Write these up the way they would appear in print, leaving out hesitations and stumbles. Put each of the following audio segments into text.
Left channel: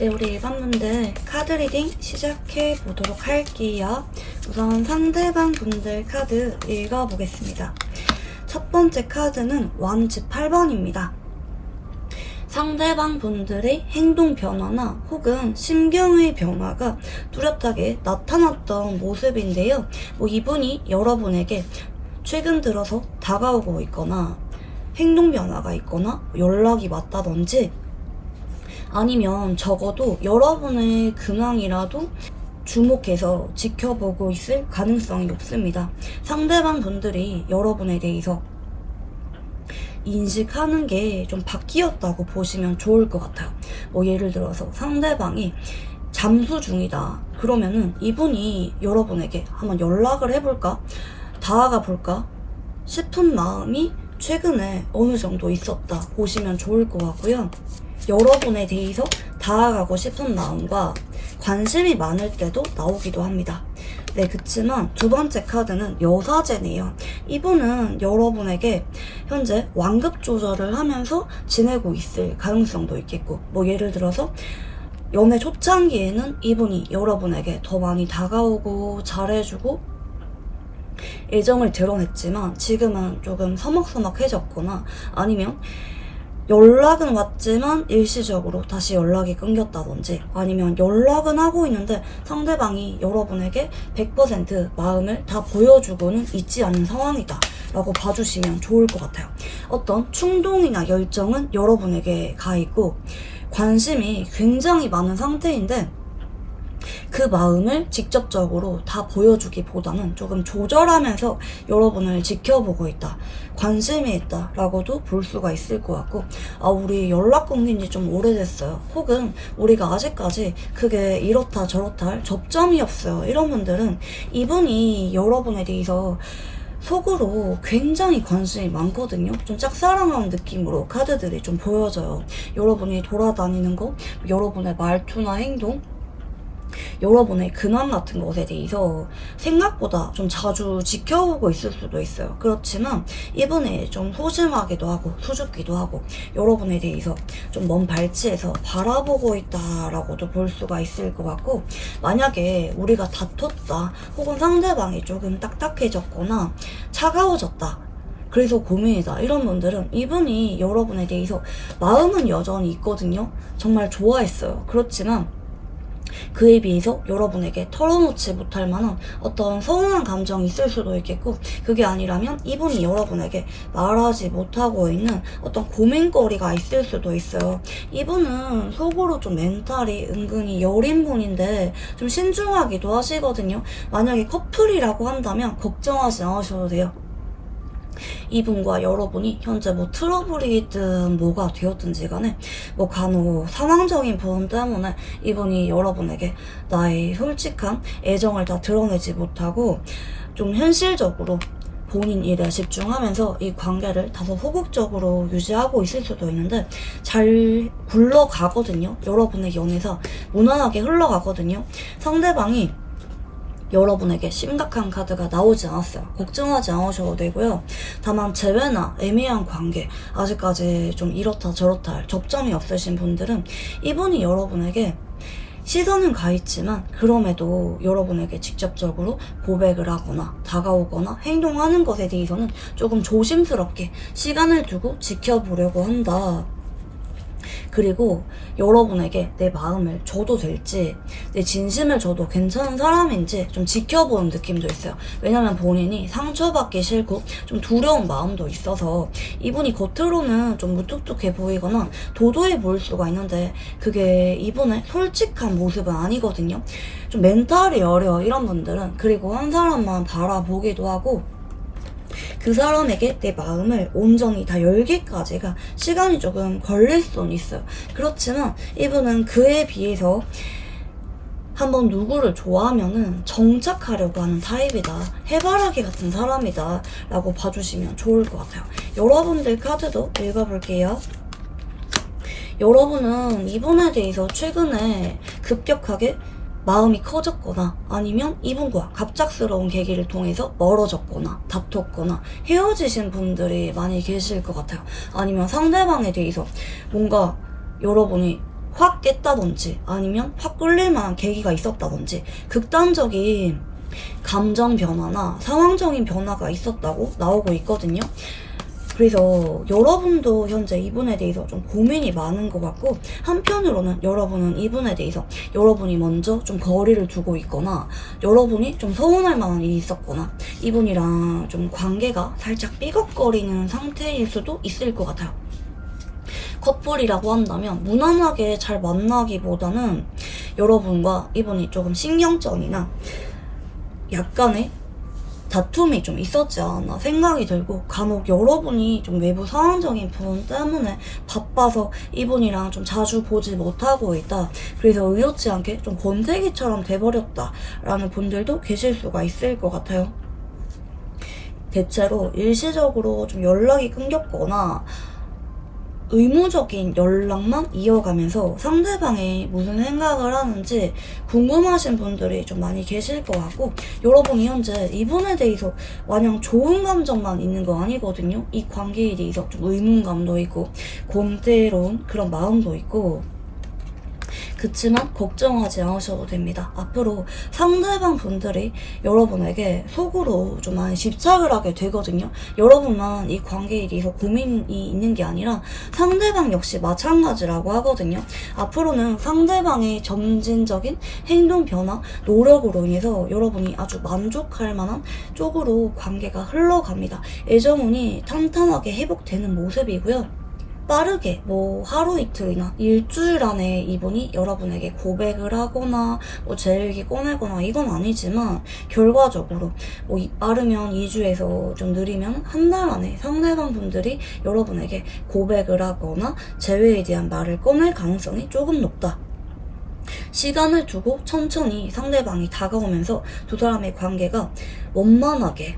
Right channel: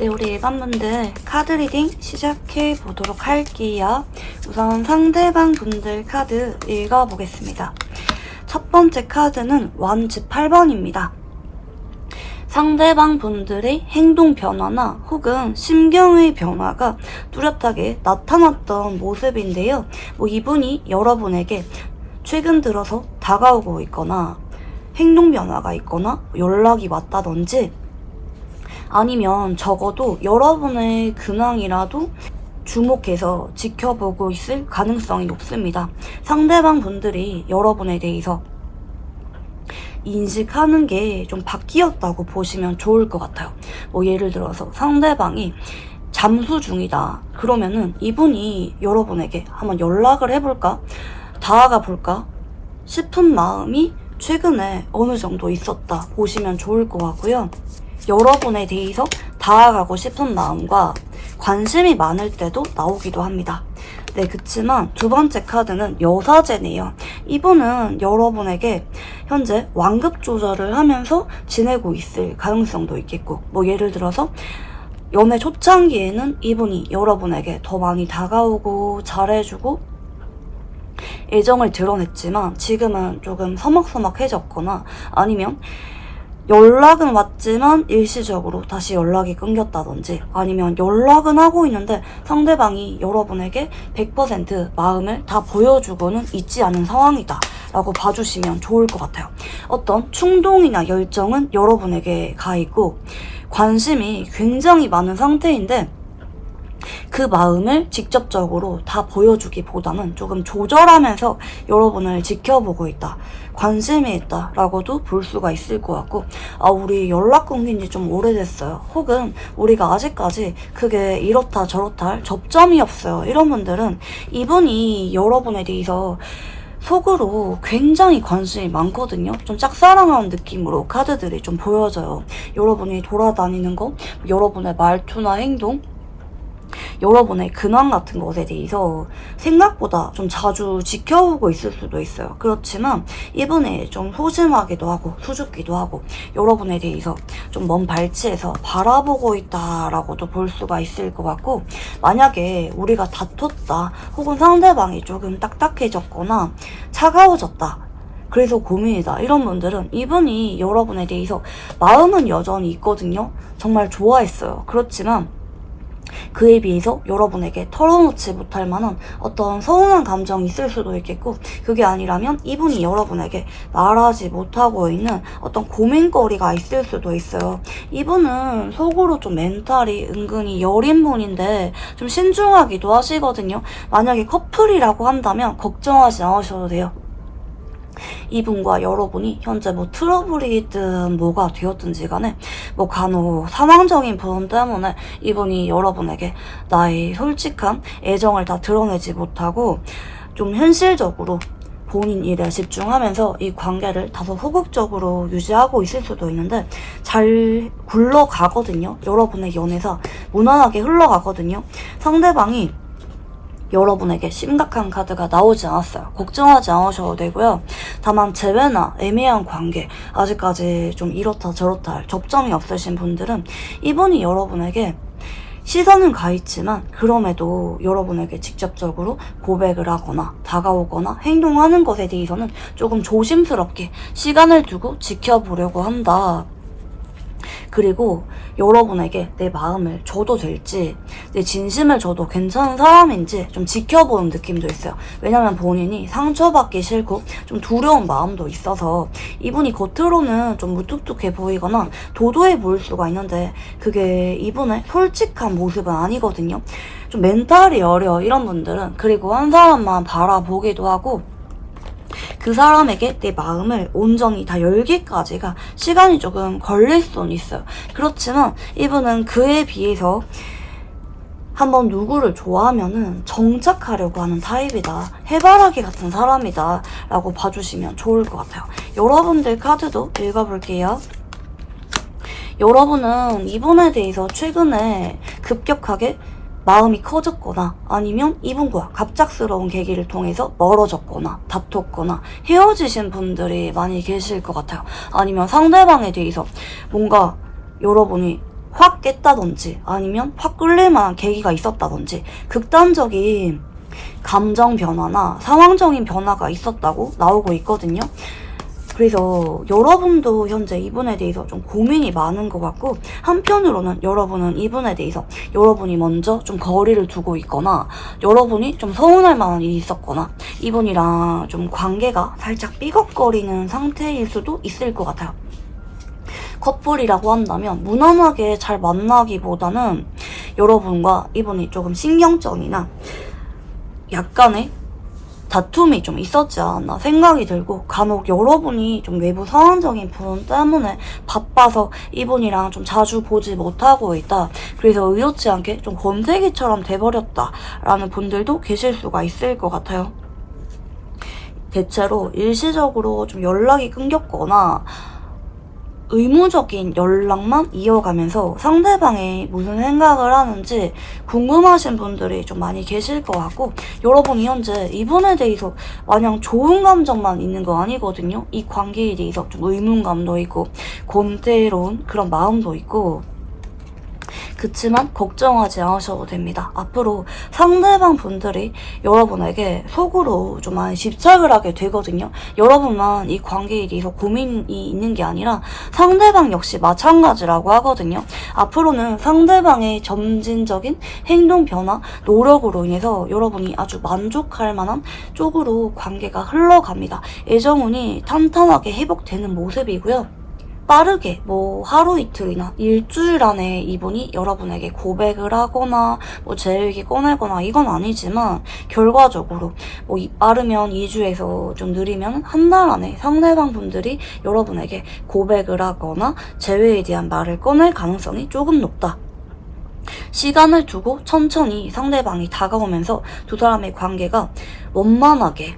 네, 우리 일반분들 카드 리딩 시작해 보도록 할게요. 우선 상대방 분들 카드 읽어보겠습니다. 첫 번째 카드는 완즈 8번입니다. 상대방 분들의 행동 변화나 혹은 심경의 변화가 뚜렷하게 나타났던 모습인데요. 이분이 여러분에게 최근 들어서 다가오고 있거나 행동 변화가 있거나 연락이 왔다든지 아니면 적어도 여러분의 근황이라도 주목해서 지켜보고 있을 가능성이 높습니다. 상대방 분들이 여러분에 대해서 인식하는 게 좀 바뀌었다고 보시면 좋을 것 같아요. 예를 들어서 상대방이 잠수 중이다. 그러면은 이분이 여러분에게 한번 연락을 해볼까? 다가가 볼까? 싶은 마음이 최근에 어느 정도 있었다 보시면 좋을 것 같고요. 여러분에 대해서 다가가고 싶은 마음과 관심이 많을 때도 나오기도 합니다. 네, 그치만 두 번째 카드는 여사제네요. 이분은 여러분에게 현재 완급 조절을 하면서 지내고 있을 가능성도 있겠고, 예를 들어서 연애 초창기에는 이분이 여러분에게 더 많이 다가오고 잘해주고 애정을 드러냈지만 지금은 조금 서먹서먹해졌거나 아니면 연락은 왔지만 일시적으로 다시 연락이 끊겼다든지 아니면 연락은 하고 있는데 상대방이 여러분에게 100% 마음을 다 보여주고는 있지 않은 상황이다 라고 봐주시면 좋을 것 같아요. 어떤 충동이나 열정은 여러분에게 가 있고 관심이 굉장히 많은 상태인데 그 마음을 직접적으로 다 보여주기보다는 조금 조절하면서 여러분을 지켜보고 있다, 관심이 있다 라고도 볼 수가 있을 것 같고, 우리 연락 끊긴 지 좀 오래됐어요, 혹은 우리가 아직까지 그게 이렇다 저렇다 할 접점이 없어요, 이런 분들은 이분이 여러분에 대해서 속으로 굉장히 관심이 많거든요. 좀 짝사랑하는 느낌으로 카드들이 좀 보여져요. 여러분이 돌아다니는 거, 여러분의 말투나 행동, 여러분의 근황 같은 것에 대해서 생각보다 좀 자주 지켜보고 있을 수도 있어요. 그렇지만 이분이 좀 소심하기도 하고 수줍기도 하고 여러분에 대해서 좀 먼 발치에서 바라보고 있다라고도 볼 수가 있을 것 같고, 만약에 우리가 다퉜다 혹은 상대방이 조금 딱딱해졌거나 차가워졌다, 그래서 고민이다, 이런 분들은 이분이 여러분에 대해서 마음은 여전히 있거든요. 정말 좋아했어요. 그렇지만 그에 비해서 여러분에게 털어놓지 못할 만한 어떤 서운한 감정이 있을 수도 있겠고, 그게 아니라면 이분이 여러분에게 말하지 못하고 있는 어떤 고민거리가 있을 수도 있어요. 이분은 속으로 좀 멘탈이 은근히 여린 분인데 좀 신중하기도 하시거든요. 만약에 커플이라고 한다면 걱정하지 않으셔도 돼요. 이분과 여러분이 현재 트러블이든 뭐가 되었든지 간에 간혹 상황적인 부분 때문에 이분이 여러분에게 나의 솔직한 애정을 다 드러내지 못하고 좀 현실적으로 본인 일에 집중하면서 이 관계를 다소 소극적으로 유지하고 있을 수도 있는데 잘 굴러가거든요. 여러분의 연애가 무난하게 흘러가거든요. 상대방이 여러분에게 심각한 카드가 나오지 않았어요. 걱정하지 않으셔도 되고요. 다만 재회나 애매한 관계, 아직까지 좀 이렇다 저렇다 할 접점이 없으신 분들은 이분이 여러분에게 시선은 가 있지만 그럼에도 여러분에게 직접적으로 고백을 하거나 다가오거나 행동하는 것에 대해서는 조금 조심스럽게 시간을 두고 지켜보려고 한다. 그리고 여러분에게 내 마음을 줘도 될지, 내 진심을 줘도 괜찮은 사람인지 좀 지켜보는 느낌도 있어요. 왜냐면 본인이 상처받기 싫고 좀 두려운 마음도 있어서 이분이 겉으로는 좀 무뚝뚝해 보이거나 도도해 보일 수가 있는데 그게 이분의 솔직한 모습은 아니거든요. 좀 멘탈이 여려, 이런 분들은. 그리고 한 사람만 바라보기도 하고 그 사람에게 내 마음을 온전히 다 열기까지가 시간이 조금 걸릴 수는 있어요. 그렇지만 이분은 그에 비해서 한번 누구를 좋아하면은 정착하려고 하는 타입이다, 해바라기 같은 사람이다 라고 봐주시면 좋을 것 같아요. 여러분들 카드도 읽어볼게요. 여러분은 이분에 대해서 최근에 급격하게 마음이 커졌거나 아니면 이분과 갑작스러운 계기를 통해서 멀어졌거나 다퉜거나 헤어지신 분들이 많이 계실 것 같아요. 아니면 상대방에 대해서 뭔가 여러분이 확 깼다든지 아니면 확 끌릴 만한 계기가 있었다든지 극단적인 감정 변화나 상황적인 변화가 있었다고 나오고 있거든요. 그래서 여러분도 현재 이분에 대해서 좀 고민이 많은 것 같고, 한편으로는 여러분은 이분에 대해서 여러분이 먼저 좀 거리를 두고 있거나 여러분이 좀 서운할 만한 일이 있었거나 이분이랑 좀 관계가 살짝 삐걱거리는 상태일 수도 있을 것 같아요. 커플이라고 한다면 무난하게 잘 만나기보다는 여러분과 이분이 조금 신경전이나 약간의 다툼이 좀 있었지 않았나 생각이 들고, 간혹 여러분이 좀 외부 상황적인 부분 때문에 바빠서 이분이랑 좀 자주 보지 못하고 있다, 그래서 의도치 않게 좀 권태기처럼 돼버렸다 라는 분들도 계실 수가 있을 것 같아요. 대체로 일시적으로 좀 연락이 끊겼거나 의무적인 연락만 이어가면서 상대방이 무슨 생각을 하는지 궁금하신 분들이 좀 많이 계실 것 같고, 여러분이 현재 이분에 대해서 마냥 좋은 감정만 있는 거 아니거든요. 이 관계에 대해서 좀 의문감도 있고 권태로운 그런 마음도 있고, 그치만 걱정하지 않으셔도 됩니다. 앞으로 상대방 분들이 여러분에게 속으로 좀 많이 집착을 하게 되거든요. 여러분만 이 관계에 대해서 고민이 있는 게 아니라 상대방 역시 마찬가지라고 하거든요. 앞으로는 상대방의 점진적인 행동 변화, 노력으로 인해서 여러분이 아주 만족할 만한 쪽으로 관계가 흘러갑니다. 애정운이 탄탄하게 회복되는 모습이고요. 빠르게 하루 이틀이나 일주일 안에 이분이 여러분에게 고백을 하거나 제 얘기 꺼내거나 이건 아니지만, 결과적으로 빠르면 2주에서 좀 느리면 한 달 안에 상대방 분들이 여러분에게 고백을 하거나 재회에 대한 말을 꺼낼 가능성이 조금 높다. 시간을 두고 천천히 상대방이 다가오면서 두 사람의 관계가 원만하게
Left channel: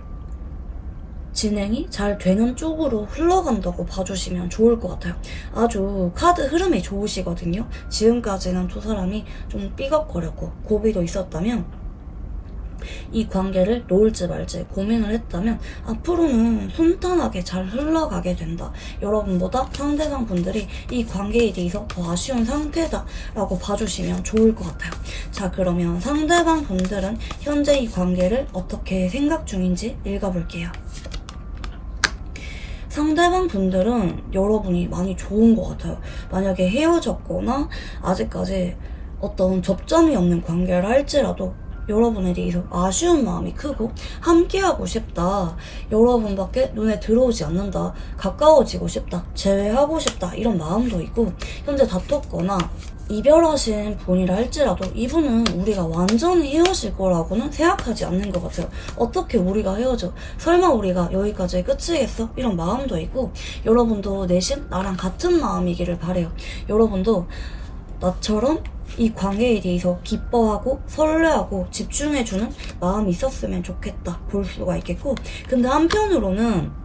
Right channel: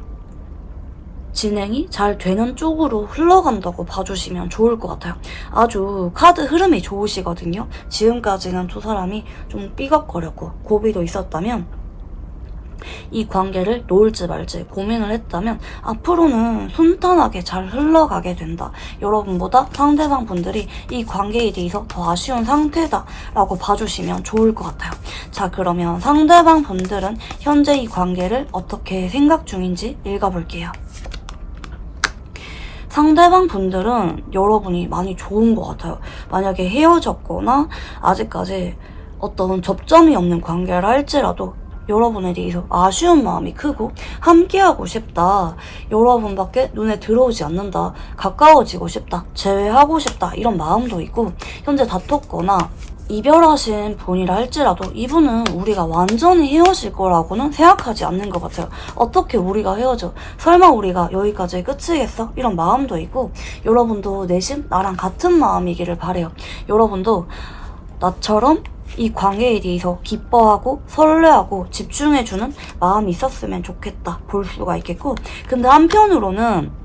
진행이 잘 되는 쪽으로 흘러간다고 봐주시면 좋을 것 같아요. 아주 카드 흐름이 좋으시거든요. 지금까지는 두 사람이 좀 삐걱거렸고 고비도 있었다면, 이 관계를 놓을지 말지 고민을 했다면 앞으로는 순탄하게 잘 흘러가게 된다. 여러분보다 상대방 분들이 이 관계에 대해서 더 아쉬운 상태다 라고 봐주시면 좋을 것 같아요. 자, 그러면 상대방 분들은 현재 이 관계를 어떻게 생각 중인지 읽어볼게요. 상대방 분들은 여러분이 많이 좋은 것 같아요. 만약에 헤어졌거나 아직까지 어떤 접점이 없는 관계를 할지라도 여러분에 대해서 아쉬운 마음이 크고 함께하고 싶다, 여러분밖에 눈에 들어오지 않는다, 가까워지고 싶다, 재회하고 싶다, 이런 마음도 있고, 현재 다퉜거나 이별하신 분이라 할지라도 이분은 우리가 완전히 헤어질 거라고는 생각하지 않는 것 같아요. 어떻게 우리가 헤어져? 설마 우리가 여기까지 끝이겠어? 이런 마음도 있고, 여러분도 내심 나랑 같은 마음이기를 바래요. 여러분도 나처럼 이 관계에 대해서 기뻐하고 설레하고 집중해주는 마음이 있었으면 좋겠다 볼 수가 있겠고, 근데 한편으로는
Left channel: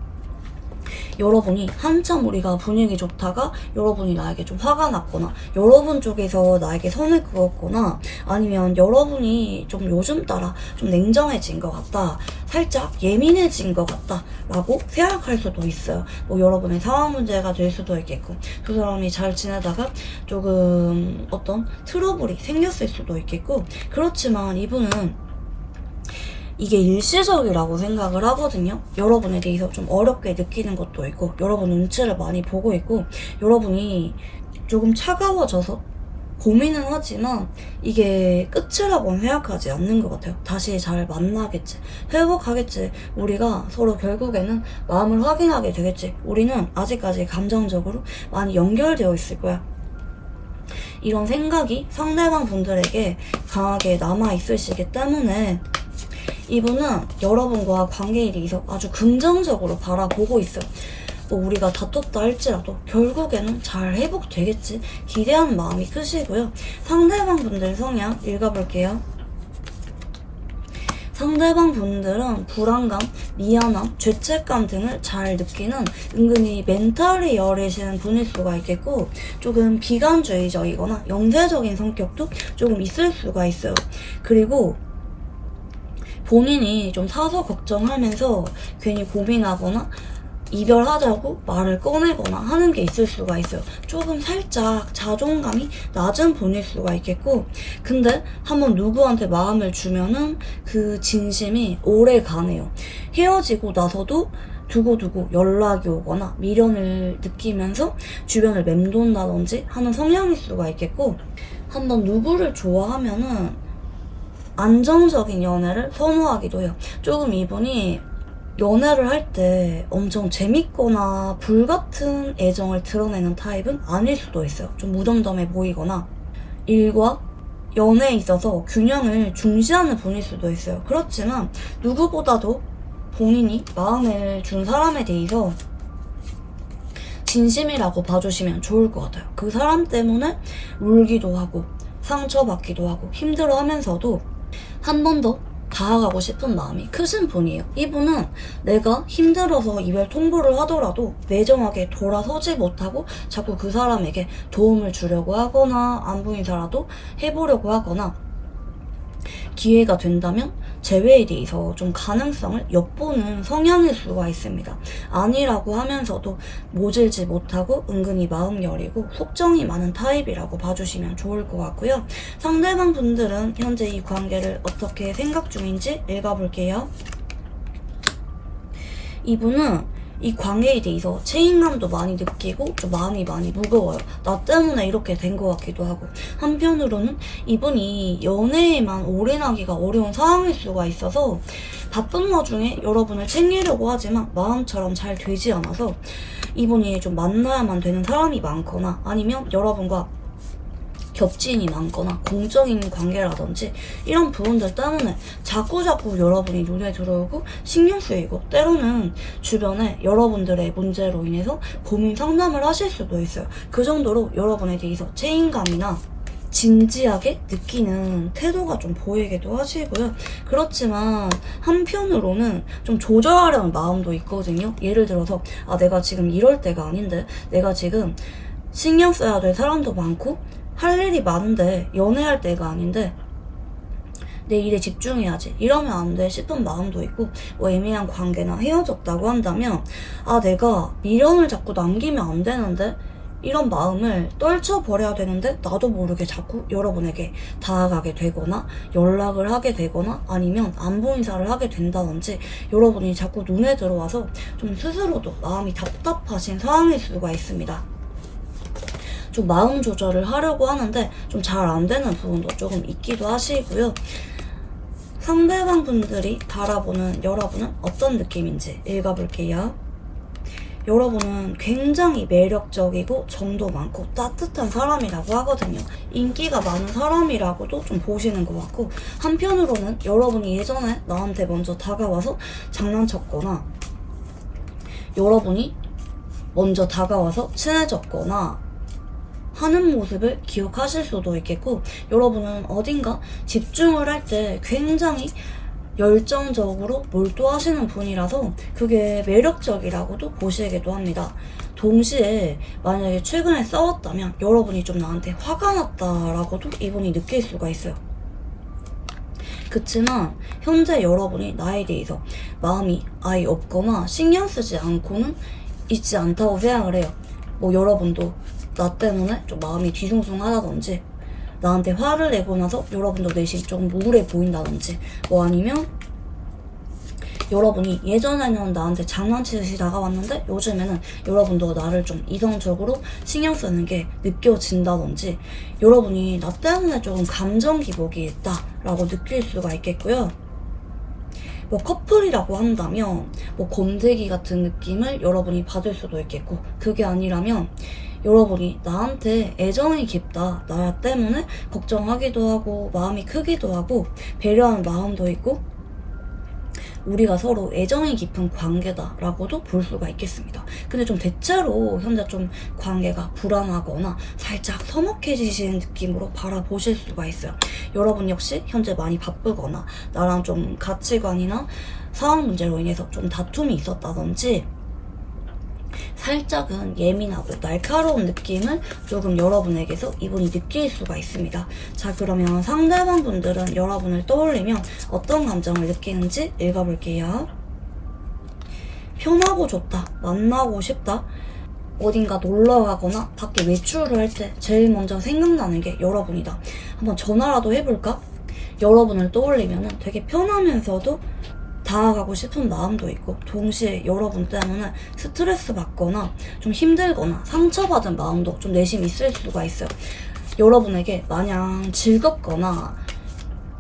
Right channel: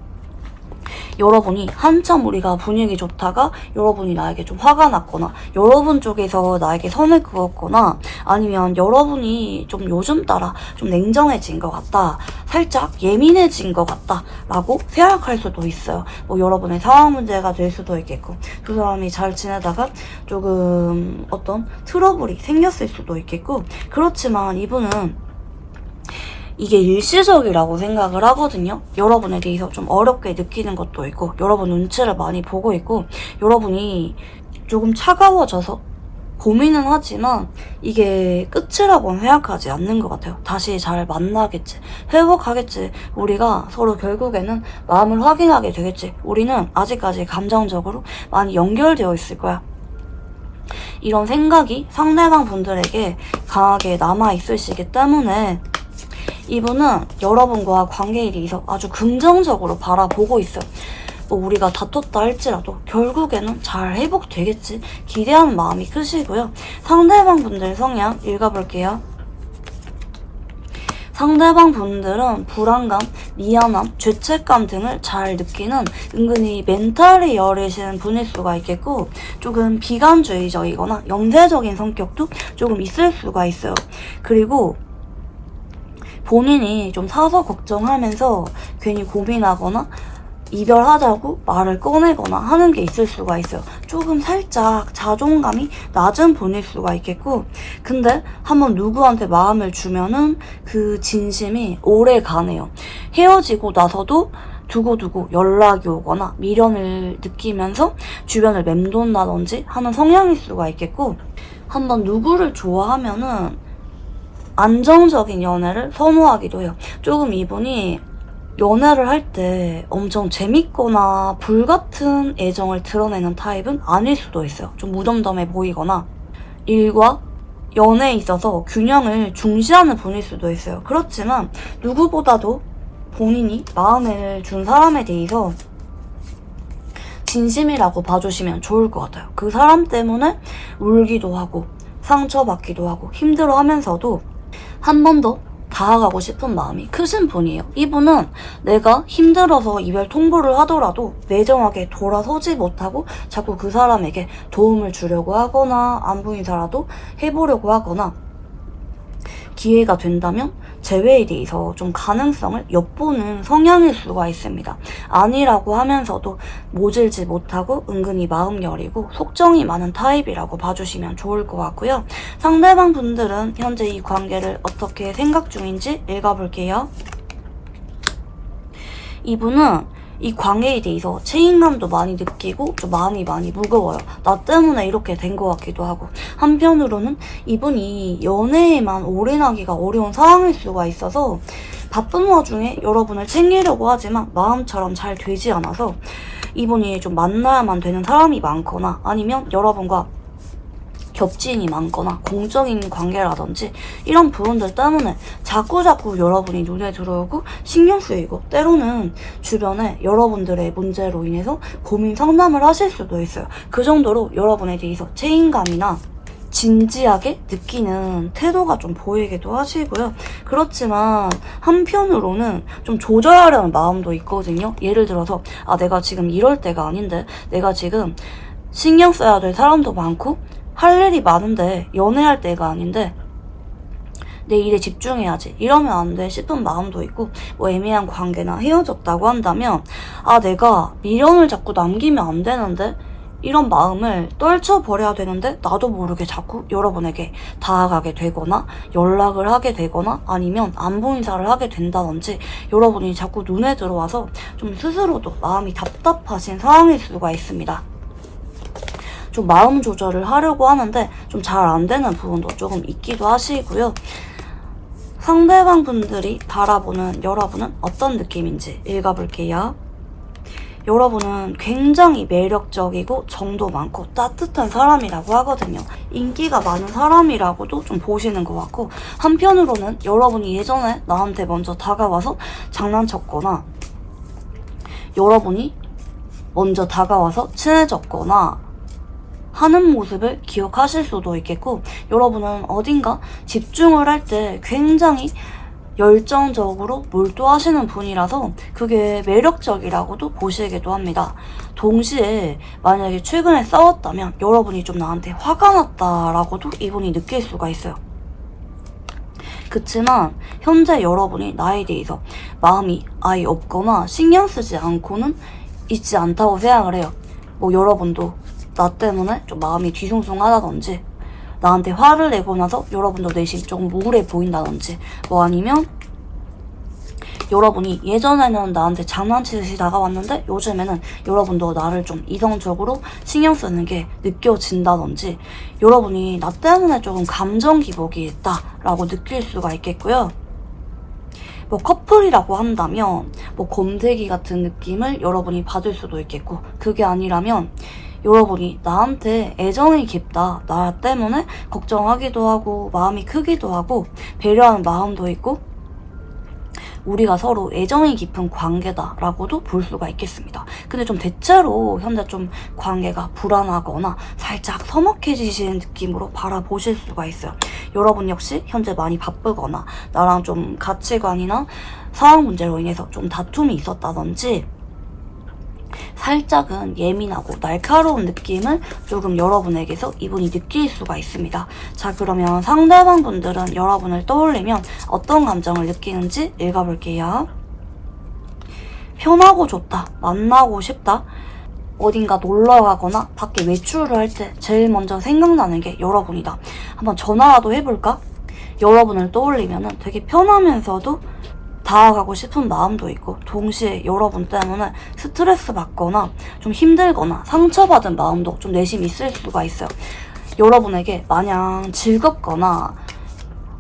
여러분이 한참 우리가 분위기 좋다가 여러분이 나에게 좀 화가 났거나 여러분 쪽에서 나에게 선을 그었거나, 아니면 여러분이 좀 요즘 따라 좀 냉정해진 것 같다, 살짝 예민해진 것 같다 라고 생각할 수도 있어요. 여러분의 상황 문제가 될 수도 있겠고, 두 사람이 잘 지내다가 조금 어떤 트러블이 생겼을 수도 있겠고, 그렇지만 이분은 이게 일시적이라고 생각을 하거든요. 여러분에 대해서 좀 어렵게 느끼는 것도 있고, 여러분 눈치를 많이 보고 있고, 여러분이 조금 차가워져서 고민은 하지만 이게 끝이라고는 생각하지 않는 것 같아요. 다시 잘 만나겠지, 회복하겠지, 우리가 서로 결국에는 마음을 확인하게 되겠지, 우리는 아직까지 감정적으로 많이 연결되어 있을 거야, 이런 생각이 상대방 분들에게 강하게 남아있으시기 때문에 이분은 여러분과 관계에 대해서 아주 긍정적으로 바라보고 있어요. 우리가 다퉜다 할지라도 결국에는 잘 회복되겠지 기대하는 마음이 크시고요. 상대방 분들 성향 읽어볼게요. 상대방 분들은 불안감, 미안함, 죄책감 등을 잘 느끼는 은근히 멘탈이 여리신 분일 수가 있겠고, 조금 비관주의적이거나 영재적인 성격도 조금 있을 수가 있어요. 그리고 본인이 좀 사서 걱정하면서 괜히 고민하거나 이별하자고 말을 꺼내거나 하는 게 있을 수가 있어요. 조금 살짝 자존감이 낮은 분일 수가 있겠고, 근데 한번 누구한테 마음을 주면은 그 진심이 오래 가네요. 헤어지고 나서도 두고두고 연락이 오거나 미련을 느끼면서 주변을 맴돈다든지 하는 성향일 수가 있겠고, 한번 누구를 좋아하면은 안정적인 연애를 선호하기도 해요. 조금 이분이 연애를 할 때 엄청 재밌거나 불같은 애정을 드러내는 타입은 아닐 수도 있어요. 좀 무덤덤해 보이거나 일과 연애에 있어서 균형을 중시하는 분일 수도 있어요. 그렇지만 누구보다도 본인이 마음을 준 사람에 대해서 진심이라고 봐주시면 좋을 것 같아요. 그 사람 때문에 울기도 하고 상처받기도 하고 힘들어하면서도 한 번 더 다가가고 싶은 마음이 크신 분이에요. 이분은 내가 힘들어서 이별 통보를 하더라도 매정하게 돌아서지 못하고 자꾸 그 사람에게 도움을 주려고 하거나 안부 인사라도 해보려고 하거나 기회가 된다면 재회에 대해서 좀 가능성을 엿보는 성향일 수가 있습니다. 아니라고 하면서도 모질지 못하고 은근히 마음 여리고 속정이 많은 타입이라고 봐주시면 좋을 것 같고요. 상대방 분들은 현재 이 관계를 어떻게 생각 중인지 읽어볼게요. 이분은 이 관계에 대해서 책임감도 많이 느끼고 좀 마음이 많이 무거워요. 나 때문에 이렇게 된 것 같기도 하고, 한편으로는 이분이 연애에만 올인하기가 어려운 상황일 수가 있어서 바쁜 와중에 여러분을 챙기려고 하지만 마음처럼 잘 되지 않아서 이분이 좀 만나야만 되는 사람이 많거나 아니면 여러분과 겹친이 많거나 공적인 관계라든지 이런 부분들 때문에 자꾸자꾸 여러분이 눈에 들어오고 신경 쓰이고 때로는 주변에 여러분들의 문제로 인해서 고민 상담을 하실 수도 있어요. 그 정도로 여러분에 대해서 책임감이나 진지하게 느끼는 태도가 좀 보이기도 하시고요. 그렇지만 한편으로는 좀 조절하려는 마음도 있거든요. 예를 들어서 내가 지금 이럴 때가 아닌데, 내가 지금 신경 써야 될 사람도 많고 할 일이 많은데 연애할 때가 아닌데 내 일에 집중해야지 이러면 안 돼 싶은 마음도 있고, 뭐 애매한 관계나 헤어졌다고 한다면 내가 미련을 자꾸 남기면 안 되는데 이런 마음을 떨쳐버려야 되는데 나도 모르게 자꾸 여러분에게 다가가게 되거나 연락을 하게 되거나 아니면 안부 인사를 하게 된다든지 여러분이 자꾸 눈에 들어와서 좀 스스로도 마음이 답답하신 상황일 수가 있습니다. 좀 마음 조절을 하려고 하는데 좀 잘 안 되는 부분도 조금 있기도 하시고요. 상대방 분들이 바라보는 여러분은 어떤 느낌인지 읽어볼게요. 여러분은 굉장히 매력적이고 정도 많고 따뜻한 사람이라고 하거든요. 인기가 많은 사람이라고도 좀 보시는 것 같고, 한편으로는 여러분이 예전에 나한테 먼저 다가와서 장난쳤거나 여러분이 먼저 다가와서 친해졌거나 하는 모습을 기억하실 수도 있겠고, 여러분은 어딘가 집중을 할 때 굉장히 열정적으로 몰두하시는 분이라서 그게 매력적이라고도 보시기도 합니다. 동시에 만약에 최근에 싸웠다면 여러분이 좀 나한테 화가 났다라고도 이분이 느낄 수가 있어요. 그치만 현재 여러분이 나에 대해서 마음이 아예 없거나 신경 쓰지 않고는 있지 않다고 생각을 해요. 뭐 여러분도 나 때문에 좀 마음이 뒤숭숭하다든지 나한테 화를 내고 나서 여러분도 내심 좀 우울해 보인다든지, 뭐 아니면 여러분이 예전에는 나한테 장난치듯이 다가왔는데 요즘에는 여러분도 나를 좀 이성적으로 신경 쓰는 게 느껴진다든지 여러분이 나 때문에 조금 감정 기복이 있다라고 느낄 수가 있겠고요. 뭐 커플이라고 한다면 뭐 곰대기 같은 느낌을 여러분이 받을 수도 있겠고, 그게 아니라면 여러분이 나한테 애정이 깊다, 나 때문에 걱정하기도 하고 마음이 크기도 하고 배려하는 마음도 있고 우리가 서로 애정이 깊은 관계다라고도 볼 수가 있겠습니다. 근데 좀 대체로 현재 좀 관계가 불안하거나 살짝 서먹해지시는 느낌으로 바라보실 수가 있어요. 여러분 역시 현재 많이 바쁘거나 나랑 좀 가치관이나 상황 문제로 인해서 좀 다툼이 있었다든지 살짝은 예민하고 날카로운 느낌을 조금 여러분에게서 이분이 느낄 수가 있습니다. 자, 그러면 상대방 분들은 여러분을 떠올리면 어떤 감정을 느끼는지 읽어볼게요. 편하고 좋다, 만나고 싶다, 어딘가 놀러 가거나 밖에 외출을 할 때 제일 먼저 생각나는 게 여러분이다. 한번 전화라도 해볼까? 여러분을 떠올리면은 되게 편하면서도 다가가고 싶은 마음도 있고, 동시에 여러분 때문에 스트레스 받거나 좀 힘들거나 상처받은 마음도 좀 내심 있을 수가 있어요. 여러분에게 마냥 즐겁거나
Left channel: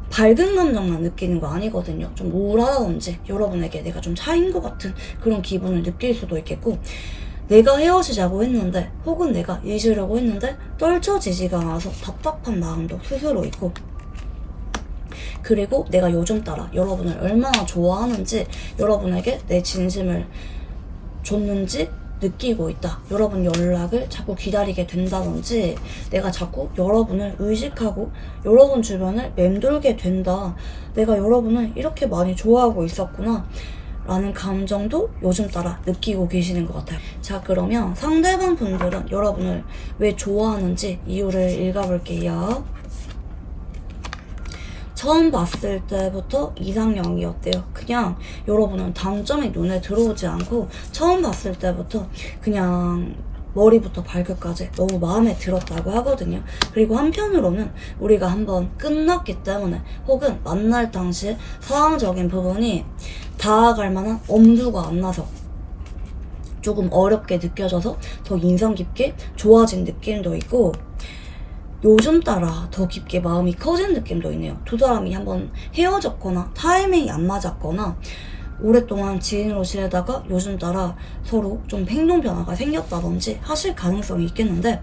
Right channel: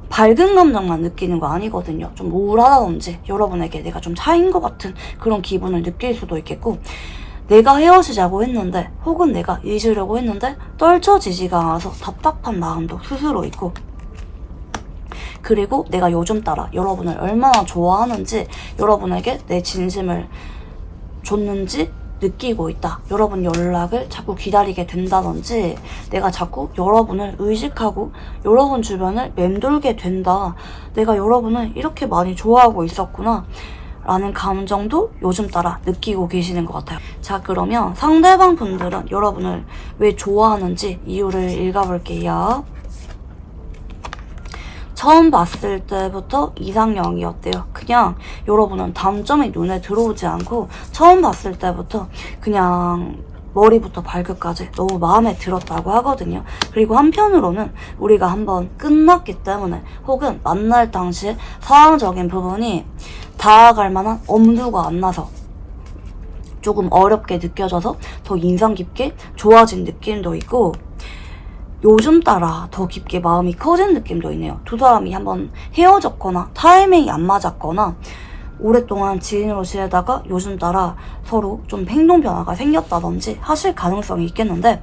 밝은 감정만 느끼는 거 아니거든요. 좀 우울하다든지 여러분에게 내가 좀 차인 것 같은 그런 기분을 느낄 수도 있겠고, 내가 헤어지자고 했는데 혹은 내가 잊으려고 했는데 떨쳐지지가 않아서 답답한 마음도 스스로 있고, 그리고 내가 요즘 따라 여러분을 얼마나 좋아하는지, 여러분에게 내 진심을 줬는지 느끼고 있다. 여러분 연락을 자꾸 기다리게 된다든지, 내가 자꾸 여러분을 의식하고 여러분 주변을 맴돌게 된다. 내가 여러분을 이렇게 많이 좋아하고 있었구나 라는 감정도 요즘 따라 느끼고 계시는 것 같아요. 자, 그러면 상대방 분들은 여러분을 왜 좋아하는지 이유를 읽어볼게요. 처음 봤을 때부터 이상형이었대요. 그냥 여러분은 단점이 눈에 들어오지 않고 처음 봤을 때부터 그냥 머리부터 발끝까지 너무 마음에 들었다고 하거든요. 그리고 한편으로는 우리가 한번 끝났기 때문에, 혹은 만날 당시에 상황적인 부분이 다가갈 만한 엄두가 안 나서 조금 어렵게 느껴져서 더 인상 깊게 좋아진 느낌도 있고, 요즘 따라 더 깊게 마음이 커진 느낌도 있네요. 두 사람이 한번 헤어졌거나 타이밍이 안 맞았거나 오랫동안 지인으로 지내다가 요즘 따라 서로 좀 행동 변화가 생겼다든지 하실 가능성이 있겠는데,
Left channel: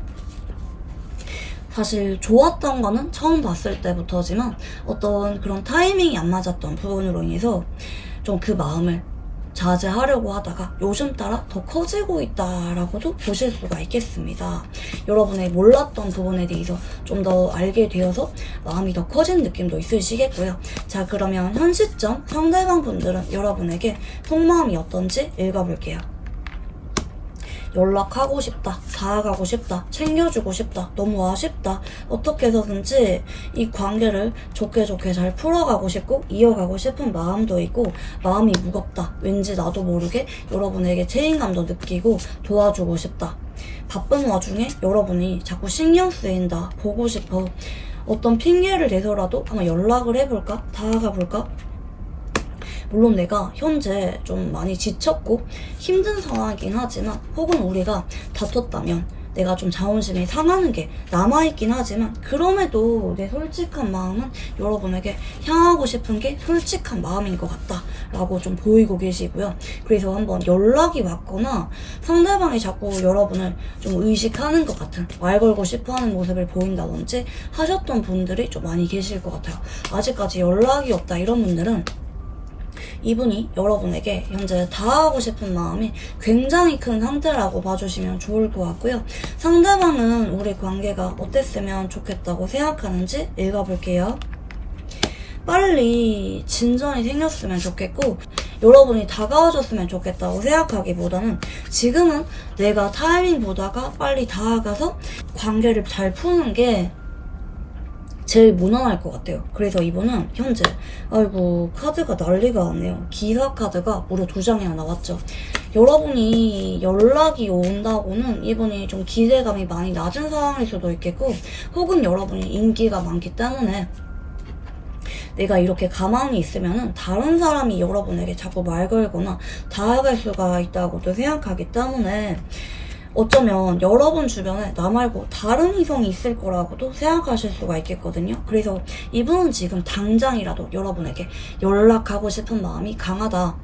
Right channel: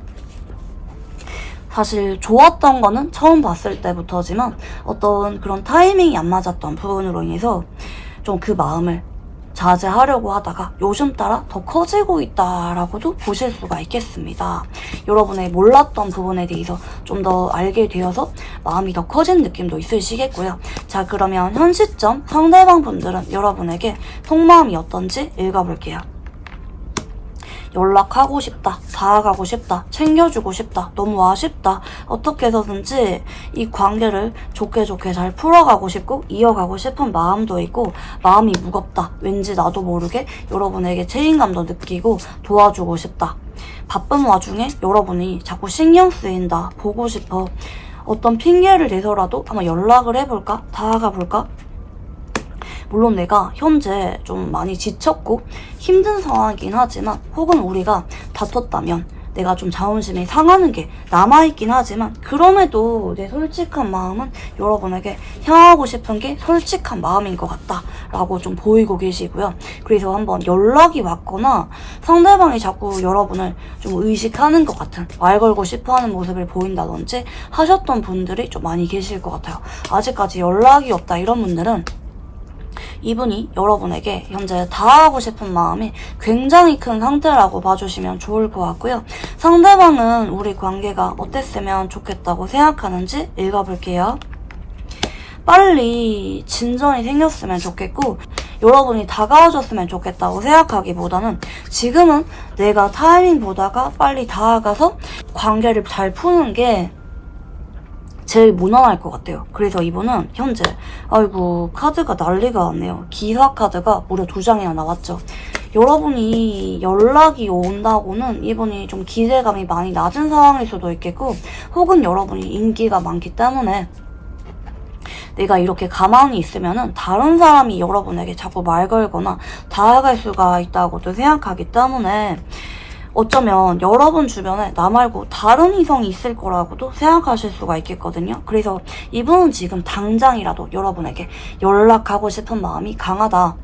사실 좋았던 거는 처음 봤을 때부터지만 어떤 그런 타이밍이 안 맞았던 부분으로 인해서 좀 그 마음을 자제하려고 하다가 요즘 따라 더 커지고 있다라고도 보실 수가 있겠습니다. 여러분의 몰랐던 부분에 대해서 좀 더 알게 되어서 마음이 더 커진 느낌도 있으시겠고요. 자, 그러면 현 시점 상대방 분들은 여러분에게 속마음이 어떤지 읽어볼게요. 연락하고 싶다, 다가가고 싶다, 챙겨주고 싶다, 너무 아쉽다, 어떻게 해서든지 이 관계를 좋게 잘 풀어가고 싶고 이어가고 싶은 마음도 있고, 마음이 무겁다, 왠지 나도 모르게 여러분에게 책임감도 느끼고 도와주고 싶다, 바쁜 와중에 여러분이 자꾸 신경 쓰인다, 보고 싶어, 어떤 핑계를 대서라도 한번 연락을 해볼까, 다가가 볼까. 물론 내가 현재 좀 많이 지쳤고 힘든 상황이긴 하지만, 혹은 우리가 다퉜다면 내가 좀 자존심이 상하는 게 남아있긴 하지만, 그럼에도 내 솔직한 마음은 여러분에게 향하고 싶은 게 솔직한 마음인 것 같다 라고 좀 보이고 계시고요. 그래서 한번 연락이 왔거나 상대방이 자꾸 여러분을 좀 의식하는 것 같은, 말 걸고 싶어하는 모습을 보인다든지 하셨던 분들이 좀 많이 계실 것 같아요. 아직까지 연락이 없다 이런 분들은 이분이 여러분에게 현재 다하고 싶은 마음이 굉장히 큰 상태라고 봐주시면 좋을 것 같고요. 상대방은 우리 관계가 어땠으면 좋겠다고 생각하는지 읽어볼게요. 빨리 진전이 생겼으면 좋겠고, 여러분이 다가와줬으면 좋겠다고 생각하기보다는 지금은 내가 타이밍 보다가 빨리 다가가서 관계를 잘 푸는 게 제일 무난할 것 같아요. 그래서 이분은 현재, 아이고 카드가 난리가 났네요. 기사 카드가 무려 2장이나 나왔죠. 여러분이 연락이 온다고는 이분이 좀 기대감이 많이 낮은 상황일 수도 있겠고, 혹은 여러분이 인기가 많기 때문에 내가 이렇게 가만히 있으면은 다른 사람이 여러분에게 자꾸 말 걸거나 다가갈 수가 있다고도 생각하기 때문에, 어쩌면 여러분 주변에 나 말고 다른 이성이 있을 거라고도 생각하실 수가 있겠거든요. 그래서 이분은 지금 당장이라도 여러분에게 연락하고 싶은 마음이 강하다.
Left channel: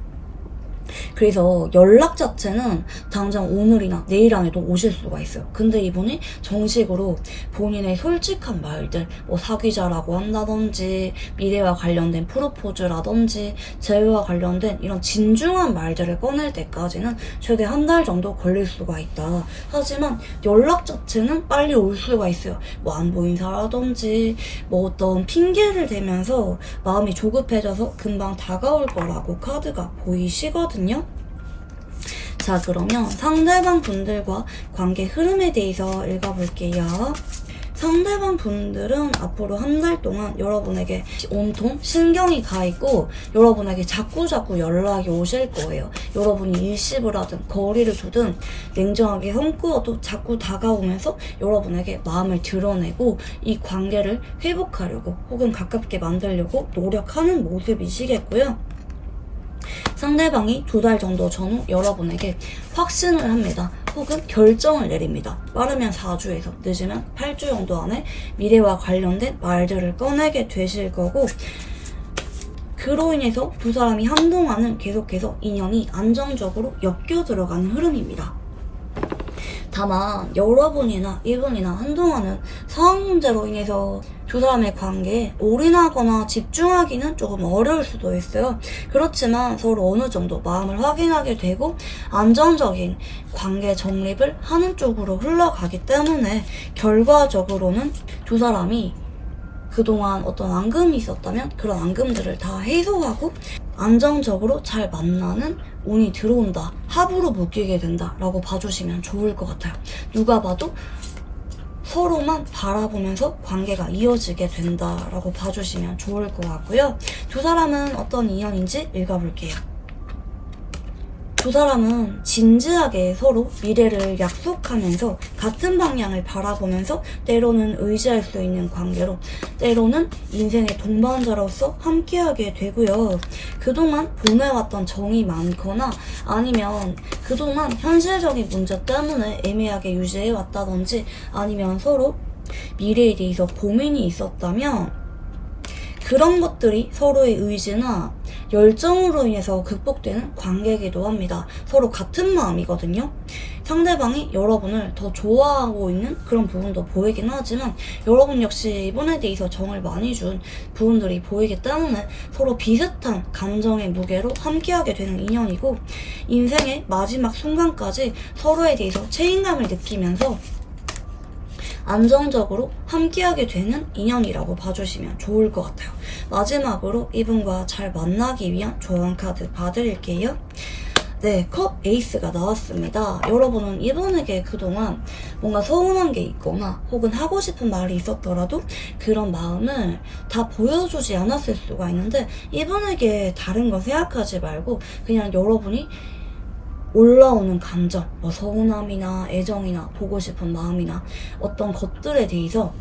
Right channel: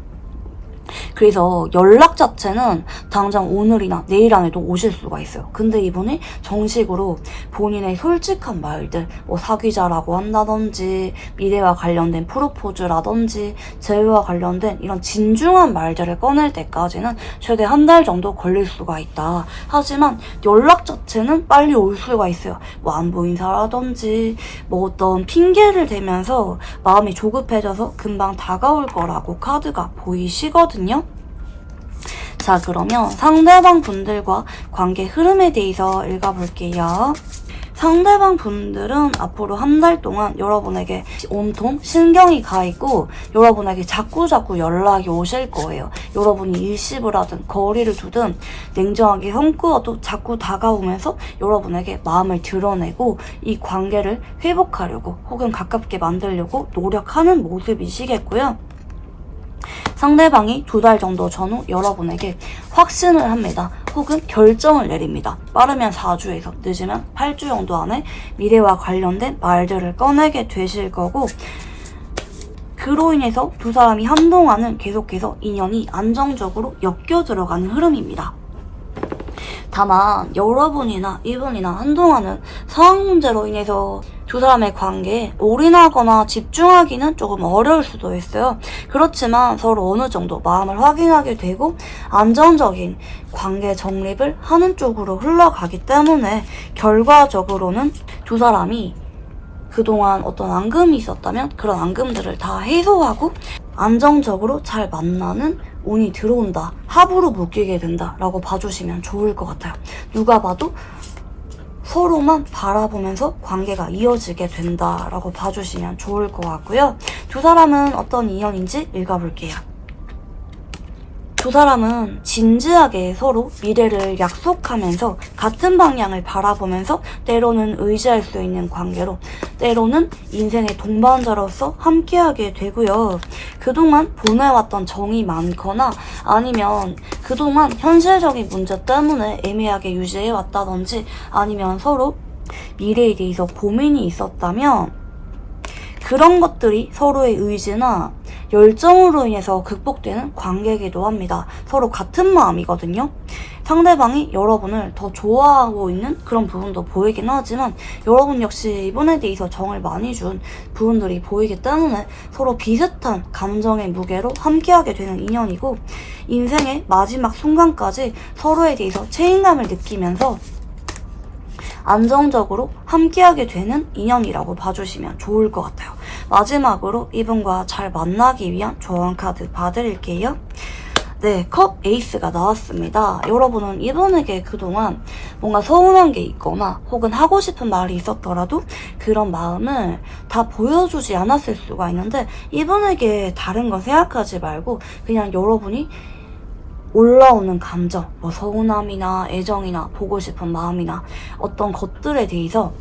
그래서 연락 자체는 당장 오늘이나 내일 안에도 오실 수가 있어요. 근데 이분이 정식으로 본인의 솔직한 말들, 뭐 사귀자라고 한다든지, 미래와 관련된 프로포즈라든지, 재회와 관련된 이런 진중한 말들을 꺼낼 때까지는 최대 1달 정도 걸릴 수가 있다. 하지만 연락 자체는 빨리 올 수가 있어요. 뭐 안부 인사라든지 뭐 어떤 핑계를 대면서 마음이 조급해져서 금방 다가올 거라고 카드가 보이시거든요. 자, 그러면 상대방 분들과 관계 흐름에 대해서 읽어볼게요. 상대방 분들은 앞으로 한 달 동안 여러분에게 온통 신경이 가 있고 여러분에게 자꾸자꾸 연락이 오실 거예요. 여러분이 일십을 하든 거리를 두든 냉정하게 성꾸어도 자꾸 다가오면서 여러분에게 마음을 드러내고 이 관계를 회복하려고 혹은 가깝게 만들려고 노력하는 모습이시겠고요. 상대방이 2달 정도 전후 여러분에게 확신을 합니다. 혹은 결정을 내립니다. 빠르면 4주에서 늦으면 8주 정도 안에 미래와 관련된 말들을 꺼내게 되실 거고, 그로 인해서 두 사람이 한동안은 계속해서 인연이 안정적으로 엮여 들어가는 흐름입니다. 다만 여러분이나 이분이나 한동안은 상황 문제로 인해서 두 사람의 관계에 올인하거나 집중하기는 조금 어려울 수도 있어요. 그렇지만 서로 어느 정도 마음을 확인하게 되고 안정적인 관계 정립을 하는 쪽으로 흘러가기 때문에 결과적으로는 두 사람이 그동안 어떤 앙금이 있었다면 그런 앙금들을 다 해소하고 안정적으로 잘 만나는 운이 들어온다, 합으로 묶이게 된다 라고 봐주시면 좋을 것 같아요. 누가 봐도 서로만 바라보면서 관계가 이어지게 된다라고 봐주시면 좋을 것 같고요. 두 사람은 어떤 인연인지 읽어볼게요. 두 사람은 진지하게 서로 미래를 약속하면서 같은 방향을 바라보면서 때로는 의지할 수 있는 관계로, 때로는 인생의 동반자로서 함께하게 되고요. 그동안 보내왔던 정이 많거나 아니면 그동안 현실적인 문제 때문에 애매하게 유지해왔다든지 아니면 서로 미래에 대해서 고민이 있었다면 그런 것들이 서로의 의지나 열정으로 인해서 극복되는 관계이기도 합니다. 서로 같은 마음이거든요. 상대방이 여러분을 더 좋아하고 있는 그런 부분도 보이긴 하지만 여러분 역시 이분에 대해서 정을 많이 준 부분들이 보이기 때문에 서로 비슷한 감정의 무게로 함께하게 되는 인연이고, 인생의 마지막 순간까지 서로에 대해서 책임감을 느끼면서 안정적으로 함께하게 되는 인연이라고 봐주시면 좋을 것 같아요. 마지막으로 이분과 잘 만나기 위한 조언 카드 봐드릴게요. 네, 컵 에이스가 나왔습니다. 여러분은 이분에게 그동안 뭔가 서운한 게 있거나 혹은 하고 싶은 말이 있었더라도 그런 마음을 다 보여주지 않았을 수가 있는데, 이분에게 다른 거 생각하지 말고 그냥 여러분이 올라오는 감정, 뭐 서운함이나 애정이나 보고 싶은 마음이나 어떤 것들에 대해서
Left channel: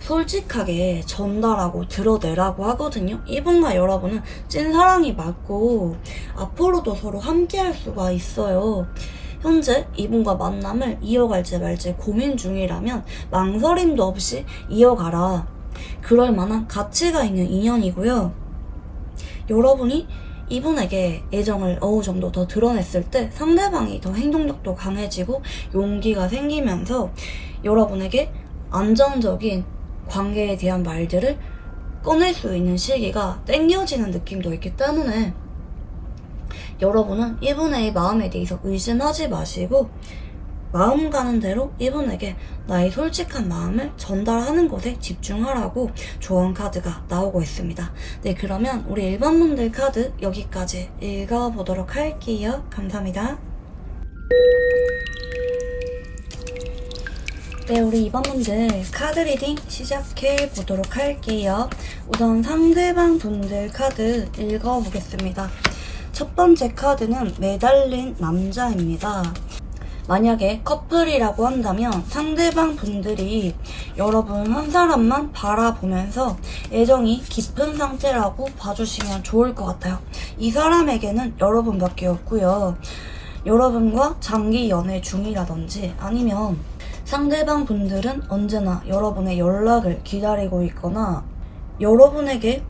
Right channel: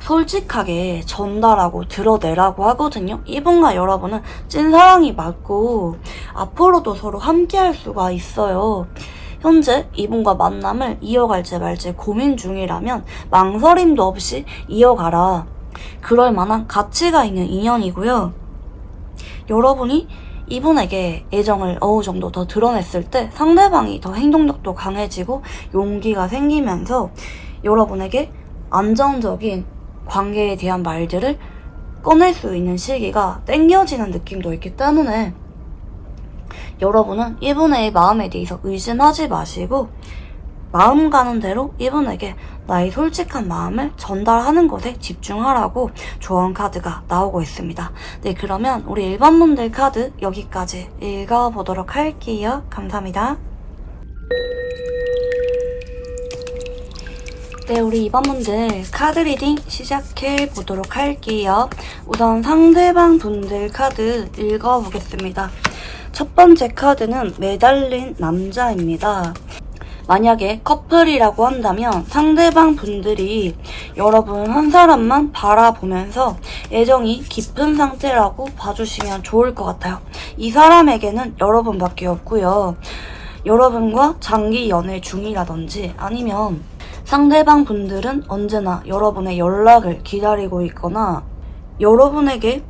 솔직하게 전달하고 드러내라고 하거든요. 이분과 여러분은 찐사랑이 맞고 앞으로도 서로 함께할 수가 있어요. 현재 이분과 만남을 이어갈지 말지 고민 중이라면 망설임도 없이 이어가라. 그럴 만한 가치가 있는 인연이고요. 여러분이 이분에게 애정을 어느 정도 더 드러냈을 때 상대방이 더 행동력도 강해지고 용기가 생기면서 여러분에게 안정적인 관계에 대한 말들을 꺼낼 수 있는 시기가 땡겨지는 느낌도 있기 때문에 여러분은 이분의 마음에 대해서 의심하지 마시고 마음 가는 대로 이분에게 나의 솔직한 마음을 전달하는 것에 집중하라고 조언 카드가 나오고 있습니다. 네, 그러면 우리 일반 분들 카드 여기까지 읽어보도록 할게요. 감사합니다. 네, 우리 이번 분들 카드 리딩 시작해 보도록 할게요. 우선 상대방 분들 카드 읽어보겠습니다. 첫 번째 카드는 매달린 남자입니다. 만약에 커플이라고 한다면 상대방 분들이 여러분 한 사람만 바라보면서 애정이 깊은 상태라고 봐주시면 좋을 것 같아요. 이 사람에게는 여러분밖에 없고요. 여러분과 장기 연애 중이라든지 아니면 상대방 분들은 언제나 여러분의 연락을 기다리고 있거나 여러분에게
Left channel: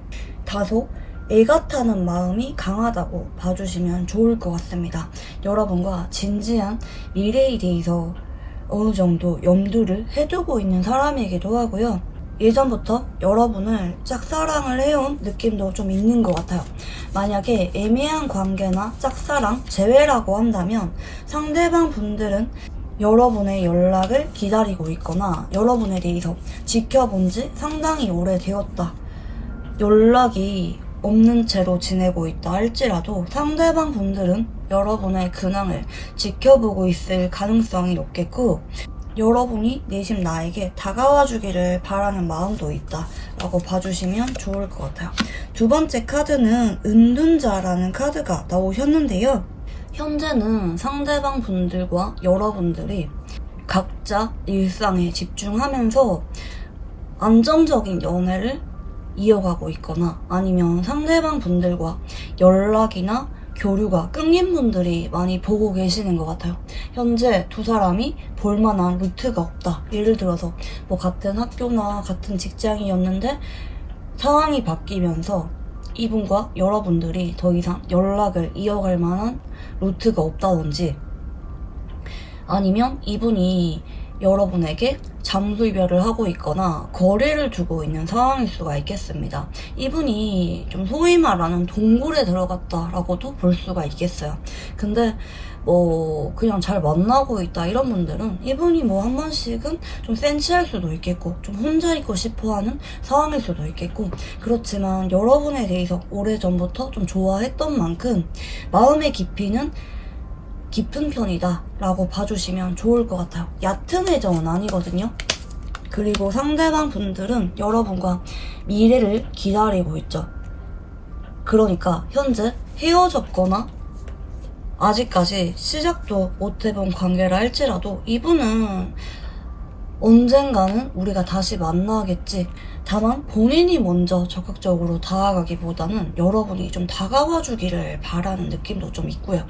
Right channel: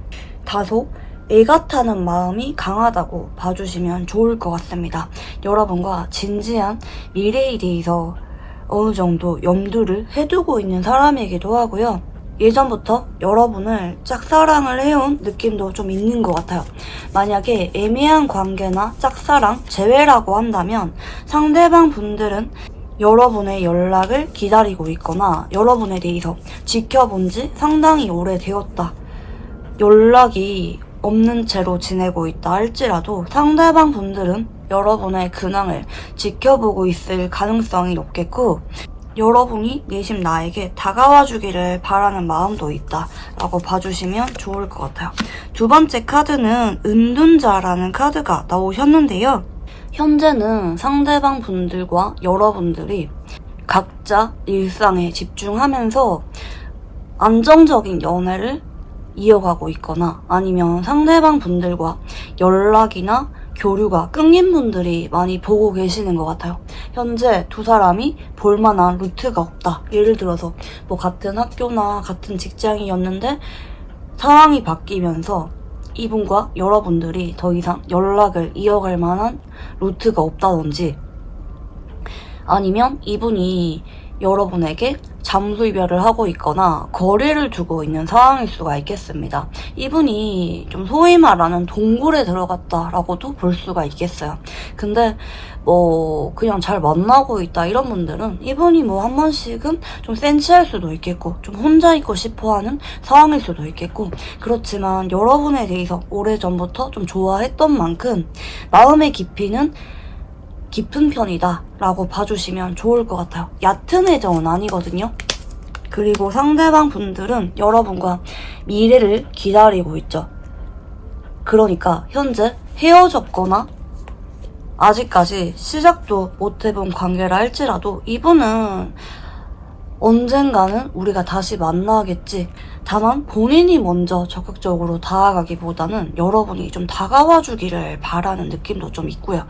다소 애가타는 마음이 강하다고 봐주시면 좋을 것 같습니다. 여러분과 진지한 미래에 대해서 어느 정도 염두를 해두고 있는 사람이기도 하고요. 예전부터 여러분을 짝사랑을 해온 느낌도 좀 있는 것 같아요. 만약에 애매한 관계나 짝사랑 제외라고 한다면 상대방 분들은 여러분의 연락을 기다리고 있거나 여러분에 대해서 지켜본 지 상당히 오래되었다. 연락이 없는 채로 지내고 있다 할지라도 상대방 분들은 여러분의 근황을 지켜보고 있을 가능성이 높겠고, 여러분이 내심 나에게 다가와 주기를 바라는 마음도 있다라고 봐주시면 좋을 것 같아요. 두 번째 카드는 은둔자라는 카드가 나오셨는데요. 현재는 상대방 분들과 여러분들이 각자 일상에 집중하면서 안정적인 연애를 이어가고 있거나 아니면 상대방 분들과 연락이나 교류가 끊긴 분들이 많이 보고 계시는 것 같아요. 현재 두 사람이 볼만한 루트가 없다. 예를 들어서 뭐 같은 학교나 같은 직장이었는데 상황이 바뀌면서 이분과 여러분들이 더 이상 연락을 이어갈 만한 루트가 없다든지 아니면 이분이 여러분에게 잠수 이별을 하고 있거나 거리를 두고 있는 상황일 수가 있겠습니다. 이분이 좀 소위 말하는 동굴에 들어갔다라고도 볼 수가 있겠어요. 근데 뭐 그냥 잘 만나고 있다 이런 분들은 이분이 뭐 한 번씩은 좀 센치할 수도 있겠고 좀 혼자 있고 싶어하는 상황일 수도 있겠고 그렇지만 여러분에 대해서 오래전부터 좀 좋아했던 만큼 마음의 깊이는 깊은 편이다 라고 봐주시면 좋을 것 같아요. 얕은 애정은 아니거든요. 그리고 상대방 분들은 여러분과 미래를 기다리고 있죠. 그러니까 현재 헤어졌거나 아직까지 시작도 못 해본 관계라 할지라도 이분은 언젠가는 우리가 다시 만나겠지. 다만 본인이 먼저 적극적으로 다가가기보다는 여러분이 좀 다가와 주기를 바라는 느낌도 좀 있고요.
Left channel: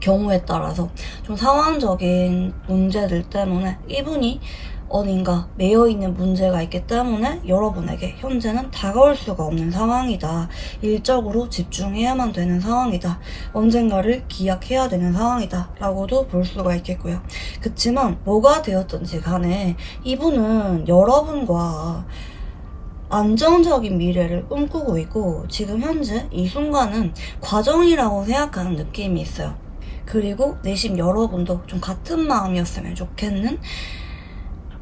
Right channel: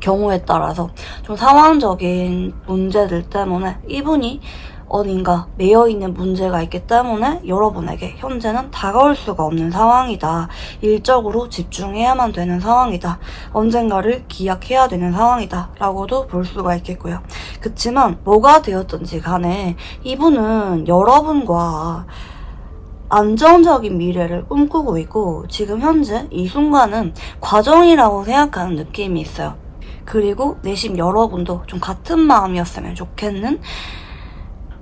경우에 따라서 좀 상황적인 문제들 때문에 이분이 어딘가 매여있는 문제가 있기 때문에 여러분에게 현재는 다가올 수가 없는 상황이다. 일적으로 집중해야만 되는 상황이다. 언젠가를 기약해야 되는 상황이다. 라고도 볼 수가 있겠고요. 그치만 뭐가 되었든지 간에 이분은 여러분과 안정적인 미래를 꿈꾸고 있고 지금 현재 이 순간은 과정이라고 생각하는 느낌이 있어요. 그리고 내심 여러분도 좀 같은 마음이었으면 좋겠는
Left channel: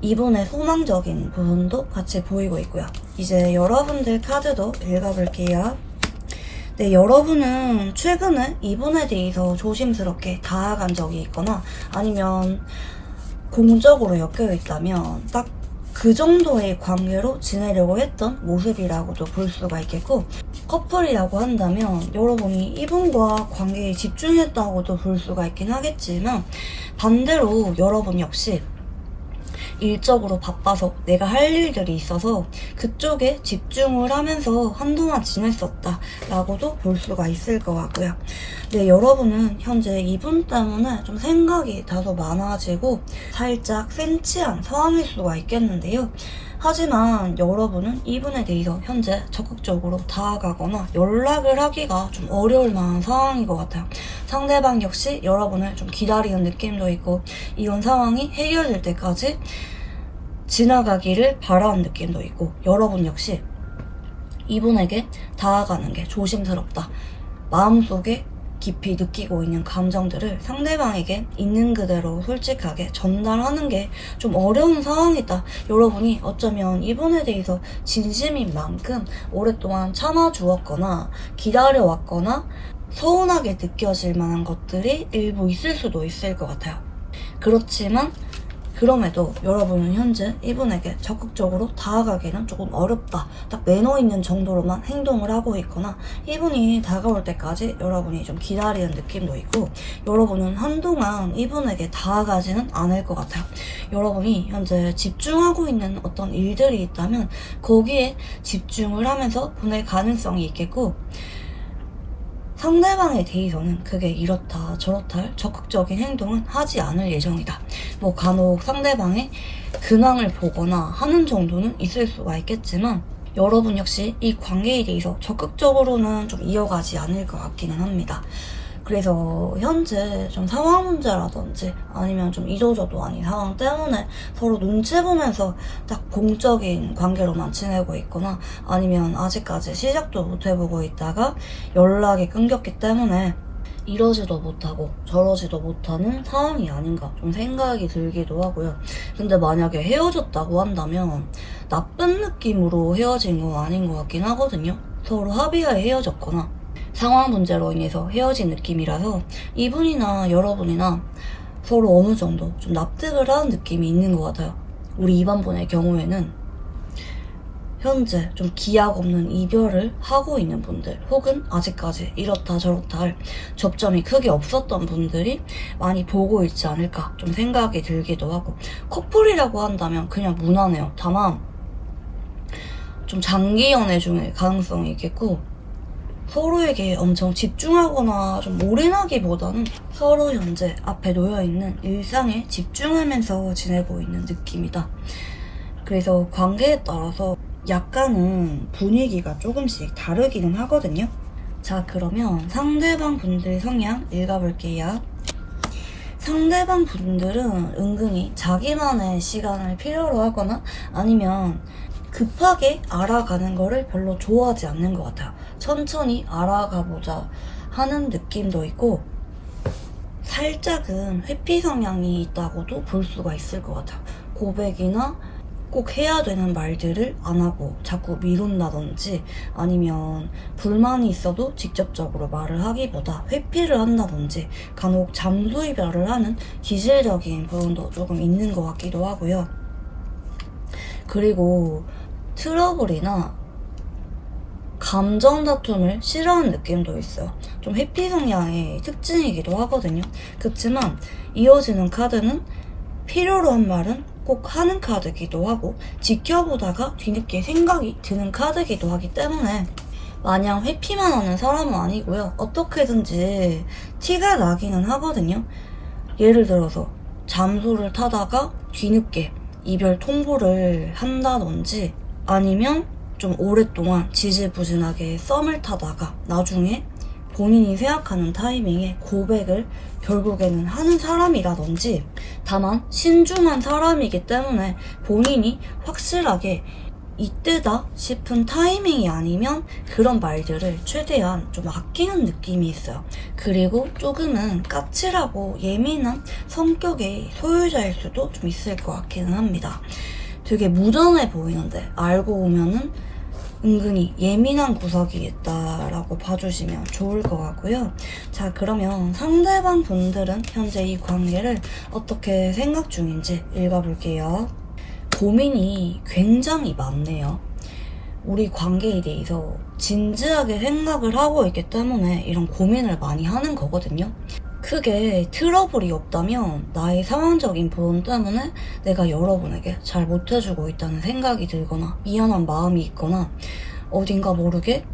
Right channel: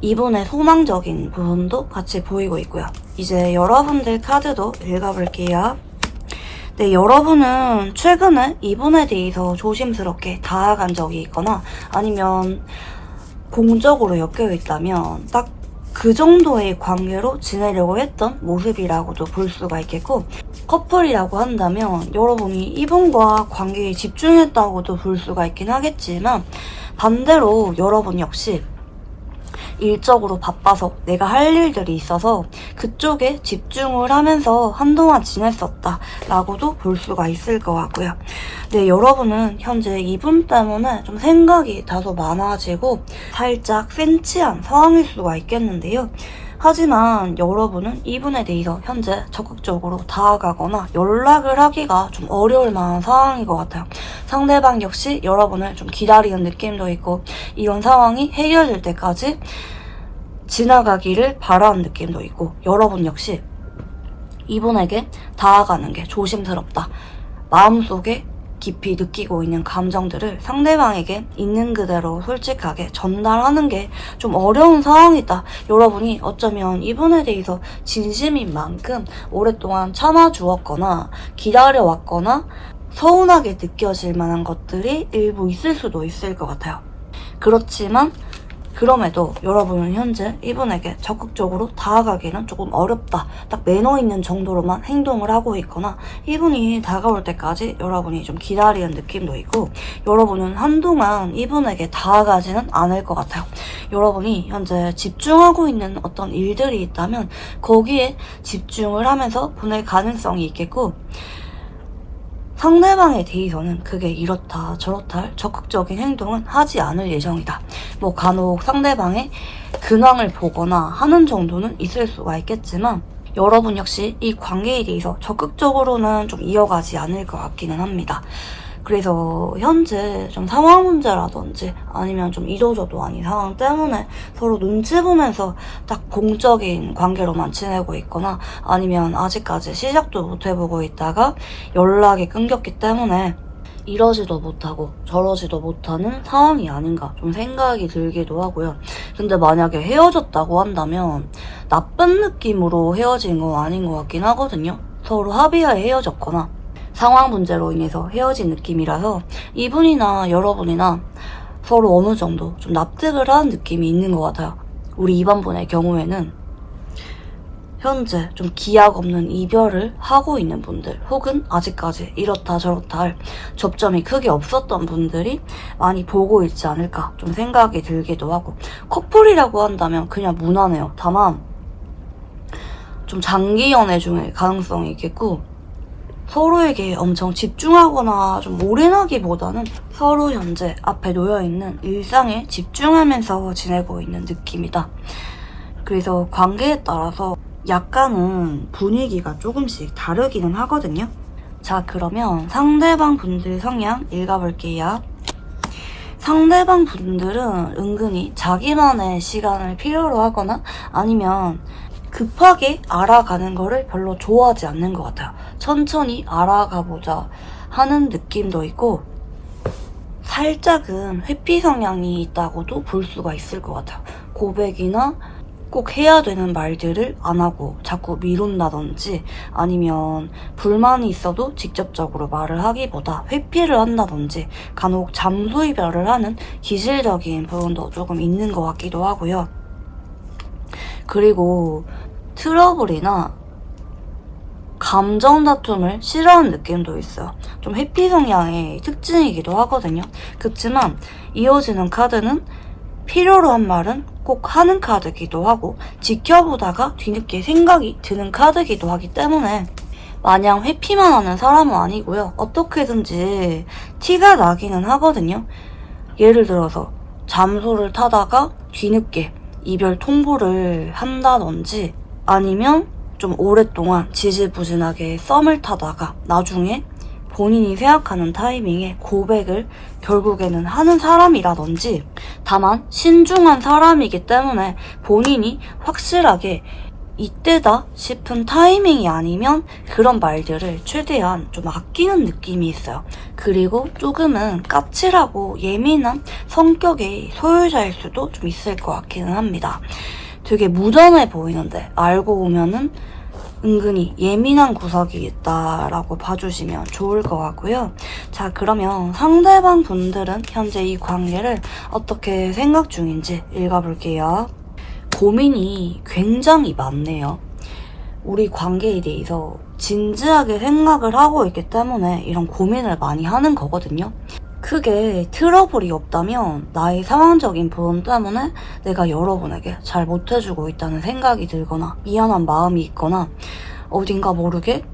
이분의 소망적인 부분도 같이 보이고 있고요. 이제 여러분들 카드도 읽어볼게요. 네, 여러분은 최근에 이분에 대해서 조심스럽게 다가간 적이 있거나 아니면 공적으로 엮여 있다면 딱 그 정도의 관계로 지내려고 했던 모습이라고도 볼 수가 있겠고 커플이라고 한다면 여러분이 이분과 관계에 집중했다고도 볼 수가 있긴 하겠지만 반대로 여러분 역시 일적으로 바빠서 내가 할 일들이 있어서 그쪽에 집중을 하면서 한동안 지냈었다 라고도 볼 수가 있을 것 같고요. 네, 여러분은 현재 이분 때문에 좀 생각이 다소 많아지고 살짝 센치한 상황일 수가 있겠는데요. 하지만 여러분은 이분에 대해서 현재 적극적으로 다가가거나 연락을 하기가 좀 어려울 만한 상황인 것 같아요. 상대방 역시 여러분을 좀 기다리는 느낌도 있고 이런 상황이 해결될 때까지 지나가기를 바라는 느낌도 있고 여러분 역시 이분에게 다가가는 게 조심스럽다. 마음속에 깊이 느끼고 있는 감정들을 상대방에게 있는 그대로 솔직하게 전달하는 게 좀 어려운 상황이다. 여러분이 어쩌면 이분에 대해서 진심인 만큼 오랫동안 참아주었거나 기다려왔거나 서운하게 느껴질 만한 것들이 일부 있을 수도 있을 것 같아요. 그렇지만 그럼에도 여러분은 현재 이분에게 적극적으로 다가가기는 조금 어렵다. 딱 매너 있는 정도로만 행동을 하고 있거나 이분이 다가올 때까지 여러분이 좀 기다리는 느낌도 있고 여러분은 한동안 이분에게 다가가지는 않을 것 같아요. 여러분이 현재 집중하고 있는 어떤 일들이 있다면 거기에 집중을 하면서 보낼 가능성이 있겠고 상대방에 대해서는 그게 이렇다 저렇다 할 적극적인 행동은 하지 않을 예정이다. 뭐 간혹 상대방의 근황을 보거나 하는 정도는 있을 수가 있겠지만 여러분 역시 이 관계에 대해서 적극적으로는 좀 이어가지 않을 것 같기는 합니다. 그래서 현재 좀 상황 문제라든지 아니면 좀 이도저도 아닌 상황 때문에 서로 눈치 보면서 딱 공적인 관계로만 지내고 있거나 아니면 아직까지 시작도 못 해보고 있다가 연락이 끊겼기 때문에 이러지도 못하고 저러지도 못하는 상황이 아닌가 좀 생각이 들기도 하고요. 근데 만약에 헤어졌다고 한다면 나쁜 느낌으로 헤어진 건 아닌 것 같긴 하거든요. 서로 합의하에 헤어졌거나 상황 문제로 인해서 헤어진 느낌이라서 이분이나 여러분이나 서로 어느 정도 좀 납득을 하는 느낌이 있는 것 같아요. 우리 2번분의 경우에는 현재 좀 기약 없는 이별을 하고 있는 분들, 혹은 아직까지 이렇다 저렇다 할 접점이 크게 없었던 분들이 많이 보고 있지 않을까 좀 생각이 들기도 하고, 커플이라고 한다면 그냥 무난해요. 다만 좀 장기 연애 중일 가능성이 있겠고, 서로에게 엄청 집중하거나 좀 올인하기보다는 서로 현재 앞에 놓여있는 일상에 집중하면서 지내고 있는 느낌이다. 그래서 관계에 따라서 약간은 분위기가 조금씩 다르기는 하거든요. 자, 그러면 상대방 분들 성향 읽어볼게요. 상대방 분들은 은근히 자기만의 시간을 필요로 하거나 아니면 급하게 알아가는 거를 별로 좋아하지 않는 것 같아요. 천천히 알아가보자 하는 느낌도 있고, 살짝은 회피 성향이 있다고도 볼 수가 있을 것 같아요. 고백이나 꼭 해야 되는 말들을 안 하고 자꾸 미룬다든지, 아니면 불만이 있어도 직접적으로 말을 하기보다 회피를 한다든지, 간혹 잠수 이별을 하는 기질적인 부분도 조금 있는 것 같기도 하고요. 그리고 트러블이나 감정 다툼을 싫어하는 느낌도 있어요. 좀 회피 성향의 특징이기도 하거든요. 그렇지만 이어지는 카드는 필요로 한 말은 꼭 하는 카드기도 하고, 지켜보다가 뒤늦게 생각이 드는 카드기도 하기 때문에 마냥 회피만 하는 사람은 아니고요. 어떻게든지 티가 나기는 하거든요. 예를 들어서 잠소를 타다가 뒤늦게 이별 통보를 한다든지, 아니면 좀 오랫동안 지지부진하게 썸을 타다가 나중에 본인이 생각하는 타이밍에 고백을 결국에는 하는 사람이라든지, 다만 신중한 사람이기 때문에 본인이 확실하게 이때다 싶은 타이밍이 아니면 그런 말들을 최대한 좀 아끼는 느낌이 있어요. 그리고 조금은 까칠하고 예민한 성격의 소유자일 수도 좀 있을 것 같기는 합니다. 되게 무던해 보이는데 알고 보면은 은근히 예민한 구석이 있다라고 봐주시면 좋을 것 같고요. 자, 그러면 상대방 분들은 현재 이 관계를 어떻게 생각 중인지 읽어볼게요. 고민이 굉장히 많네요. 우리 관계에 대해서 진지하게 생각을 하고 있기 때문에 이런 고민을 많이 하는 거거든요. 크게 트러블이 없다면 나의 상황적인 부분 때문에 내가 여러분에게 잘 못해주고 있다는 생각이 들거나 미안한 마음이 있거나 어딘가 모르게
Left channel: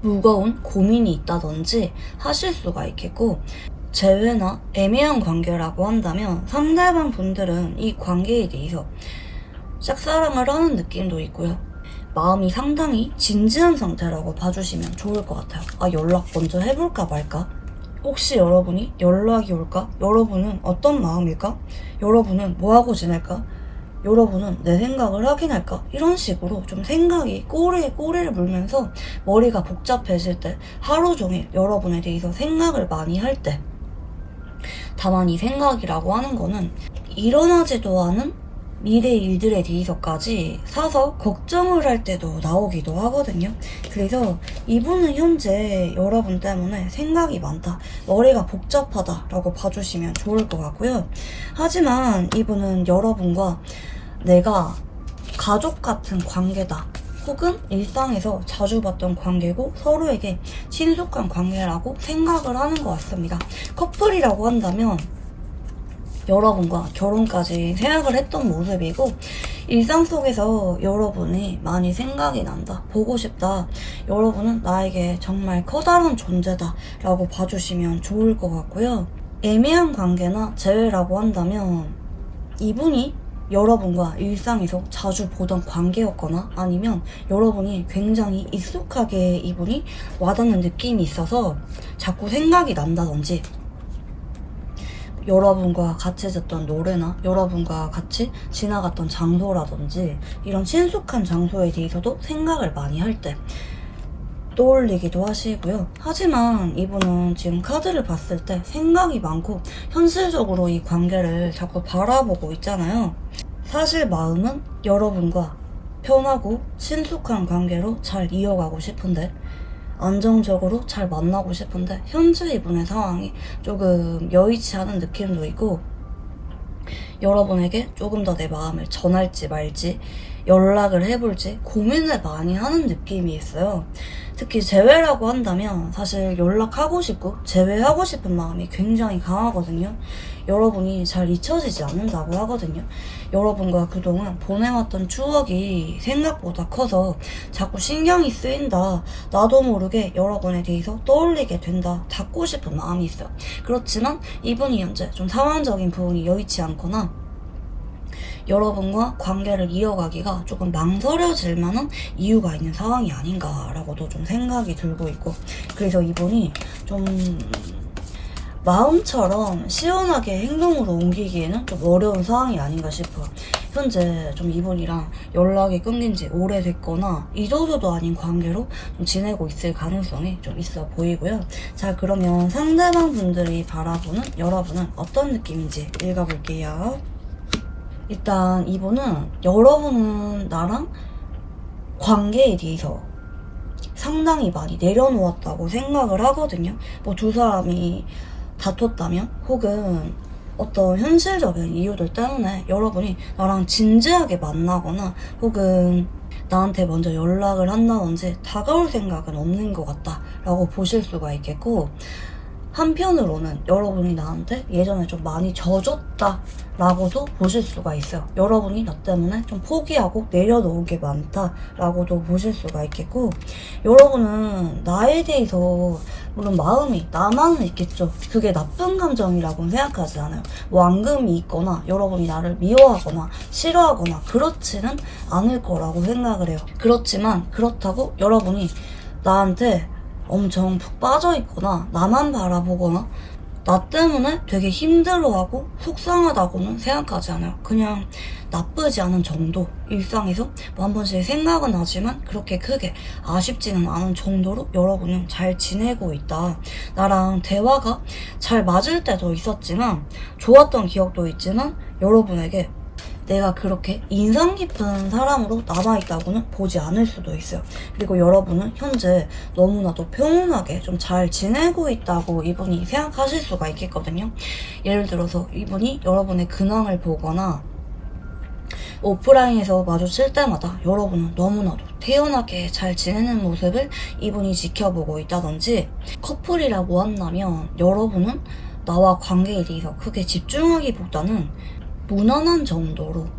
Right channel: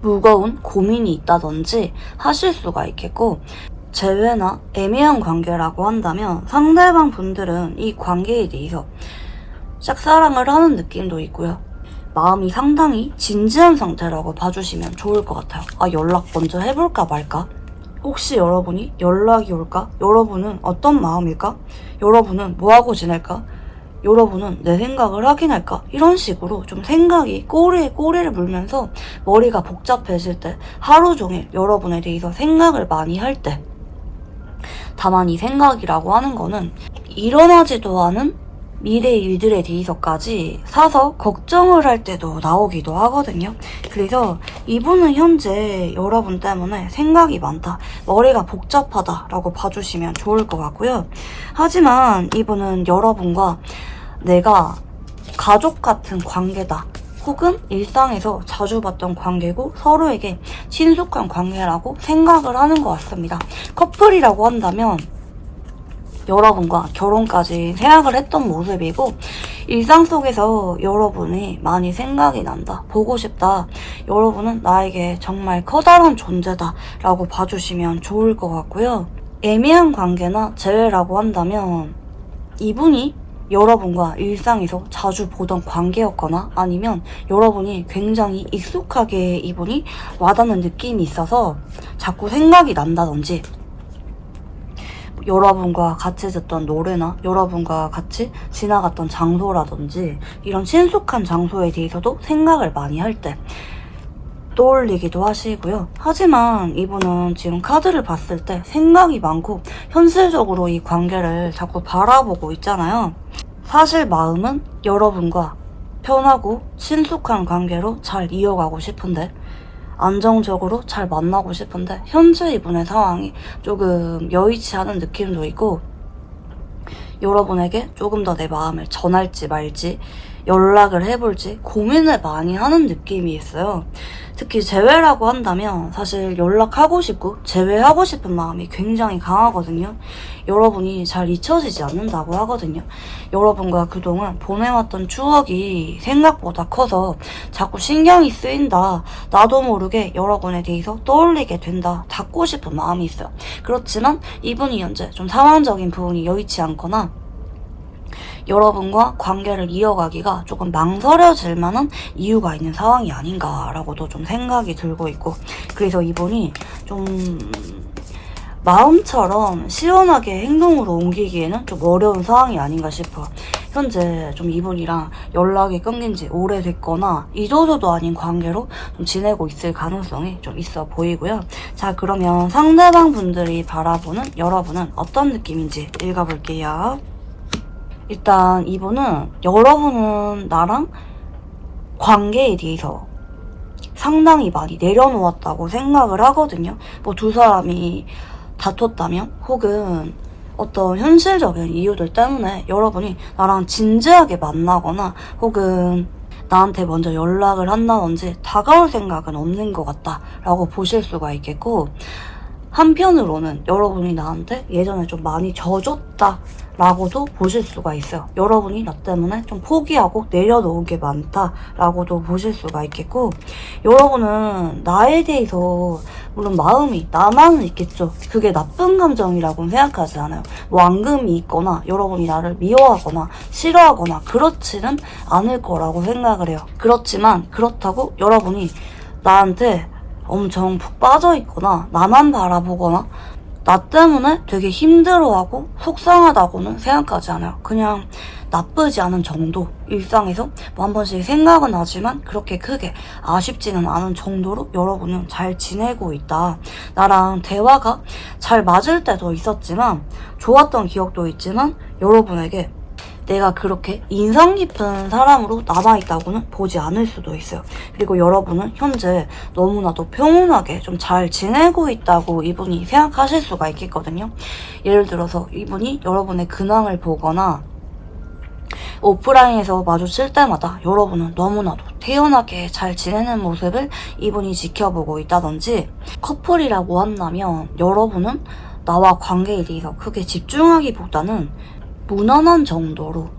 무거운 고민이 있다든지 하실 수가 있겠고, 재회나 애매한 관계라고 한다면 상대방 분들은 이 관계에 대해서 짝사랑을 하는 느낌도 있고요. 마음이 상당히 진지한 상태라고 봐주시면 좋을 것 같아요. 연락 먼저 해볼까 말까? 혹시 여러분이 연락이 올까? 여러분은 어떤 마음일까? 여러분은 뭐하고 지낼까? 여러분은 내 생각을 확인할까? 이런 식으로 좀 생각이 꼬리에 꼬리를 물면서 머리가 복잡해질 때, 하루 종일 여러분에 대해서 생각을 많이 할 때, 다만 이 생각이라고 하는 거는 일어나지도 않은 미래 일들에 대해서까지 사서 걱정을 할 때도 나오기도 하거든요. 그래서 이분은 현재 여러분 때문에 생각이 많다, 머리가 복잡하다 라고 봐주시면 좋을 것 같고요. 하지만 이분은 여러분과 내가 가족 같은 관계다, 혹은 일상에서 자주 봤던 관계고 서로에게 친숙한 관계라고 생각을 하는 것 같습니다. 커플이라고 한다면 여러분과 결혼까지 생각을 했던 모습이고, 일상 속에서 여러분이 많이 생각이 난다, 보고 싶다, 여러분은 나에게 정말 커다란 존재다 라고 봐주시면 좋을 것 같고요. 애매한 관계나 재회라고 한다면 이분이 여러분과 일상에서 자주 보던 관계였거나, 아니면 여러분이 굉장히 익숙하게 이분이 와닿는 느낌이 있어서 자꾸 생각이 난다든지, 여러분과 같이 듣던 노래나 여러분과 같이 지나갔던 장소라든지 이런 친숙한 장소에 대해서도 생각을 많이 할 때 떠올리기도 하시고요. 하지만 이분은 지금 카드를 봤을 때 생각이 많고 현실적으로 이 관계를 자꾸 바라보고 있잖아요. 사실 마음은 여러분과 편하고 친숙한 관계로 잘 이어가고 싶은데, 안정적으로 잘 만나고 싶은데, 현재 이분의 상황이 조금 여의치 않은 느낌도 있고, 여러분에게 조금 더 내 마음을 전할지 말지, 연락을 해볼지 고민을 많이 하는 느낌이 있어요. 특히 재회라고 한다면 사실 연락하고 싶고 재회하고 싶은 마음이 굉장히 강하거든요. 여러분이 잘 잊혀지지 않는다고 하거든요. 여러분과 그동안 보내왔던 추억이 생각보다 커서 자꾸 신경이 쓰인다. 나도 모르게 여러분에 대해서 떠올리게 된다. 닫고 싶은 마음이 있어요. 그렇지만 이분이 현재 좀 상황적인 부분이 여의치 않거나 여러분과 관계를 이어가기가 조금 망설여질 만한 이유가 있는 상황이 아닌가라고도 좀 생각이 들고 있고, 그래서 이분이 좀 마음처럼 시원하게 행동으로 옮기기에는 좀 어려운 상황이 아닌가 싶어요. 현재 좀 이분이랑 연락이 끊긴 지 오래됐거나 이도저도 아닌 관계로 좀 지내고 있을 가능성이 좀 있어 보이고요. 자, 그러면 상대방 분들이 바라보는 여러분은 어떤 느낌인지 읽어볼게요. 일단 이분은 여러분은 나랑 관계에 대해서 상당히 많이 내려놓았다고 생각을 하거든요. 뭐 두 사람이 다퉜다면 혹은 어떤 현실적인 이유들 때문에 여러분이 나랑 진지하게 만나거나 혹은 나한테 먼저 연락을 한다든지 다가올 생각은 없는 것 같다라고 보실 수가 있겠고, 한편으로는 여러분이 나한테 예전에 좀 많이 져줬다라고도 보실 수가 있어요. 여러분이 나 때문에 좀 포기하고 내려놓은 게 많다라고도 보실 수가 있겠고, 여러분은 나에 대해서 물론 마음이 나만은 있겠죠. 그게 나쁜 감정이라고는 생각하지 않아요. 뭐 앙금이 있거나 여러분이 나를 미워하거나 싫어하거나 그렇지는 않을 거라고 생각을 해요. 그렇지만 그렇다고 여러분이 나한테 엄청 푹 빠져있거나 나만 바라보거나 나 때문에 되게 힘들어하고 속상하다고는 생각하지 않아요. 그냥 나쁘지 않은 정도, 일상에서 뭐 한 번씩 생각은 하지만 그렇게 크게 아쉽지는 않은 정도로 여러분은 잘 지내고 있다. 나랑 대화가 잘 맞을 때도 있었지만 좋았던 기억도 있지만 여러분에게 내가 그렇게 인상 깊은 사람으로 남아있다고는 보지 않을 수도 있어요. 그리고 여러분은 현재 너무나도 평온하게 좀 잘 지내고 있다고 이분이 생각하실 수가 있겠거든요. 예를 들어서 이분이 여러분의 근황을 보거나 오프라인에서 마주칠 때마다 여러분은 너무나도 태연하게 잘 지내는 모습을 이분이 지켜보고 있다든지, 커플이라고 한다면 여러분은 나와 관계에 대해서 크게 집중하기보다는 무난한 정도로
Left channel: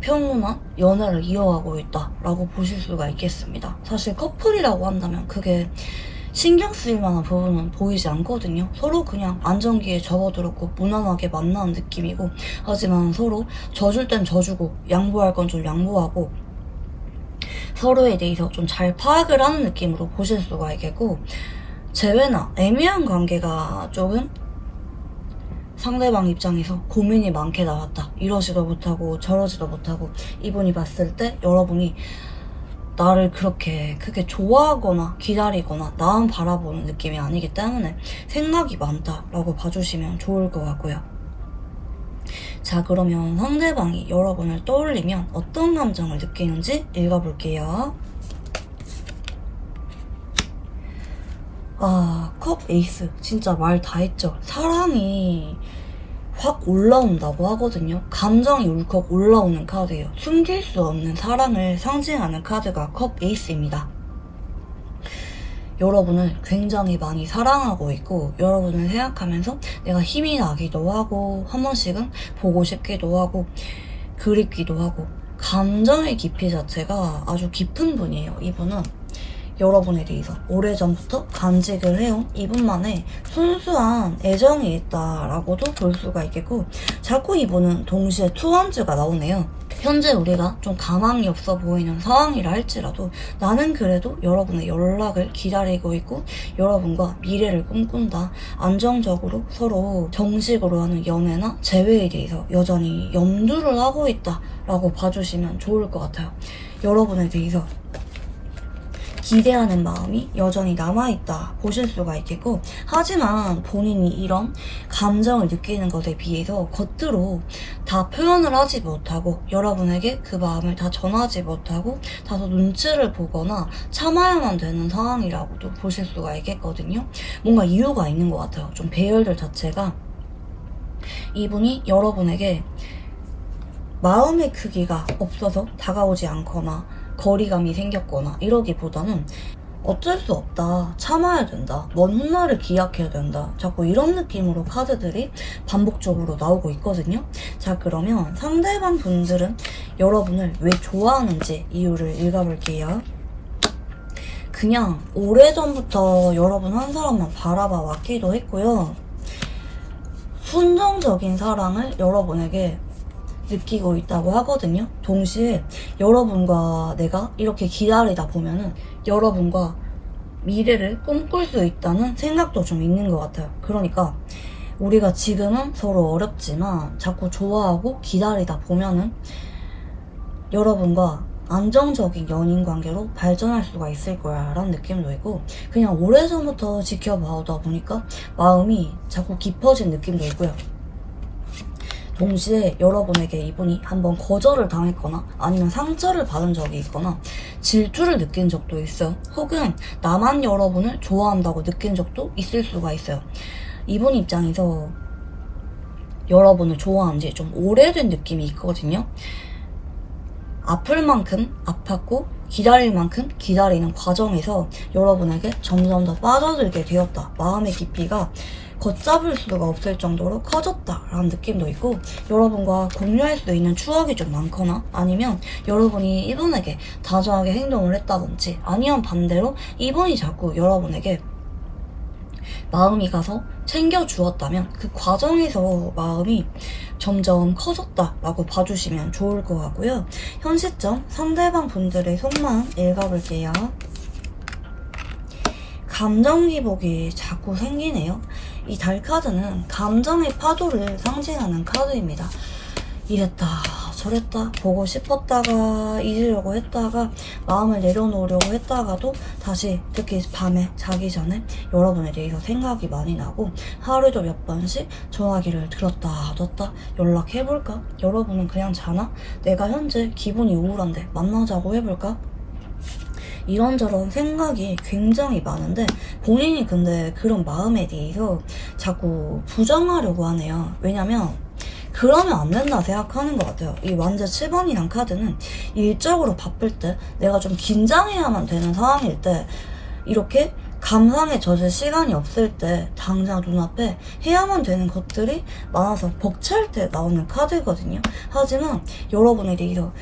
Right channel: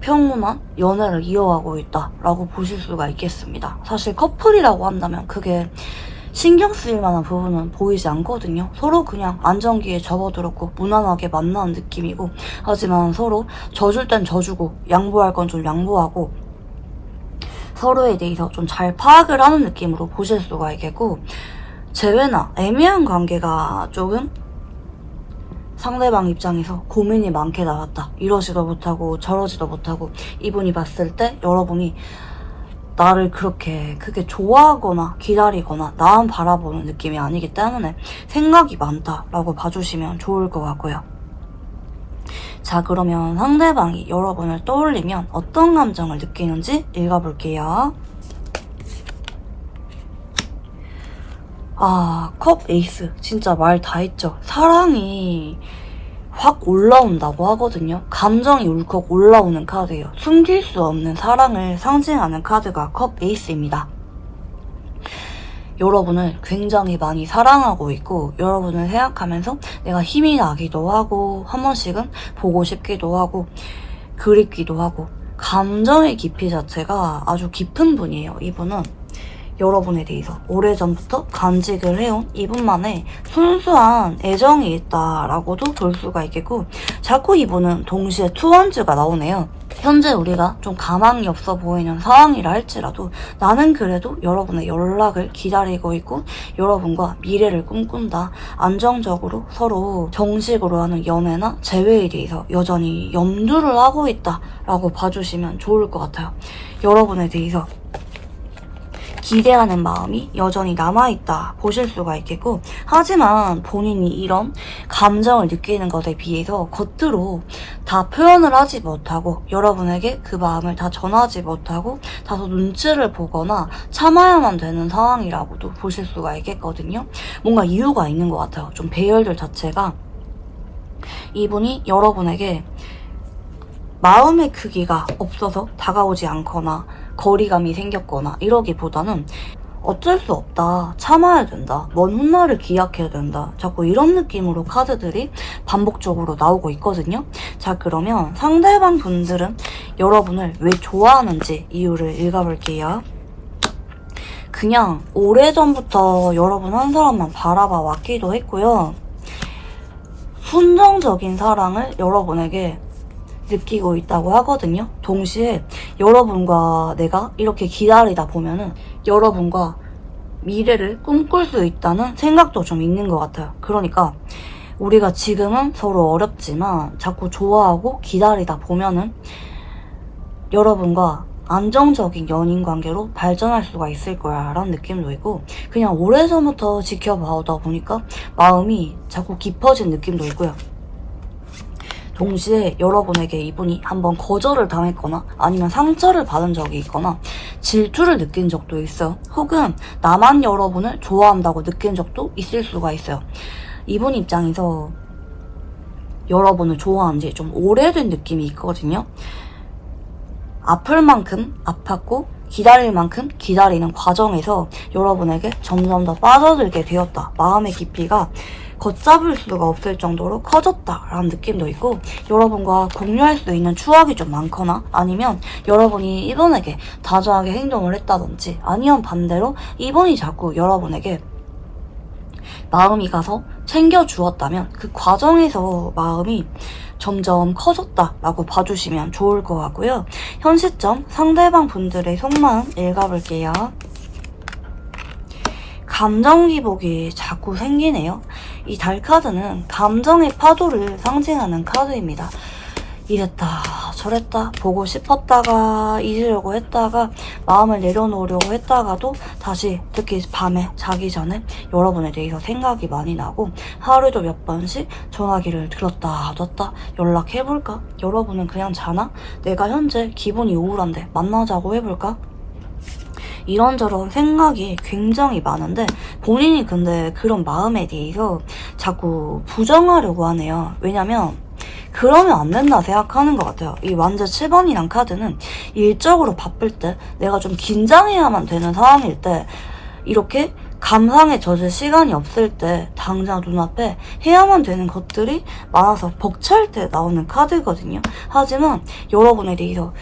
평온한 연애를 이어가고 있다라고 보실 수가 있겠습니다. 사실 커플이라고 한다면 그게 신경 쓰일 만한 부분은 보이지 않거든요. 서로 그냥 안정기에 접어들었고 무난하게 만나는 느낌이고, 하지만 서로 져줄 땐 져주고 양보할 건 좀 양보하고 서로에 대해서 좀 잘 파악을 하는 느낌으로 보실 수가 있겠고, 재회나 애매한 관계가 조금 상대방 입장에서 고민이 많게 나왔다. 이러지도 못하고 저러지도 못하고, 이분이 봤을 때 여러분이 나를 그렇게 크게 좋아하거나 기다리거나 나만 바라보는 느낌이 아니기 때문에 생각이 많다라고 봐주시면 좋을 것 같고요. 자, 그러면 상대방이 여러분을 떠올리면 어떤 감정을 느끼는지 읽어볼게요. 컵 에이스. 진짜 말 다 했죠. 사랑이 확 올라온다고 하거든요. 감정이 울컥 올라오는 카드예요. 숨길 수 없는 사랑을 상징하는 카드가 컵 에이스입니다. 여러분을 굉장히 많이 사랑하고 있고, 여러분을 생각하면서 내가 힘이 나기도 하고 한 번씩은 보고 싶기도 하고 그립기도 하고, 감정의 깊이 자체가 아주 깊은 분이에요. 이분은 여러분에 대해서 오래전부터 간직을 해온 이분만의 순수한 애정이 있다라고도 볼 수가 있겠고, 자꾸 이분은 동시에 투원즈가 나오네요. 현재 우리가 좀 가망이 없어 보이는 상황이라 할지라도 나는 그래도 여러분의 연락을 기다리고 있고 여러분과 미래를 꿈꾼다. 안정적으로 서로 정식으로 하는 연애나 재회에 대해서 여전히 염두를 하고 있다라고 봐주시면 좋을 것 같아요. 여러분에 대해서 기대하는 마음이 여전히 남아있다 보실 수가 있겠고, 하지만 본인이 이런 감정을 느끼는 것에 비해서 겉으로 다 표현을 하지 못하고 여러분에게 그 마음을 다 전하지 못하고 다소 눈치를 보거나 참아야만 되는 상황이라고도 보실 수가 있겠거든요. 뭔가 이유가 있는 것 같아요. 좀 배열들 자체가 이분이 여러분에게 마음의 크기가 없어서 다가오지 않거나 거리감이 생겼거나 이러기보다는 어쩔 수 없다, 참아야 된다, 먼 훗날을 기약해야 된다, 자꾸 이런 느낌으로 카드들이 반복적으로 나오고 있거든요. 자, 그러면 상대방 분들은 여러분을 왜 좋아하는지 이유를 읽어볼게요. 그냥 오래전부터 여러분 한 사람만 바라봐 왔기도 했고요. 순정적인 사랑을 여러분에게 느끼고 있다고 하거든요. 동시에 여러분과 내가 이렇게 기다리다 보면은 여러분과 미래를 꿈꿀 수 있다는 생각도 좀 있는 것 같아요. 그러니까 우리가 지금은 서로 어렵지만 자꾸 좋아하고 기다리다 보면은 여러분과 안정적인 연인 관계로 발전할 수가 있을 거야 라는 느낌도 있고, 그냥 오래전부터 지켜봐오다 보니까 마음이 자꾸 깊어진 느낌도 있고요. 동시에 여러분에게 이분이 한번 거절을 당했거나 아니면 상처를 받은 적이 있거나 질투를 느낀 적도 있어요. 혹은 나만 여러분을 좋아한다고 느낀 적도 있을 수가 있어요. 이분 입장에서 여러분을 좋아한 지 좀 오래된 느낌이 있거든요. 아플 만큼 아팠고 기다릴 만큼 기다리는 과정에서 여러분에게 점점 더 빠져들게 되었다. 마음의 깊이가 걷잡을 수가 없을 정도로 커졌다라는 느낌도 있고, 여러분과 공유할 수 있는 추억이 좀 많거나 아니면 여러분이 이분에게 다정하게 행동을 했다든지 아니면 반대로 이분이 자꾸 여러분에게 마음이 가서 챙겨주었다면 그 과정에서 마음이 점점 커졌다라고 봐주시면 좋을 것 같고요. 현 시점 상대방 분들의 속마음 읽어볼게요. 감정 기복이 자꾸 생기네요. 이 달 카드는 감정의 파도를 상징하는 카드입니다. 이랬다 저랬다 보고 싶었다가 잊으려고 했다가 마음을 내려놓으려고 했다가도 다시 특히 밤에 자기 전에 여러분에 대해서 생각이 많이 나고 하루에도 몇 번씩 전화기를 들었다 뒀다 연락해볼까? 여러분은 그냥 자나? 내가 현재 기분이 우울한데 만나자고 해볼까? 이런저런 생각이 굉장히 많은데 본인이 근데 그런 마음에 대해서 자꾸 부정하려고 하네요. 왜냐면 그러면 안 된다 생각하는 것 같아요. 이 완전 7번이란 카드는 일적으로 바쁠 때 내가 좀 긴장해야만 되는 상황일 때 이렇게 감상에 젖을 시간이 없을 때 당장 눈앞에 해야만 되는 것들이 많아서 벅찰 때 나오는 카드거든요. 하지만 여러분에 대해서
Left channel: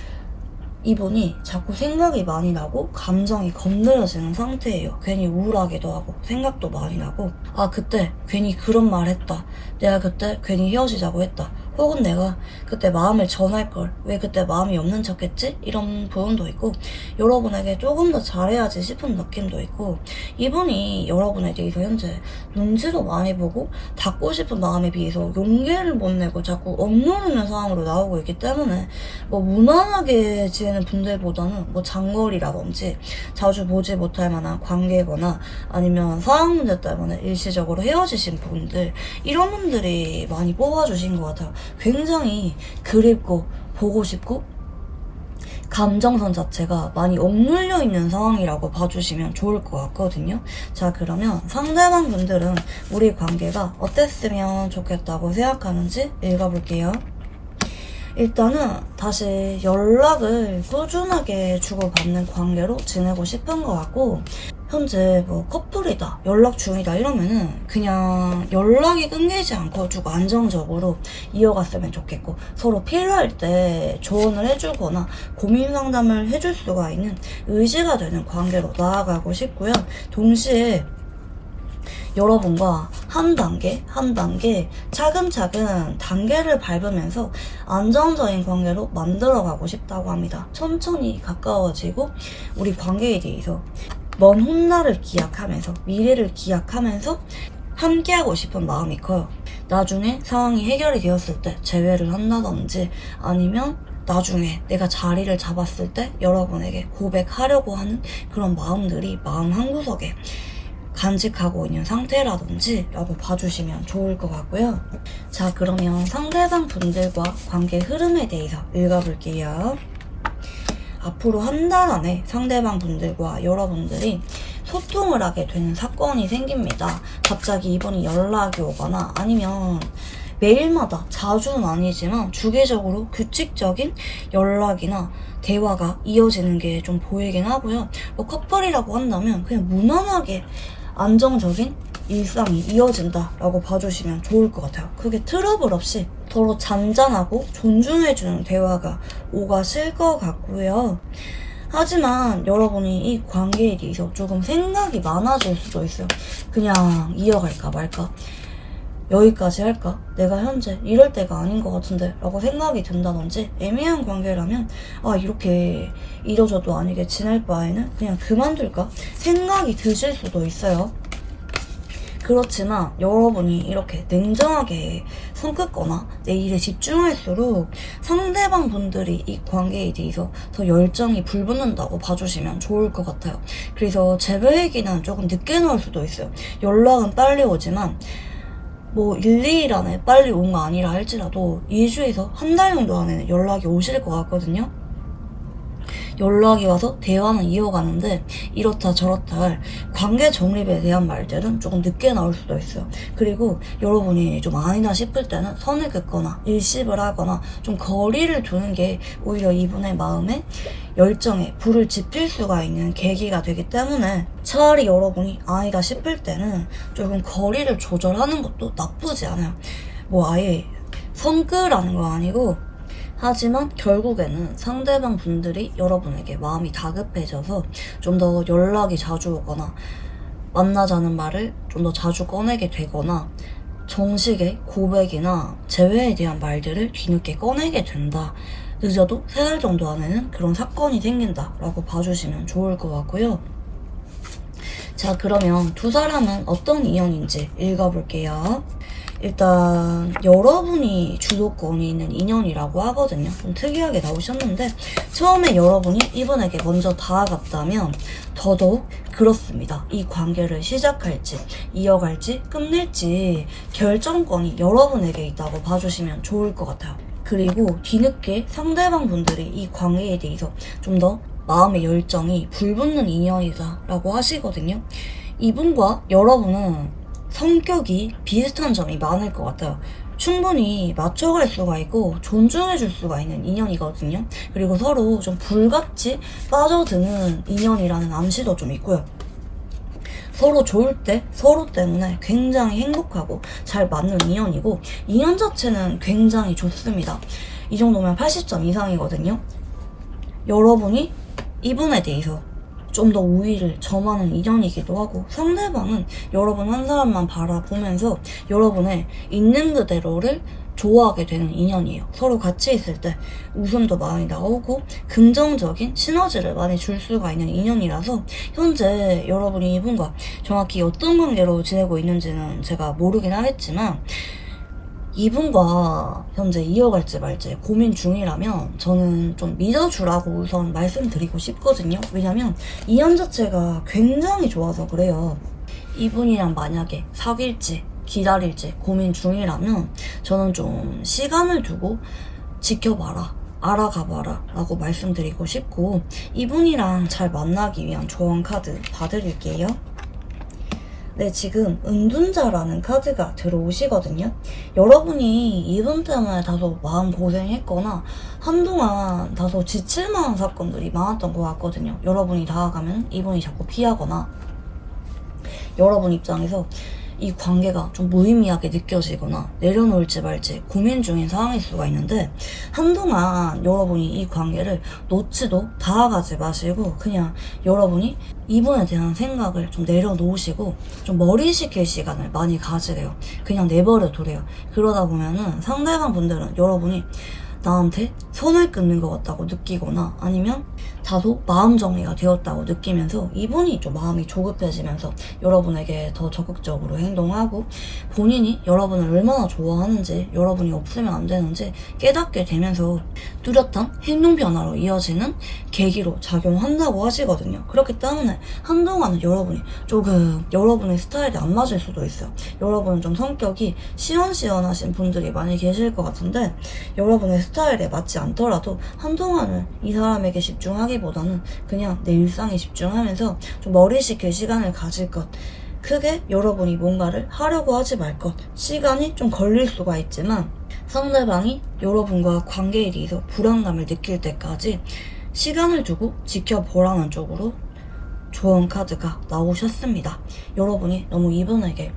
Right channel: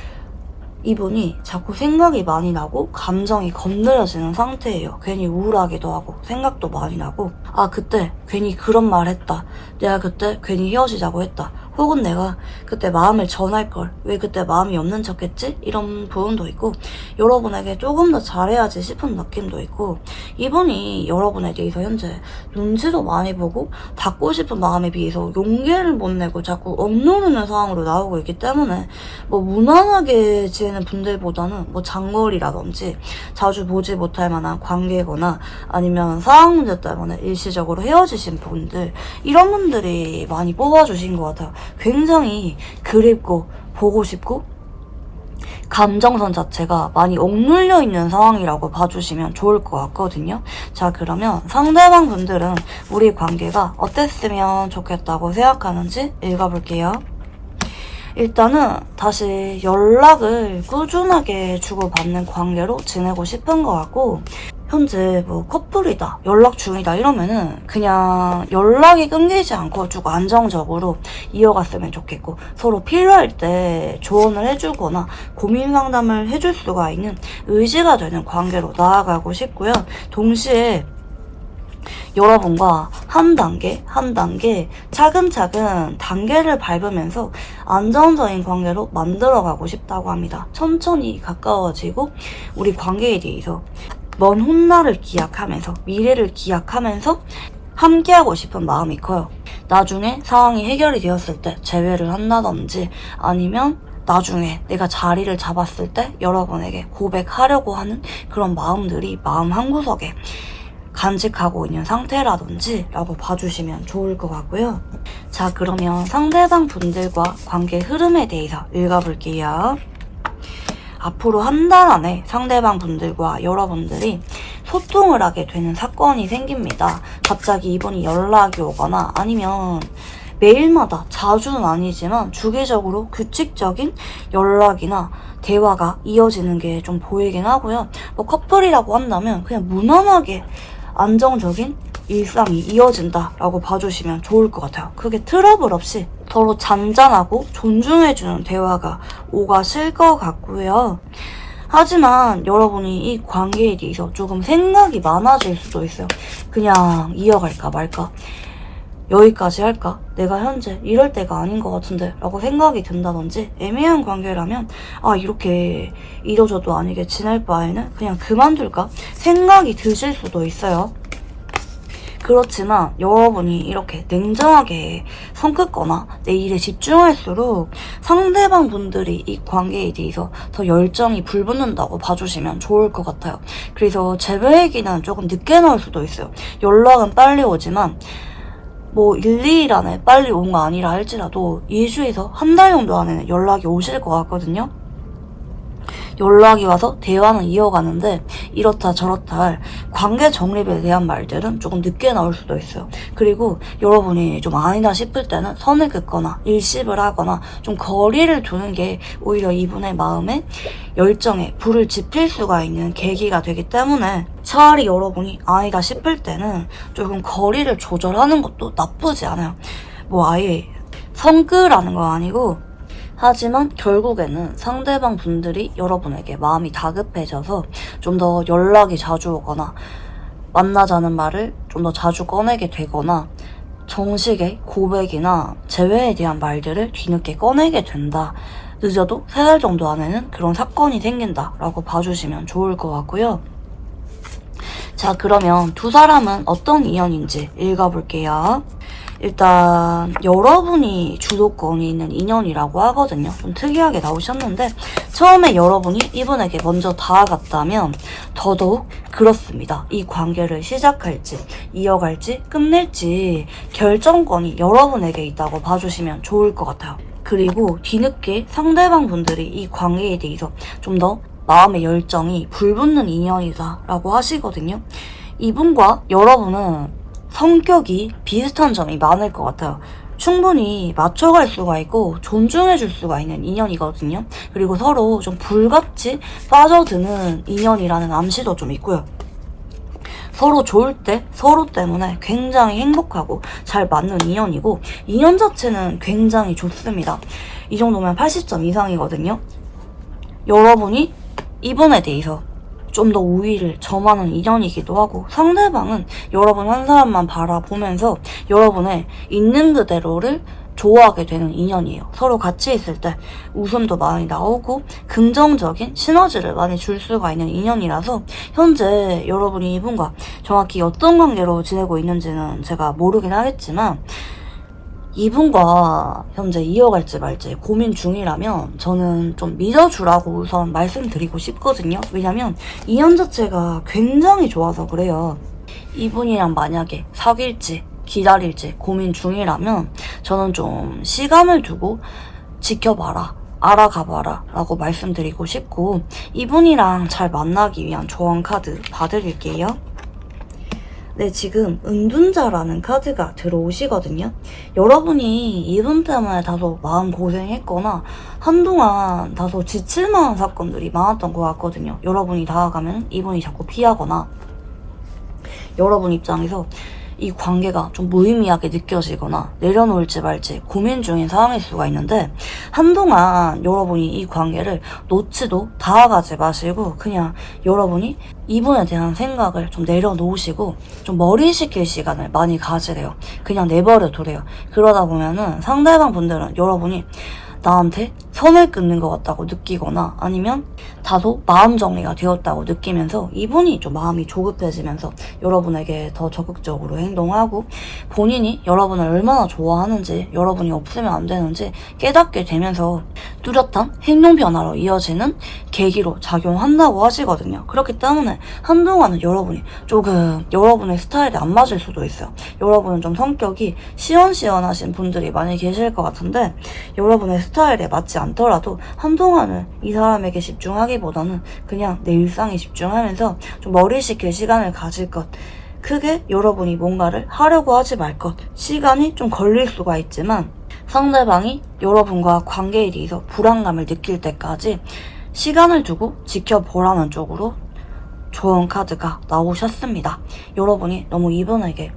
이분이 자꾸 생각이 많이 나고 감정이 건드려지는 상태예요. 괜히 우울하기도 하고 생각도 많이 나고 아 그때 괜히 그런 말 했다. 내가 그때 괜히 헤어지자고 했다. 혹은 내가 그때 마음을 전할걸. 왜 그때 마음이 없는 척했지? 이런 부분도 있고 여러분에게 조금 더 잘해야지 싶은 느낌도 있고 이분이 여러분에 대해서 현재 눈치도 많이 보고 닫고 싶은 마음에 비해서 용기를 못 내고 자꾸 억누르는 상황으로 나오고 있기 때문에 뭐 무난하게 지내는 분들보다는 뭐 장거리라든지 자주 보지 못할 만한 관계거나 아니면 상황 문제 때문에 일시적으로 헤어지신 분들 이런 분들이 많이 뽑아주신 것 같아요. 굉장히 그립고 보고 싶고 감정선 자체가 많이 억눌려 있는 상황이라고 봐주시면 좋을 것 같거든요. 자, 그러면 상대방 분들은 우리 관계가 어땠으면 좋겠다고 생각하는지 읽어볼게요. 일단은 다시 연락을 꾸준하게 주고받는 관계로 지내고 싶은 것 같고 현재 뭐 커플이다 연락 중이다 이러면은 그냥 연락이 끊기지 않고 쭉 안정적으로 이어갔으면 좋겠고 서로 필요할 때 조언을 해주거나 고민 상담을 해줄 수가 있는 의지가 되는 관계로 나아가고 싶고요. 동시에 여러분과 한 단계 한 단계 차근차근 단계를 밟으면서 안정적인 관계로 만들어가고 싶다고 합니다. 천천히 가까워지고 우리 관계에 대해서 먼 훗날을 기약하면서 미래를 기약하면서 함께하고 싶은 마음이 커요. 나중에 상황이 해결이 되었을 때 재회를 한다든지 아니면 나중에 내가 자리를 잡았을 때 여러분에게 고백하려고 하는 그런 마음들이 마음 한구석에 간직하고 있는 상태라든지 라고 봐주시면 좋을 것 같고요. 자, 그러면 상대방 분들과 관계 흐름에 대해서 읽어볼게요. 앞으로 한 달 안에 상대방 분들과 여러분들이 소통을 하게 되는 사건이 생깁니다. 갑자기 이분이 연락이 오거나 아니면 매일마다 자주는 아니지만 주기적으로 규칙적인 연락이나 대화가 이어지는 게 좀 보이긴 하고요. 뭐 커플이라고 한다면 그냥 무난하게 안정적인 일상이 이어진다라고 봐주시면 좋을 것 같아요. 그게 트러블 없이 서로 잔잔하고 존중해주는 대화가 오가실 것 같고요. 하지만 여러분이 이 관계에 대해서 조금 생각이 많아질 수도 있어요. 그냥 이어갈까 말까? 여기까지 할까? 내가 현재 이럴 때가 아닌 것 같은데 라고 생각이 든다든지 애매한 관계라면 이렇게 이러저도 아니게 지낼 바에는 그냥 그만둘까? 생각이 드실 수도 있어요. 그렇지만 여러분이 이렇게 냉정하게 성 긋거나 내 일에 집중할수록 상대방 분들이 이 관계에 대해서 더 열정이 불붙는다고 봐주시면 좋을 것 같아요. 그래서 재회 얘기는 조금 늦게 나올 수도 있어요. 연락은 빨리 오지만 뭐 1, 2일 안에 빨리 온 거 아니라 할지라도 2주에서 한 달 정도 안에는 연락이 오실 것 같거든요. 연락이 와서 대화는 이어가는데 이렇다 저렇다 할 관계 정립에 대한 말들은 조금 늦게 나올 수도 있어요. 그리고 여러분이 좀 아니다 싶을 때는 선을 긋거나 일십을 하거나 좀 거리를 두는 게 오히려 이분의 마음에 열정에 불을 지필 수가 있는 계기가 되기 때문에 차라리 여러분이 아니다 싶을 때는 조금 거리를 조절하는 것도 나쁘지 않아요. 뭐 아예 성끄라는 거 아니고 하지만 결국에는 상대방 분들이 여러분에게 마음이 다급해져서 좀 더 연락이 자주 오거나 만나자는 말을 좀 더 자주 꺼내게 되거나 정식의 고백이나 재회에 대한 말들을 뒤늦게 꺼내게 된다. 늦어도 3달 정도 안에는 그런 사건이 생긴다 라고 봐주시면 좋을 것 같고요. 자, 그러면 두 사람은 어떤 인연인지 읽어볼게요. 일단 여러분이 주도권이 있는 인연이라고 하거든요. 좀 특이하게 나오셨는데 처음에 여러분이 이분에게 먼저 다가갔다면 더더욱 그렇습니다. 이 관계를 시작할지 이어갈지 끝낼지 결정권이 여러분에게 있다고 봐주시면 좋을 것 같아요. 그리고 뒤늦게 상대방 분들이 이 관계에 대해서 좀 더 마음의 열정이 불붙는 인연이다 라고 하시거든요. 이분과 여러분은 성격이 비슷한 점이 많을 것 같아요. 충분히 맞춰갈 수가 있고 존중해줄 수가 있는 인연이거든요. 그리고 서로 좀 불같이 빠져드는 인연이라는 암시도 좀 있고요. 서로 좋을 때 서로 때문에 굉장히 행복하고 잘 맞는 인연이고 인연 자체는 굉장히 좋습니다. 이 정도면 80점 이상이거든요. 여러분이 이분에 대해서 좀 더 우위를 점하는 인연이기도 하고 상대방은 여러분 한 사람만 바라보면서 여러분의 있는 그대로를 좋아하게 되는 인연이에요. 서로 같이 있을 때 웃음도 많이 나오고 긍정적인 시너지를 많이 줄 수가 있는 인연이라서 현재 여러분이 이분과 정확히 어떤 관계로 지내고 있는지는 제가 모르긴 하겠지만 이분과 현재 이어갈지 말지 고민 중이라면 저는 좀 믿어주라고 우선 말씀드리고 싶거든요. 왜냐면 인연 자체가 굉장히 좋아서 그래요. 이분이랑 만약에 사귈지 기다릴지 고민 중이라면 저는 좀 시간을 두고 지켜봐라. 알아가봐라 라고 말씀드리고 싶고 이분이랑 잘 만나기 위한 조언 카드 봐드릴게요. 네, 지금 은둔자라는 카드가 들어오시거든요. 여러분이 이분 때문에 다소 마음고생했거나 한동안 다소 지칠만한 사건들이 많았던 것 같거든요. 여러분이 다가가면 이분이 자꾸 피하거나 여러분 입장에서 이 관계가 좀 무의미하게 느껴지거나 내려놓을지 말지 고민 중인 상황일 수가 있는데 한동안 여러분이 이 관계를 놓지도 다가가지 마시고 그냥 여러분이 이분에 대한 생각을 좀 내려놓으시고 좀 머리 식힐 시간을 많이 가지래요. 그냥 내버려 두래요. 그러다 보면은 상대방 분들은 여러분이 나한테 선을 끊는 것 같다고 느끼거나 아니면 다소 마음 정리가 되었다고 느끼면서 이분이 좀 마음이 조급해지면서 여러분에게 더 적극적으로 행동하고 본인이 여러분을 얼마나 좋아하는지 여러분이 없으면 안 되는지 깨닫게 되면서 뚜렷한 행동 변화로 이어지는 계기로 작용한다고 하시거든요. 그렇기 때문에 한동안은 여러분이 조금 여러분의 스타일에 안 맞을 수도 있어요. 여러분은 좀 성격이 시원시원하신 분들이 많이 계실 것 같은데 여러분의 스타일에 맞지 않더라도 한동안은 이 사람에게 집중하기보다는 그냥 내 일상에 집중하면서 좀 머리 식힐 시간을 가질 것 크게 여러분이 뭔가를 하려고 하지 말 것. 시간이 좀 걸릴 수가 있지만 상대방이 여러분과 관계에 대해서 불안감을 느낄 때까지 시간을 두고 지켜보라는 쪽으로 좋은 카드가 나오셨습니다. 여러분이 너무 이분에게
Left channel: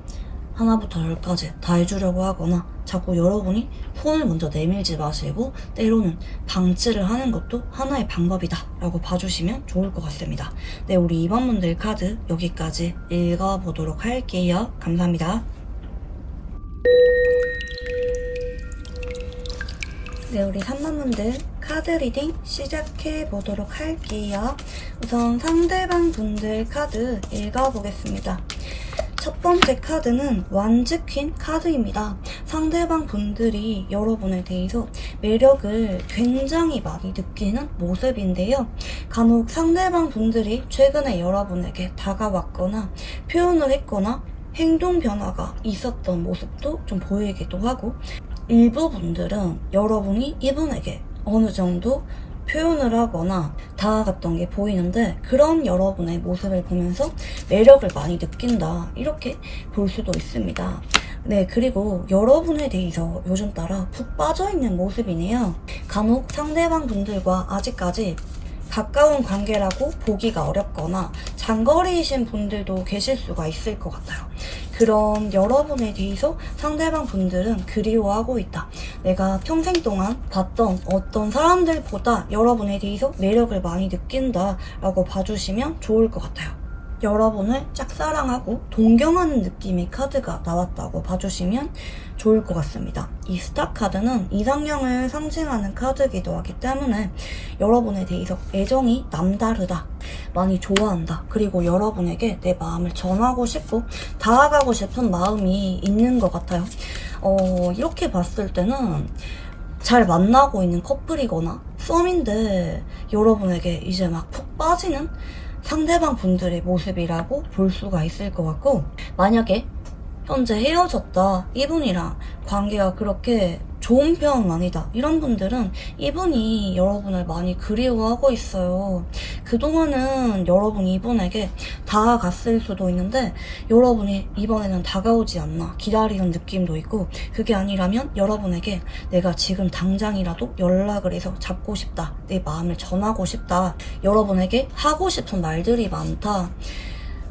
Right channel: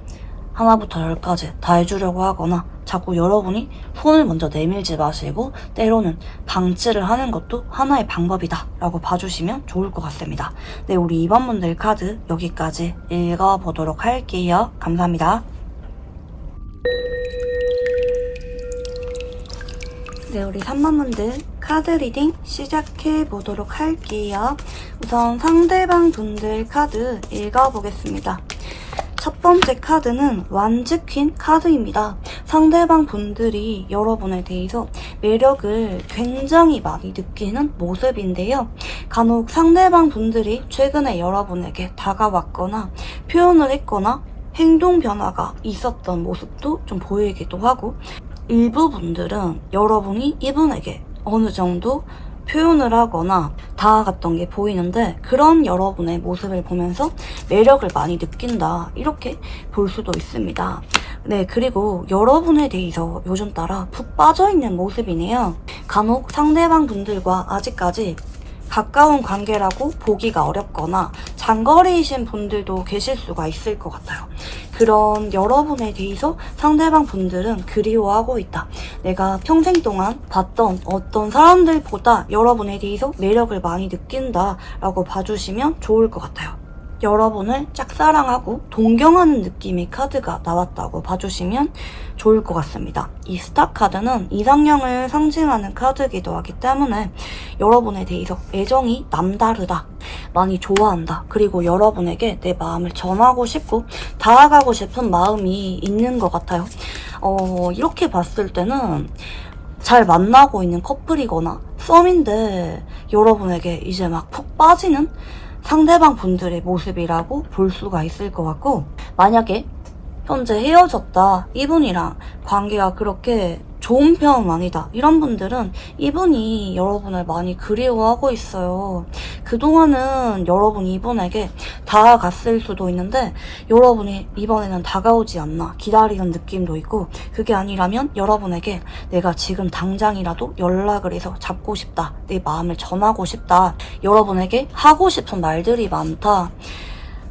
하나부터 10까지 다 해주려고 하거나 자꾸 여러분이 손을 먼저 내밀지 마시고 때로는 방치를 하는 것도 하나의 방법이다 라고 봐주시면 좋을 것 같습니다. 네, 우리 2번분들 카드 여기까지 읽어보도록 할게요. 감사합니다. 네, 우리 3번분들 카드 리딩 시작해보도록 할게요. 우선 상대방 분들 카드 읽어보겠습니다. 첫 번째 카드는 완즈 퀸 카드입니다. 상대방 분들이 여러분에 대해서 매력을 굉장히 많이 느끼는 모습인데요. 간혹 상대방 분들이 최근에 여러분에게 다가왔거나 표현을 했거나 행동 변화가 있었던 모습도 좀 보이기도 하고, 일부 분들은 여러분이 이분에게 어느 정도 표현을 하거나 다가갔던 게 보이는데 그런 여러분의 모습을 보면서 매력을 많이 느낀다, 이렇게 볼 수도 있습니다. 네, 그리고 여러분에 대해서 요즘 따라 푹 빠져있는 모습이네요. 간혹 상대방 분들과 아직까지 가까운 관계라고 보기가 어렵거나 장거리이신 분들도 계실 수가 있을 것 같아요. 그런 여러분에 대해서 상대방 분들은 그리워하고 있다. 내가 평생 동안 봤던 어떤 사람들보다 여러분에 대해서 매력을 많이 느낀다 라고 봐주시면 좋을 것 같아요. 여러분을 짝사랑하고 동경하는 느낌의 카드가 나왔다고 봐주시면 좋을 것 같습니다. 이 스타 카드는 이상형을 상징하는 카드이기도 하기 때문에 여러분에 대해서 애정이 남다르다, 많이 좋아한다, 그리고 여러분에게 내 마음을 전하고 싶고 다가가고 싶은 마음이 있는 것 같아요. 이렇게 봤을 때는 잘 만나고 있는 커플이거나 썸인데 여러분에게 이제 막 푹 빠지는 상대방 분들의 모습이라고 볼 수가 있을 것 같고, 만약에 현재 헤어졌다, 이분이랑 관계가 그렇게 좋은 편은 아니다, 이런 분들은 이분이 여러분을 많이 그리워하고 있어요. 그동안은 여러분이 이분에게 다가갔을 수도 있는데 여러분이 이번에는 다가오지 않나 기다리는 느낌도 있고, 그게 아니라면 여러분에게 내가 지금 당장이라도 연락을 해서 잡고 싶다, 내 마음을 전하고 싶다, 여러분에게 하고 싶은 말들이 많다,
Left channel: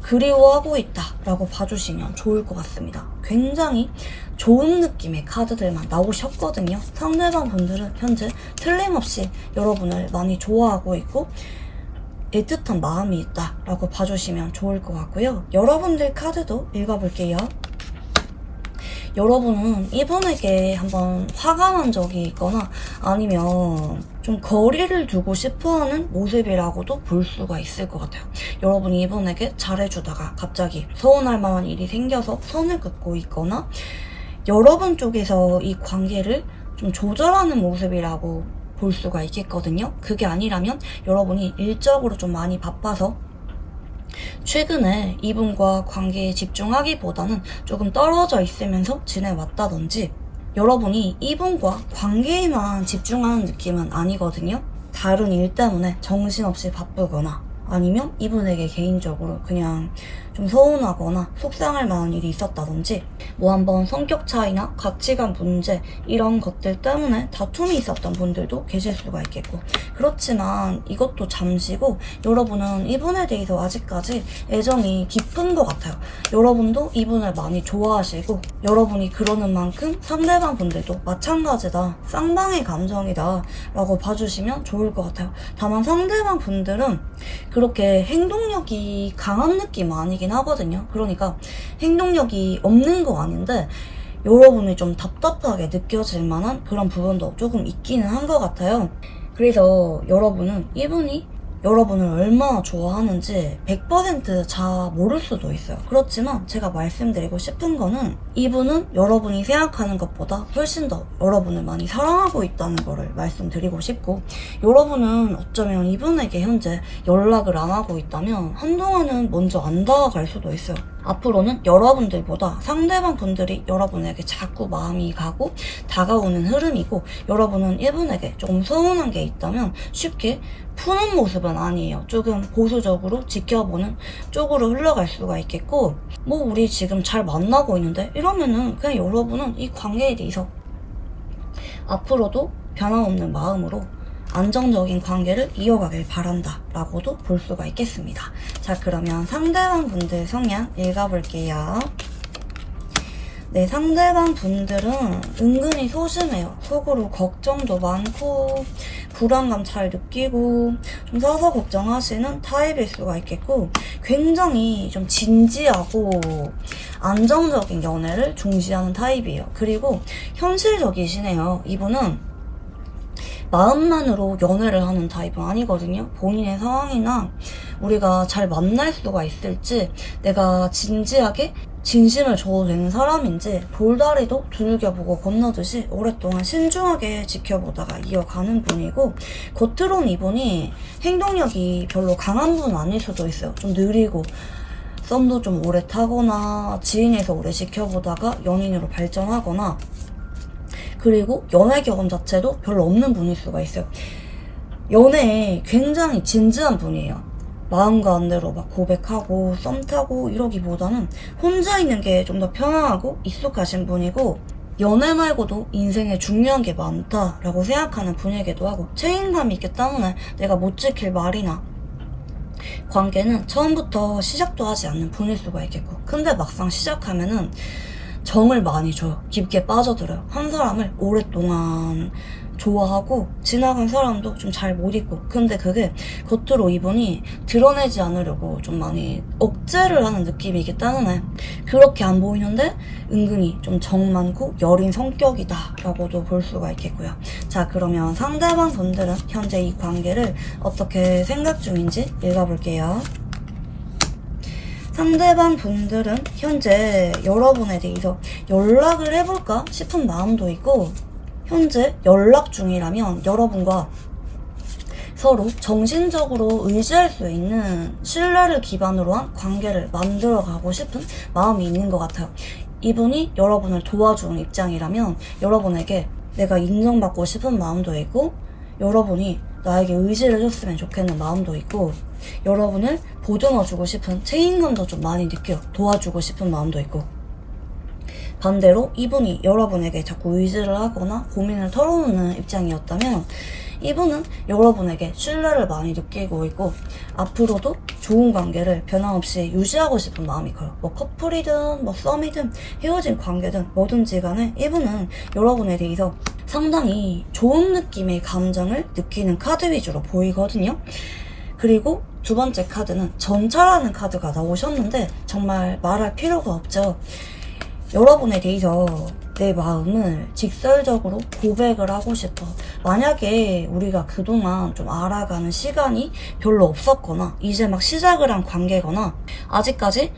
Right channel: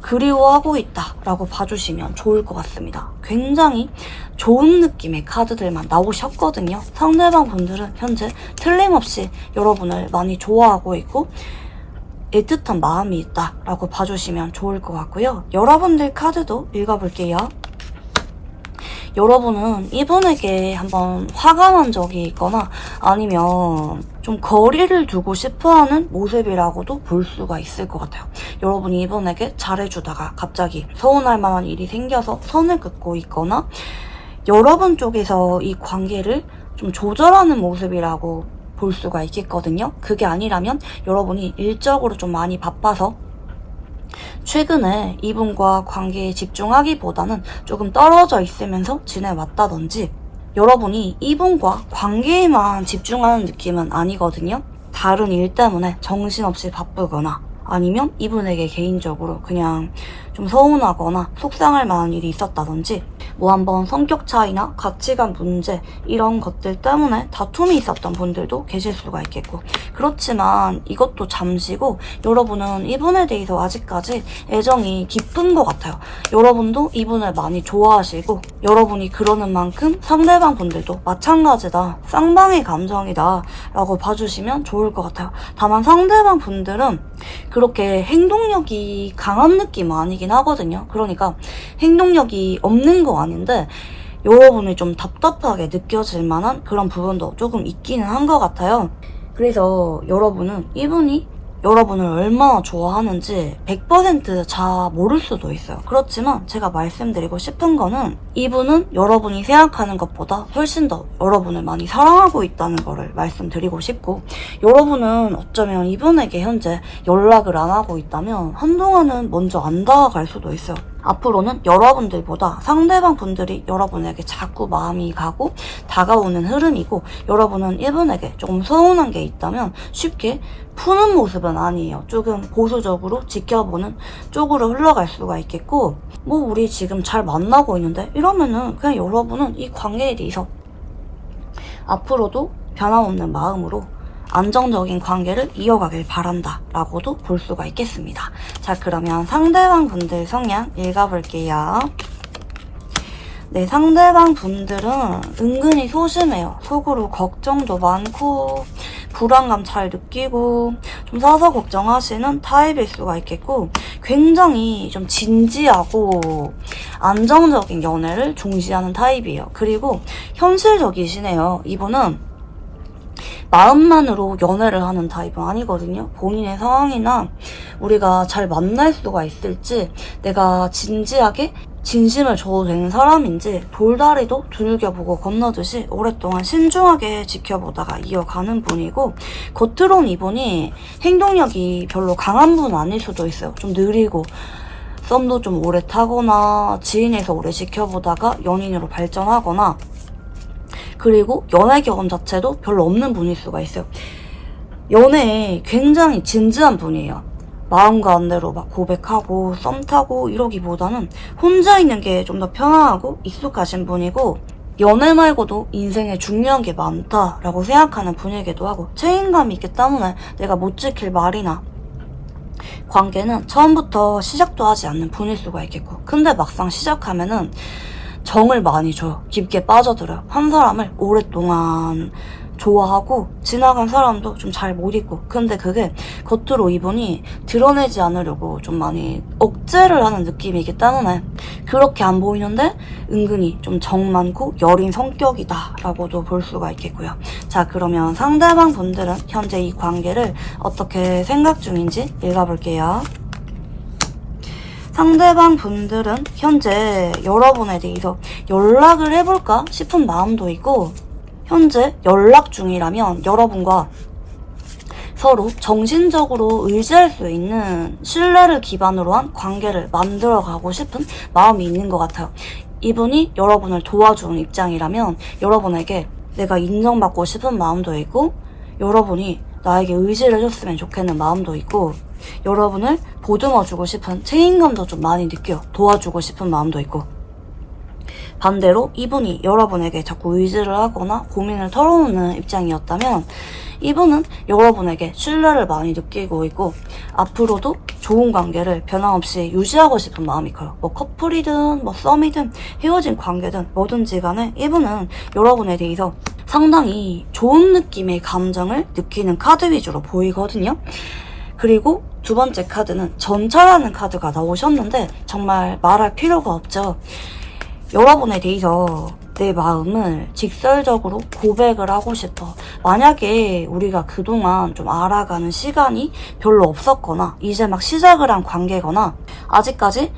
그리워하고 있다 라고 봐주시면 좋을 것 같습니다. 굉장히 좋은 느낌의 카드들만 나오셨거든요. 상대방 분들은 현재 틀림없이 여러분을 많이 좋아하고 있고 애틋한 마음이 있다 라고 봐주시면 좋을 것 같고요. 여러분들 카드도 읽어볼게요. 여러분은 이분에게 한번 화가 난 적이 있거나 아니면 좀 거리를 두고 싶어하는 모습이라고도 볼 수가 있을 것 같아요. 여러분이 이분에게 잘해주다가 갑자기 서운할 만한 일이 생겨서 선을 긋고 있거나 여러분 쪽에서 이 관계를 좀 조절하는 모습이라고 볼 수가 있겠거든요. 그게 아니라면 여러분이 일적으로 좀 많이 바빠서 최근에 이분과 관계에 집중하기보다는 조금 떨어져 있으면서 지내왔다든지, 여러분이 이분과 관계에만 집중하는 느낌은 아니거든요. 다른 일 때문에 정신없이 바쁘거나 아니면 이분에게 개인적으로 그냥 좀 서운하거나 속상할 만한 일이 있었다든지, 뭐 한번 성격 차이나 가치관 문제 이런 것들 때문에 다툼이 있었던 분들도 계실 수가 있겠고, 그렇지만 이것도 잠시고 여러분은 이분에 대해서 아직까지 애정이 깊은 것 같아요. 여러분도 이분을 많이 좋아하시고 여러분이 그러는 만큼 상대방 분들도 마찬가지다, 쌍방의 감정이다 라고 봐주시면 좋을 것 같아요. 다만 상대방 분들은 그렇게 행동력이 강한 느낌 아니긴 하거든요. 그러니까 행동력이 없는 거 아닌데 여러분이 좀 답답하게 느껴질 만한 그런 부분도 조금 있기는 한 것 같아요. 그래서 여러분은 이분이 여러분을 얼마나 좋아하는지 100% 잘 모를 수도 있어요. 그렇지만 제가 말씀드리고 싶은 거는 이분은 여러분이 생각하는 것보다 훨씬 더 여러분을 많이 사랑하고 있다는 거를 말씀드리고 싶고, 여러분은 어쩌면 이분에게 현재 연락을 안 하고 있다면 한동안은 먼저 안 다가갈 수도 있어요. 앞으로는 여러분들보다 상대방 분들이 여러분에게 자꾸 마음이 가고 다가오는 흐름이고, 여러분은 이분에게 조금 서운한 게 있다면 쉽게 푸는 모습은 아니에요. 조금 보수적으로 지켜보는 쪽으로 흘러갈 수가 있겠고, 뭐 우리 지금 잘 만나고 있는데 이러면은 그냥 여러분은 이 관계에 대해서 앞으로도 변함없는 마음으로 안정적인 관계를 이어가길 바란다 라고도 볼 수가 있겠습니다. 자, 그러면 상대방 분들 성향 읽어볼게요. 네, 상대방 분들은 은근히 소심해요. 속으로 걱정도 많고 불안감 잘 느끼고 좀 사서 걱정하시는 타입일 수가 있겠고, 굉장히 좀 진지하고 안정적인 연애를 중시하는 타입이에요. 그리고 현실적이시네요. 이분은 마음만으로 연애를 하는 타입은 아니거든요. 본인의 상황이나 우리가 잘 만날 수가 있을지, 내가 진지하게 진심을 줘도 되는 사람인지 돌다리도 두들겨보고 건너듯이 오랫동안 신중하게 지켜보다가 이어가는 분이고, 겉으론 이분이 행동력이 별로 강한 분은 아닐 수도 있어요. 좀 느리고 썸도 좀 오래 타거나 지인에서 오래 지켜보다가 연인으로 발전하거나, 그리고 연애 경험 자체도 별로 없는 분일 수가 있어요. 연애에 굉장히 진지한 분이에요. 마음 가는 대로 막 고백하고 썸 타고 이러기보다는 혼자 있는 게 좀 더 편안하고 익숙하신 분이고, 연애 말고도 인생에 중요한 게 많다라고 생각하는 분이기도 하고, 책임감이 있기 때문에 내가 못 지킬 말이나 관계는 처음부터 시작도 하지 않는 분일 수가 있겠고, 근데 막상 시작하면은 정을 많이 줘요. 깊게 빠져들어요. 한 사람을 오랫동안 좋아하고 지나간 사람도 좀 잘 못 잊고, 근데 그게 겉으로 이분이 드러내지 않으려고 좀 많이 억제를 하는 느낌이기 때문에 그렇게 안 보이는데 은근히 좀 정 많고 여린 성격이다 라고도 볼 수가 있겠고요. 자, 그러면 상대방 분들은 현재 이 관계를 어떻게 생각 중인지 읽어볼게요. 상대방 분들은 현재 여러분에 대해서 연락을 해볼까 싶은 마음도 있고, 현재 연락 중이라면 여러분과 서로 정신적으로 의지할 수 있는 신뢰를 기반으로 한 관계를 만들어가고 싶은 마음이 있는 것 같아요. 이분이 여러분을 도와주는 입장이라면 여러분에게 내가 인정받고 싶은 마음도 있고, 여러분이 나에게 의지를 해줬으면 좋겠는 마음도 있고, 여러분을 보듬어주고 싶은 책임감도 좀 많이 느껴요. 도와주고 싶은 마음도 있고, 반대로 이분이 여러분에게 자꾸 의지를 하거나 고민을 털어놓는 입장이었다면 이분은 여러분에게 신뢰를 많이 느끼고 있고, 앞으로도 좋은 관계를 변함없이 유지하고 싶은 마음이 커요. 뭐 커플이든 뭐 썸이든 헤어진 관계든 뭐든지 간에 이분은 여러분에 대해서 상당히 좋은 느낌의 감정을 느끼는 카드 위주로 보이거든요. 그리고 두 번째 카드는 전차라는 카드가 나오셨는데 정말 말할 필요가 없죠. 여러분에 대해서 내 마음을 직설적으로 고백을 하고 싶어. 만약에 우리가 그동안 좀 알아가는 시간이 별로 없었거나 이제 막 시작을 한 관계거나 아직까지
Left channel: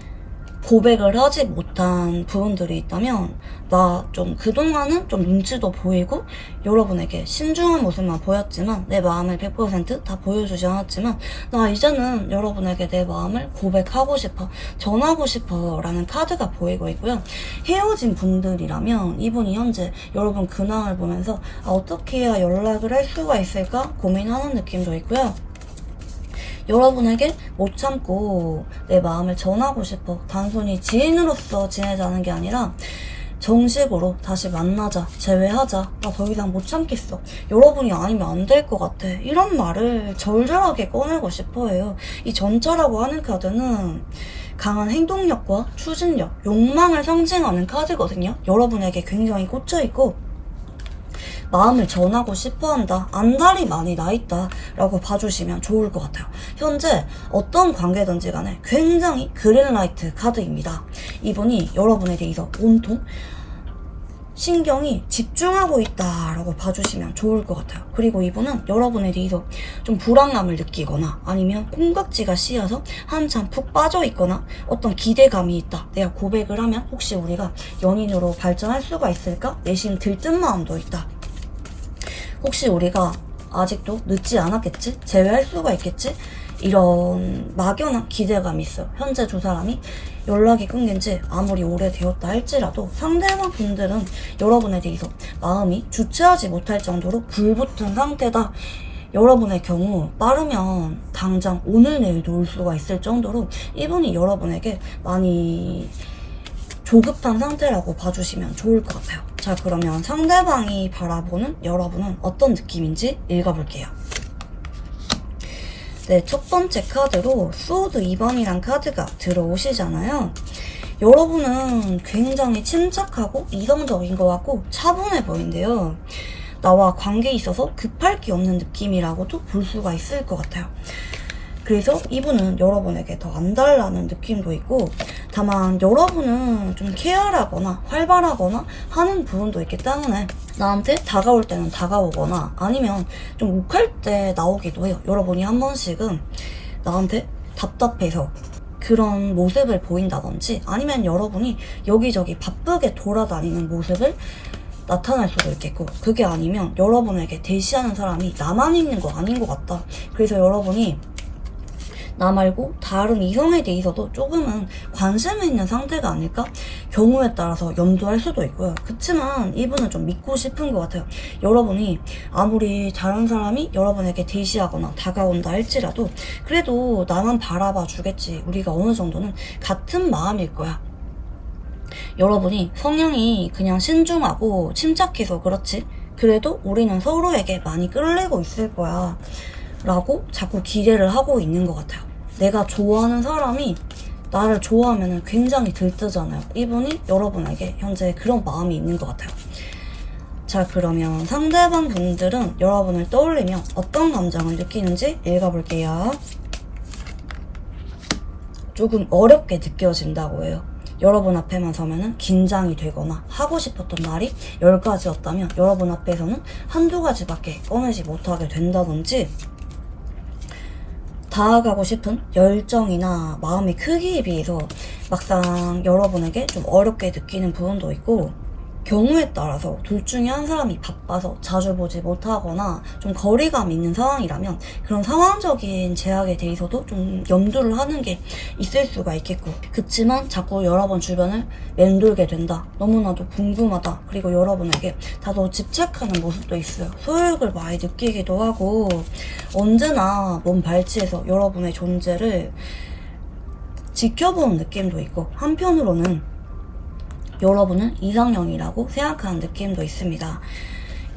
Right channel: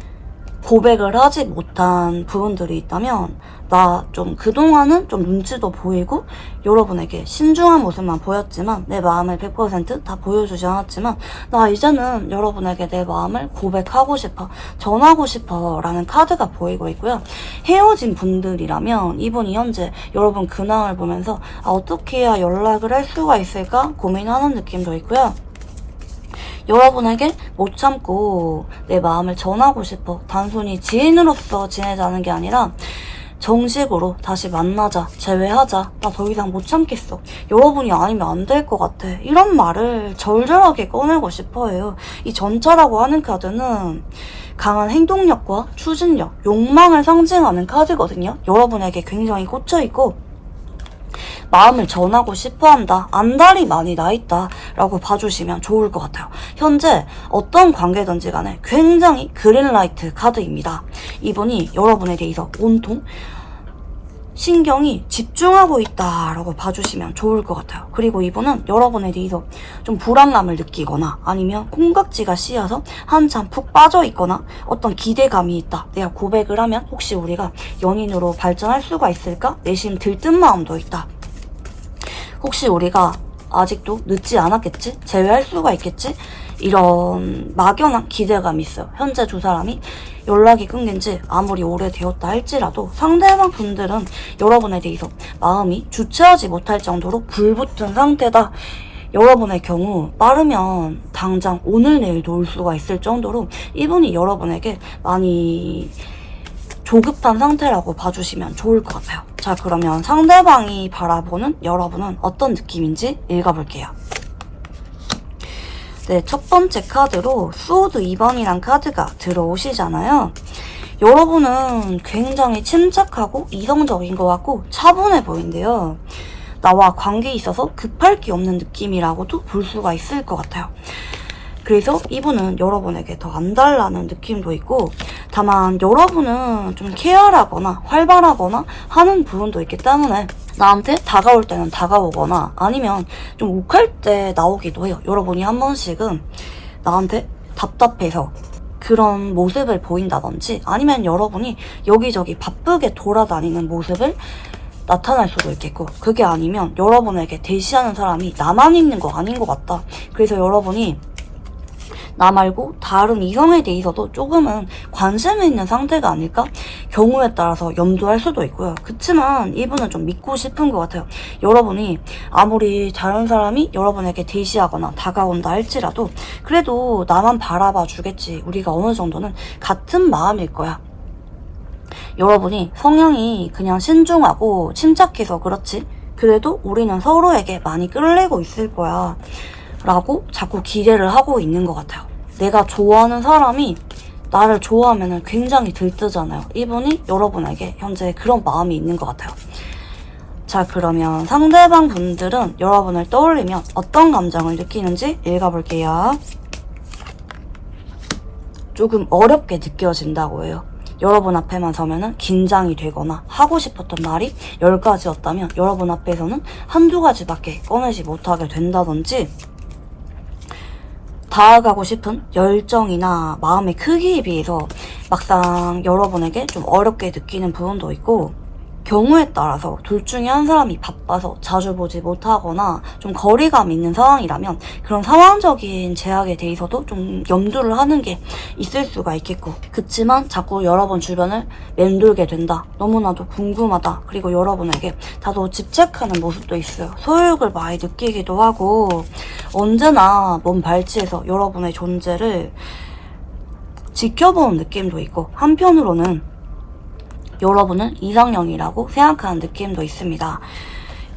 고백을 하지 못한 부분들이 있다면, 나 좀 그동안은 좀 눈치도 보이고 여러분에게 신중한 모습만 보였지만 내 마음을 100% 다 보여주지 않았지만 나 이제는 여러분에게 내 마음을 고백하고 싶어, 전하고 싶어 라는 카드가 보이고 있고요. 헤어진 분들이라면 이분이 현재 여러분 근황을 보면서 어떻게 해야 연락을 할 수가 있을까 고민하는 느낌도 있고요. 여러분에게 못 참고 내 마음을 전하고 싶어, 단순히 지인으로서 지내자는 게 아니라 정식으로 다시 만나자, 재회하자, 나 더 이상 못 참겠어, 여러분이 아니면 안 될 것 같아, 이런 말을 절절하게 꺼내고 싶어 해요. 이 전차라고 하는 카드는 강한 행동력과 추진력, 욕망을 상징하는 카드거든요. 여러분에게 굉장히 꽂혀있고 마음을 전하고 싶어한다, 안달이 많이 나있다 라고 봐주시면 좋을 것 같아요. 현재 어떤 관계든지 간에 굉장히 그린라이트 카드입니다. 이분이 여러분에 대해서 온통 신경이 집중하고 있다라고 봐주시면 좋을 것 같아요. 그리고 이분은 여러분에 대해서 좀 불안감을 느끼거나 아니면 콩깍지가 씌어서 한참 푹 빠져있거나 어떤 기대감이 있다, 내가 고백을 하면 혹시 우리가 연인으로 발전할 수가 있을까 내심 들뜬 마음도 있다, 혹시 우리가 아직도 늦지 않았겠지? 재회할 수가 있겠지? 이런 막연한 기대감이 있어요. 현재 두 사람이 연락이 끊긴 지 아무리 오래되었다 할지라도 상대방 분들은 여러분에 대해서 마음이 주체하지 못할 정도로 불붙은 상태다. 여러분의 경우 빠르면 당장 오늘 내일도 올 수가 있을 정도로 이분이 여러분에게 많이 조급한 상태라고 봐주시면 좋을 것 같아요. 자, 그러면 상대방이 바라보는 여러분은 어떤 느낌인지 읽어볼게요. 네, 첫 번째 카드로 소드 2번이란 카드가 들어오시잖아요. 여러분은 굉장히 침착하고 이성적인 것 같고 차분해 보이는데요. 나와 관계에 있어서 급할 게 없는 느낌이라고도 볼 수가 있을 것 같아요. 그래서 이분은 여러분에게 더 안달나는 느낌도 있고, 다만 여러분은 좀 케어하거나 활발하거나 하는 부분도 있기 때문에 나한테 다가올 때는 다가오거나 아니면 좀 욱할 때 나오기도 해요. 여러분이 한 번씩은 나한테 답답해서 그런 모습을 보인다든지 아니면 여러분이 여기저기 바쁘게 돌아다니는 모습을 나타날 수도 있겠고, 그게 아니면 여러분에게 대시하는 사람이 나만 있는 거 아닌 것 같다. 그래서 여러분이 나 말고 다른 이성에 대해서도 조금은 관심이 있는 상태가 아닐까? 경우에 따라서 염두할 수도 있고요. 그치만 이분은 좀 믿고 싶은 것 같아요. 여러분이 아무리 다른 사람이 여러분에게 대시하거나 다가온다 할지라도 그래도 나만 바라봐 주겠지. 우리가 어느 정도는 같은 마음일 거야. 여러분이 성향이 그냥 신중하고 침착해서 그렇지 그래도 우리는 서로에게 많이 끌리고 있을 거야 라고 자꾸 기대를 하고 있는 것 같아요. 내가 좋아하는 사람이 나를 좋아하면 굉장히 들뜨잖아요. 이분이 여러분에게 현재 그런 마음이 있는 것 같아요. 자, 그러면 상대방 분들은 여러분을 떠올리면 어떤 감정을 느끼는지 읽어볼게요. 조금 어렵게 느껴진다고 해요. 여러분 앞에만 서면은 긴장이 되거나 하고 싶었던 말이 10가지였다면 여러분 앞에서는 한두 가지밖에 꺼내지 못하게 된다든지, 다가가고 싶은 열정이나 마음의 크기에 비해서 막상 여러분에게 좀 어렵게 느끼는 부분도 있고, 경우에 따라서 둘 중에 한 사람이 바빠서 자주 보지 못하거나 좀 거리감 있는 상황이라면 그런 상황적인 제약에 대해서도 좀 염두를 하는 게 있을 수가 있겠고, 그치만 자꾸 여러분 주변을 맴돌게 된다. 너무나도 궁금하다. 그리고 여러분에게 다소 집착하는 모습도 있어요. 소유욕을 많이 느끼기도 하고 언제나 먼 발치에서 여러분의 존재를 지켜보는 느낌도 있고, 한편으로는 여러분은 이상형이라고 생각하는 느낌도 있습니다.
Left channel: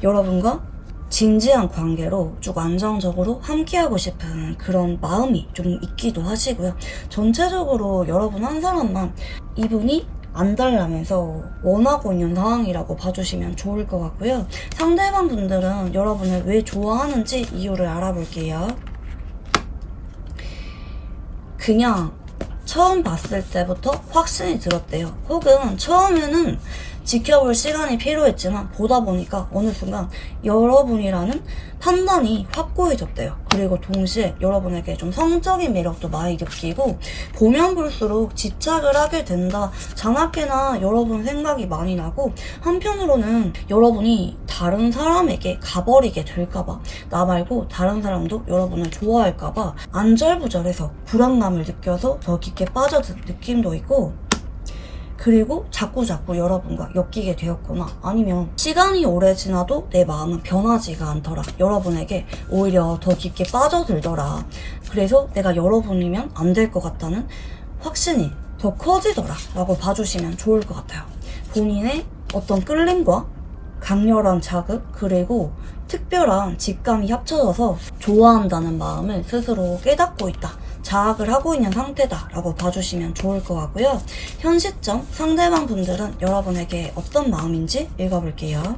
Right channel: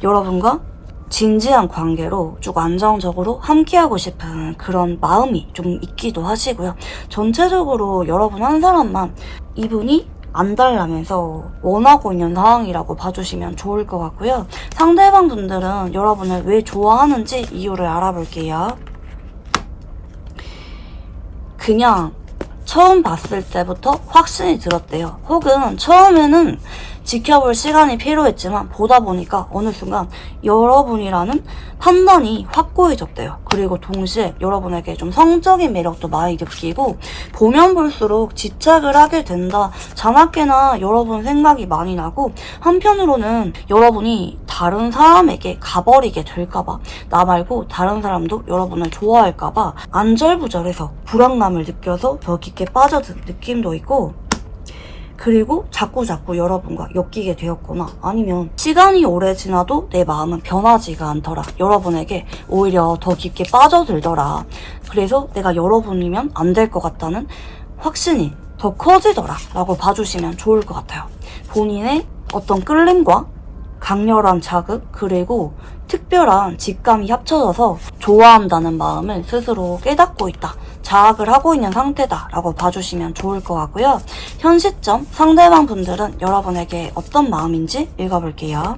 여러분과 진지한 관계로 쭉 안정적으로 함께하고 싶은 그런 마음이 좀 있기도 하시고요. 전체적으로 여러분 한 사람만 이분이 안달나면서 원하고 있는 상황이라고 봐주시면 좋을 것 같고요. 상대방 분들은 여러분을 왜 좋아하는지 이유를 알아볼게요. 그냥 처음 봤을 때부터 확신이 들었대요. 혹은 처음에는 지켜볼 시간이 필요했지만 보다 보니까 어느 순간 여러분이라는 판단이 확고해졌대요. 그리고 동시에 여러분에게 좀 성적인 매력도 많이 느끼고 보면 볼수록 집착을 하게 된다. 자나깨나 여러분 생각이 많이 나고, 한편으로는 여러분이 다른 사람에게 가버리게 될까봐, 나 말고 다른 사람도 여러분을 좋아할까봐 안절부절해서 불안감을 느껴서 더 깊게 빠져든 느낌도 있고, 그리고 자꾸자꾸 여러분과 엮이게 되었거나 아니면 시간이 오래 지나도 내 마음은 변하지가 않더라. 여러분에게 오히려 더 깊게 빠져들더라. 그래서 내가 여러분이면 안 될 것 같다는 확신이 더 커지더라 라고 봐주시면 좋을 것 같아요. 본인의 어떤 끌림과 강렬한 자극 그리고 특별한 직감이 합쳐져서 좋아한다는 마음을 스스로 깨닫고 있다, 자학을 하고 있는 상태다 라고 봐주시면 좋을 것 같고요. 현 시점 상대방 분들은 여러분에게 어떤 마음인지 읽어볼게요.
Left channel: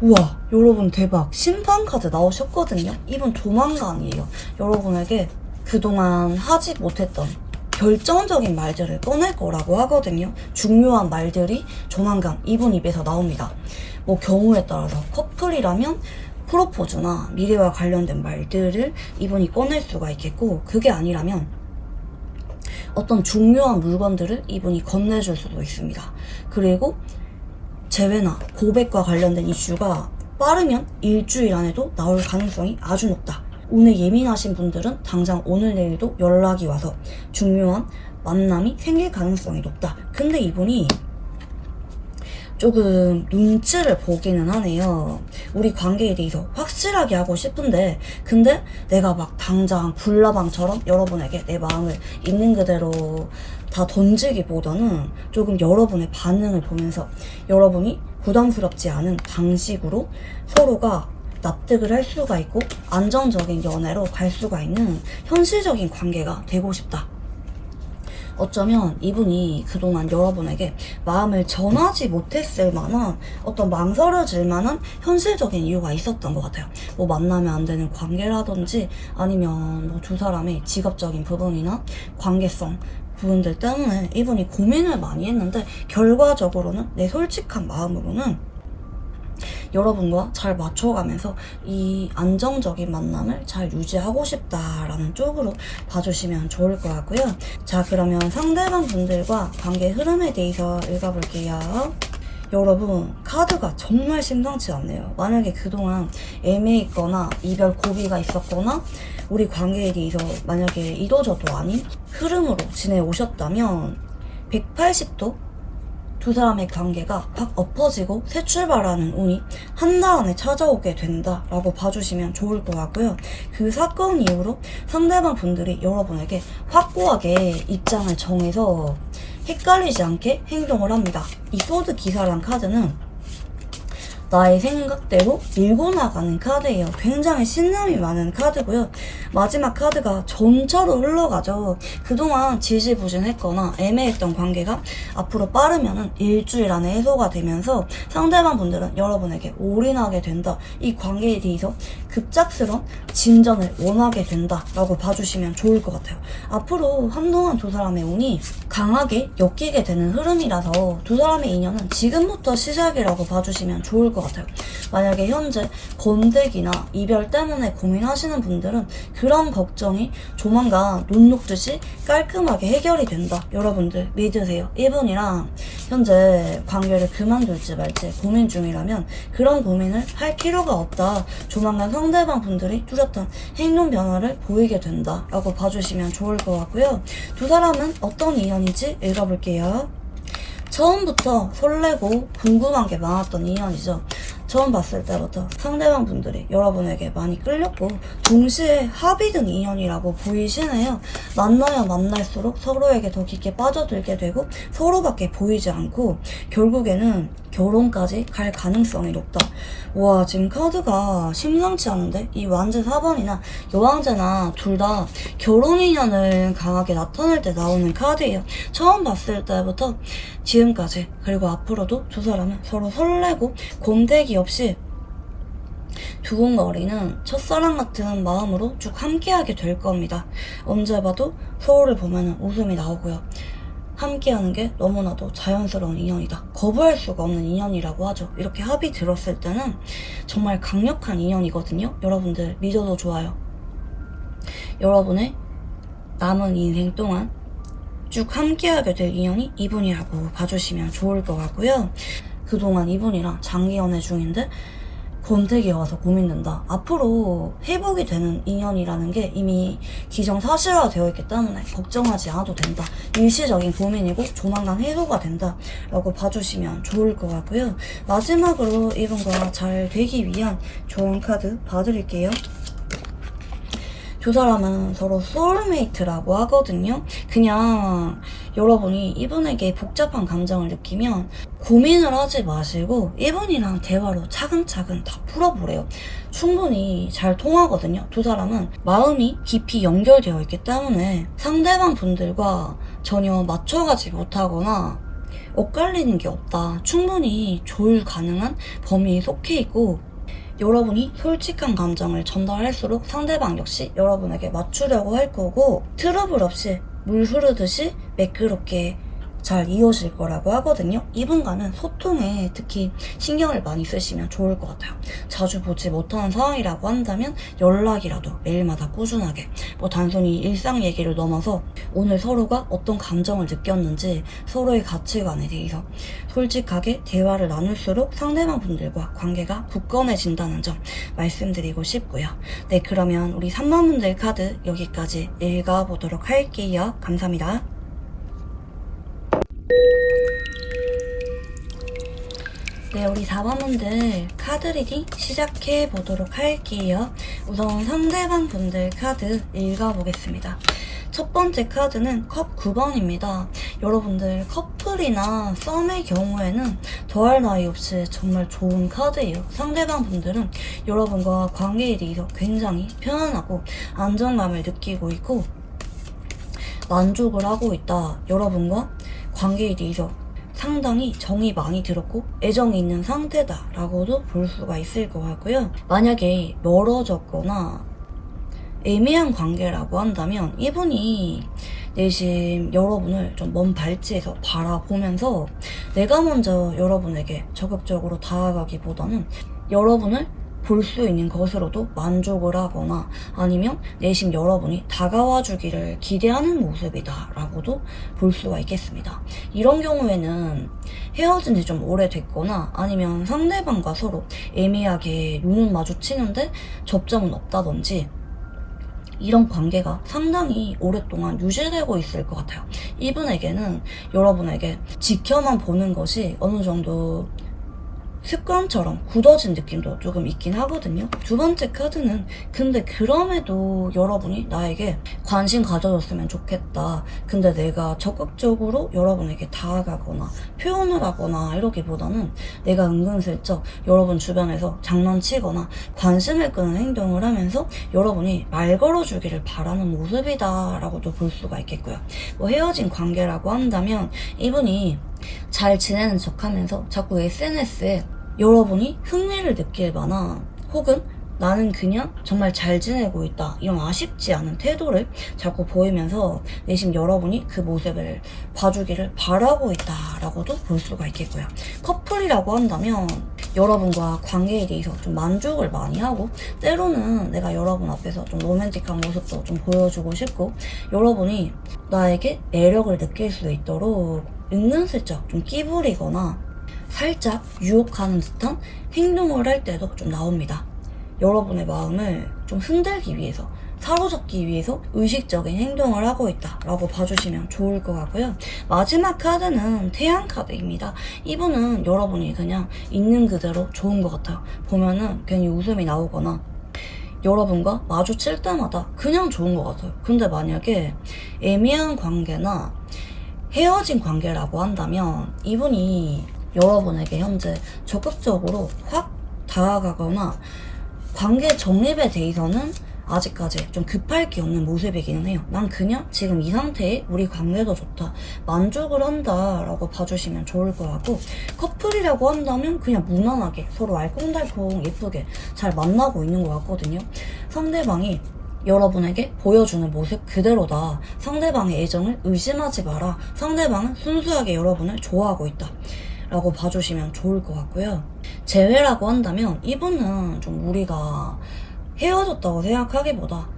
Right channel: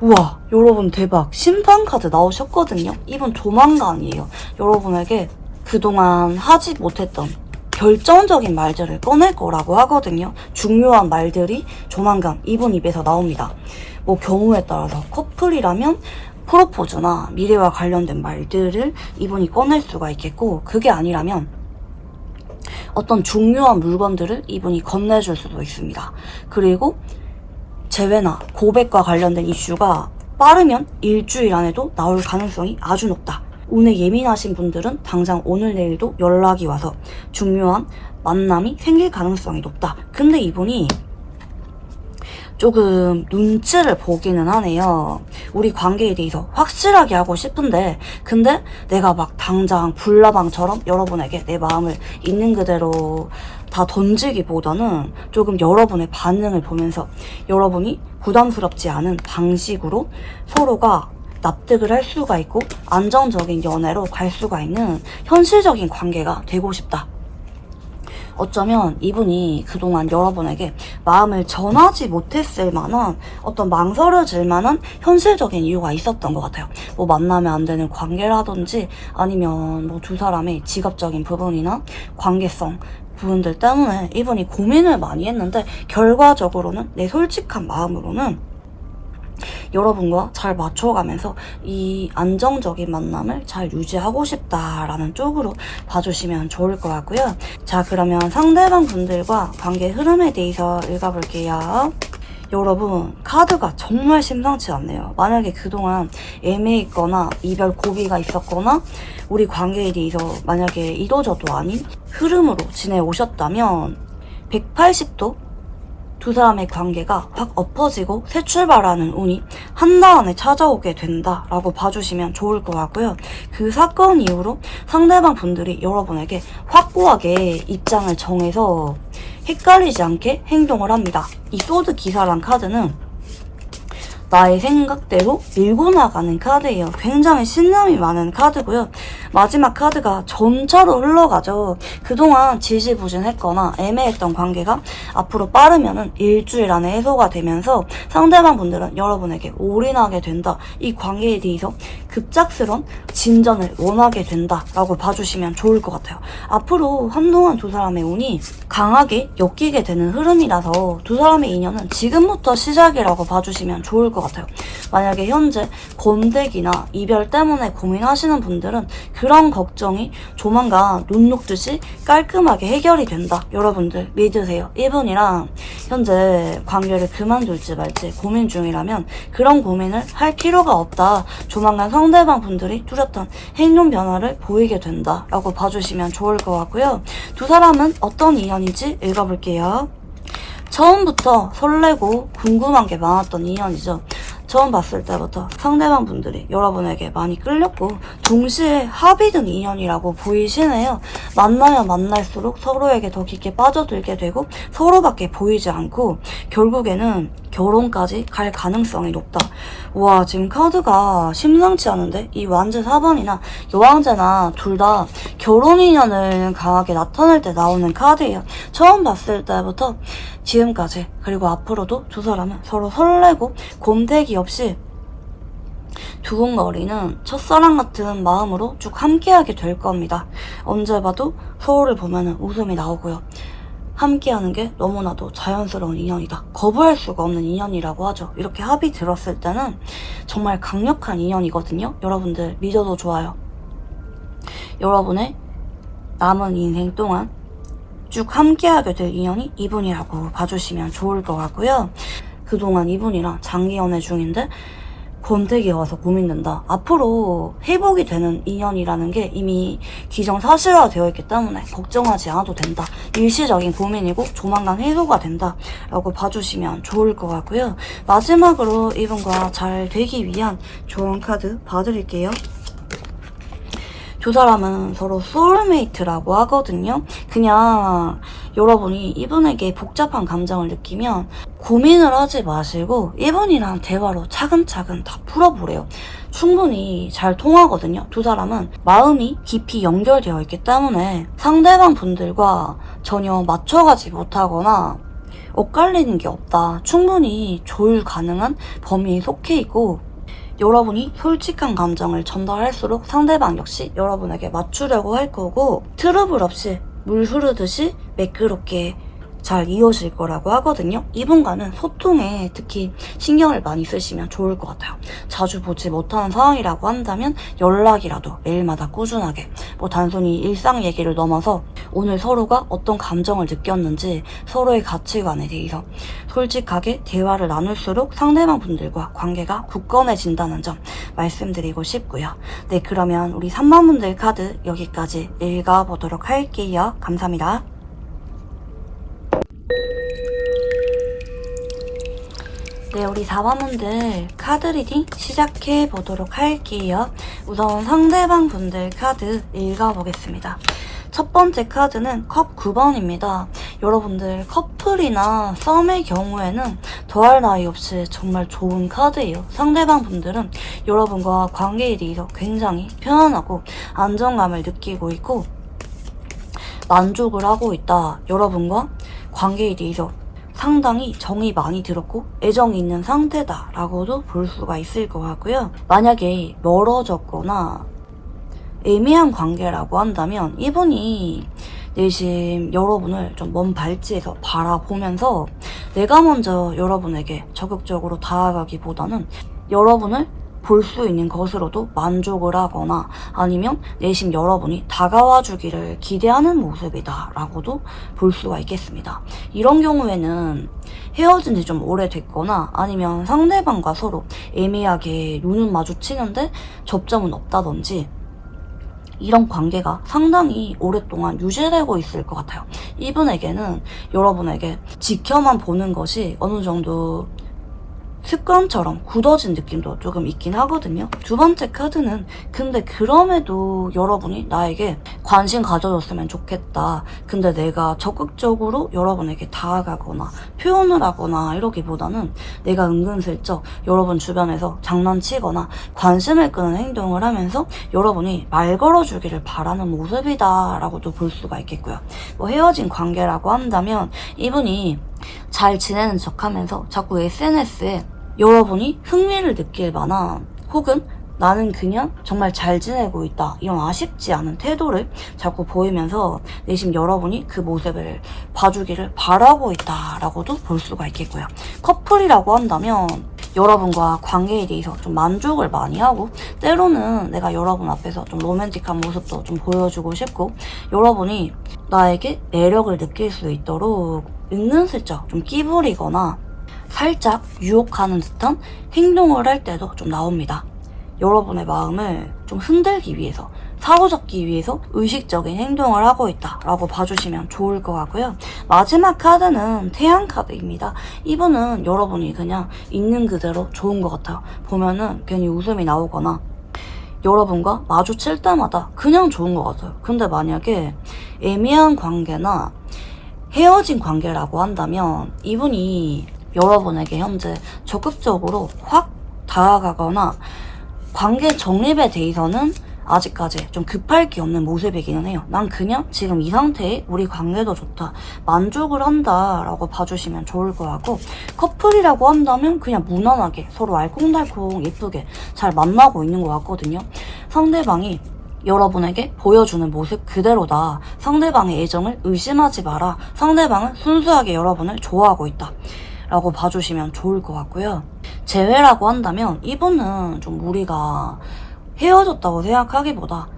우와, 여러분 대박, 심판 카드 나오셨거든요. 이분 조만간이에요. 여러분에게 그동안 하지 못했던 결정적인 말들을 꺼낼 거라고 하거든요. 중요한 말들이 조만간 이분 입에서 나옵니다. 뭐 경우에 따라서 커플이라면 프로포즈나 미래와 관련된 말들을 이분이 꺼낼 수가 있겠고, 그게 아니라면 어떤 중요한 물건들을 이분이 건네줄 수도 있습니다. 그리고 재회나 고백과 관련된 이슈가 빠르면 일주일 안에도 나올 가능성이 아주 높다. 운에 예민하신 분들은 당장 오늘 내일도 연락이 와서 중요한 만남이 생길 가능성이 높다. 근데 이분이 조금 눈치를 보기는 하네요. 우리 관계에 대해서 확실하게 하고 싶은데 근데 내가 막 당장 불나방처럼 여러분에게 내 마음을 있는 그대로 다 던지기보다는 조금 여러분의 반응을 보면서 여러분이 부담스럽지 않은 방식으로 서로가 납득을 할 수가 있고 안정적인 연애로 갈 수가 있는 현실적인 관계가 되고 싶다. 어쩌면 이분이 그동안 여러분에게 마음을 전하지 못했을 만한 어떤 망설여질 만한 현실적인 이유가 있었던 것 같아요. 뭐 만나면 안 되는 관계라든지 아니면 뭐 두 사람의 직업적인 부분이나 관계성 부분들 때문에 이분이 고민을 많이 했는데 결과적으로는 내 솔직한 마음으로는 여러분과 잘 맞춰가면서 이 안정적인 만남을 잘 유지하고 싶다라는 쪽으로 봐주시면 좋을 것 같고요. 자, 그러면 상대방 분들과 관계 흐름에 대해서 읽어볼게요. 여러분, 카드가 정말 심상치 않네요. 만약에 그동안 애매했거나 이별 고비가 있었거나 우리 관계에 대해서 만약에 이도저도 아닌 흐름으로 지내오셨다면 180도 두 사람의 관계가 확 엎어지고 새 출발하는 운이 한다음에 찾아오게 된다라고 봐주시면 좋을 것 같고요. 그 사건 이후로 상대방 분들이 여러분에게 확고하게 입장을 정해서 헷갈리지 않게 행동을 합니다. 이 소드 기사란 카드는 나의 생각대로 밀고 나가는 카드예요. 굉장히 신념이 많은 카드고요. 마지막 카드가 전차로 흘러가죠. 그동안 지지부진했거나 애매했던 관계가 앞으로 빠르면은 일주일 안에 해소가 되면서 상대방 분들은 여러분에게 올인하게 된다. 이 관계에 대해서 급작스런 진전을 원하게 된다라고 봐주시면 좋을 것 같아요. 앞으로 한동안 두 사람의 운이 강하게 엮이게 되는 흐름이라서 두 사람의 인연은 지금부터 시작이라고 봐주시면 좋을 것 같아요. 만약에 현재 권태기나 이별 때문에 고민하시는 분들은 그런 걱정이 조만간 눈 녹듯이 깔끔하게 해결이 된다. 여러분들 믿으세요. 이분이랑 현재 관계를 그만둘지 말지 고민 중이라면 그런 고민을 할 필요가 없다. 조만간 상대방 분들이 뚜렷한 행동 변화를 보이게 된다 라고 봐주시면 좋을 것 같고요. 두 사람은 어떤 인연인지 읽어볼게요. 처음부터 설레고 궁금한 게 많았던 인연이죠. 처음 봤을 때부터 상대방 분들이 여러분에게 많이 끌렸고 동시에 합의된 인연이라고 보이시네요. 만나야 만날수록 서로에게 더 깊게 빠져들게 되고 서로밖에 보이지 않고 결국에는 결혼까지 갈 가능성이 높다. 와, 지금 카드가 심상치 않은데 이 완제 4번이나 여왕제나 둘 다 결혼 인연을 강하게 나타낼 때 나오는 카드예요. 처음 봤을 때부터 지금까지 그리고 앞으로도 두 사람은 서로 설레고 곰태기 없이 두근거리는 첫사랑 같은 마음으로 쭉 함께하게 될 겁니다. 언제 봐도 서로를 보면 웃음이 나오고요. 함께하는 게 너무나도 자연스러운 인연이다. 거부할 수가 없는 인연이라고 하죠. 이렇게 합의 들었을 때는 정말 강력한 인연이거든요. 여러분들 믿어도 좋아요. 여러분의 남은 인생 동안 쭉 함께하게 될 인연이 이분이라고 봐주시면 좋을 것 같고요. 그동안 이분이랑 장기 연애 중인데 권태기가 와서 고민된다. 앞으로 회복이 되는 인연이라는 게 이미 기정사실화 되어 있기 때문에 걱정하지 않아도 된다. 일시적인 고민이고 조만간 해소가 된다 라고 봐주시면 좋을 것 같고요. 마지막으로 이분과 잘 되기 위한 조언 카드 봐드릴게요. 두 사람은 서로 소울메이트라고 하거든요. 그냥 여러분이 이분에게 복잡한 감정을 느끼면 고민을 하지 마시고 이분이랑 대화로 차근차근 다 풀어보래요. 충분히 잘 통하거든요. 두 사람은 마음이 깊이 연결되어 있기 때문에 상대방 분들과 전혀 맞춰가지 못하거나 엇갈리는 게 없다. 충분히 조율 가능한 범위에 속해 있고 여러분이 솔직한 감정을 전달할수록 상대방 역시 여러분에게 맞추려고 할 거고 트러블 없이 물 흐르듯이 매끄럽게 잘 이어질 거라고 하거든요. 이분과는 소통에 특히 신경을 많이 쓰시면 좋을 것 같아요. 자주 보지 못하는 상황이라고 한다면 연락이라도 매일마다 꾸준하게, 뭐 단순히 일상 얘기를 넘어서 오늘 서로가 어떤 감정을 느꼈는지 서로의 가치관에 대해서 솔직하게 대화를 나눌수록 상대방 분들과 관계가 굳건해진다는 점 말씀드리고 싶고요. 네, 그러면 우리 3번 분들 카드 여기까지 읽어보도록 할게요. 감사합니다. 네, 우리 4번분들 카드 리딩 시작해 보도록 할게요. 우선 상대방 분들 카드 읽어보겠습니다. 첫 번째 카드는 컵 9번입니다. 여러분들 커플이나 썸의 경우에는 더할 나위 없이 정말 좋은 카드예요. 상대방 분들은 여러분과 관계에 대해서 굉장히 편안하고 안정감을 느끼고 있고 만족을 하고 있다. 여러분과 관계에 대해서 상당히 정이 많이 들었고 애정이 있는 상태다 라고도 볼 수가 있을 것 같고요. 만약에 멀어졌거나 애매한 관계라고 한다면 이분이 내심 여러분을 좀 먼 발치에서 바라보면서 내가 먼저 여러분에게 적극적으로 다가가기보다는 여러분을 볼 수 있는 것으로도 만족을 하거나 아니면 내심 여러분이 다가와 주기를 기대하는 모습이다 라고도 볼 수가 있겠습니다. 이런 경우에는 헤어진 지 좀 오래됐거나 아니면 상대방과 서로 애매하게 눈은 마주치는데 접점은 없다든지 이런 관계가 상당히 오랫동안 유지되고 있을 것 같아요. 이분에게는 여러분에게 지켜만 보는 것이 어느 정도 습관처럼 굳어진 느낌도 조금 있긴 하거든요. 두 번째 카드는 근데 그럼에도 여러분이 나에게 관심 가져줬으면 좋겠다. 근데 내가 적극적으로 여러분에게 다가가거나 표현을 하거나 이러기보다는 내가 은근슬쩍 여러분 주변에서 장난치거나 관심을 끄는 행동을 하면서 여러분이 말 걸어주기를 바라는 모습이다 라고도 볼 수가 있겠고요. 뭐 헤어진 관계라고 한다면 이분이 잘 지내는 척하면서 자꾸 SNS에 여러분이 흥미를 느낄 만한 혹은 나는 그냥 정말 잘 지내고 있다 이런 아쉽지 않은 태도를 자꾸 보이면서 내심 여러분이 그 모습을 봐주기를 바라고 있다라고도 볼 수가 있겠고요. 커플이라고 한다면 여러분과 관계에 대해서 좀 만족을 많이 하고 때로는 내가 여러분 앞에서 좀 로맨틱한 모습도 좀 보여주고 싶고 여러분이 나에게 매력을 느낄 수 있도록 은근슬쩍 좀 끼부리거나 살짝 유혹하는 듯한 행동을 할 때도 좀 나옵니다. 여러분의 마음을 좀 흔들기 위해서 사로잡기 위해서 의식적인 행동을 하고 있다라고 봐주시면 좋을 것 같고요. 마지막 카드는 태양 카드입니다. 이분은 여러분이 그냥 있는 그대로 좋은 것 같아요. 보면은 괜히 웃음이 나오거나 여러분과 마주칠 때마다 그냥 좋은 것 같아요. 근데 만약에 애매한 관계나 헤어진 관계라고 한다면 이분이 여러분에게 현재 적극적으로 확 다가가거나 관계 정립에 대해서는 아직까지 좀 급할 게 없는 모습이기는 해요. 난 그냥 지금 이 상태에 우리 관계도 좋다, 만족을 한다 라고 봐주시면 좋을 것 같고 커플이라고 한다면 그냥 무난하게 서로 알콩달콩 예쁘게 잘 만나고 있는 것 같거든요. 상대방이 여러분에게 보여주는 모습 그대로다. 상대방의 애정을 의심하지 마라. 상대방은 순수하게 여러분을 좋아하고 있다 라고 봐주시면 좋을 것 같고요. 재회라고 한다면 이분은 좀 우리가 헤어졌다고 생각하기보다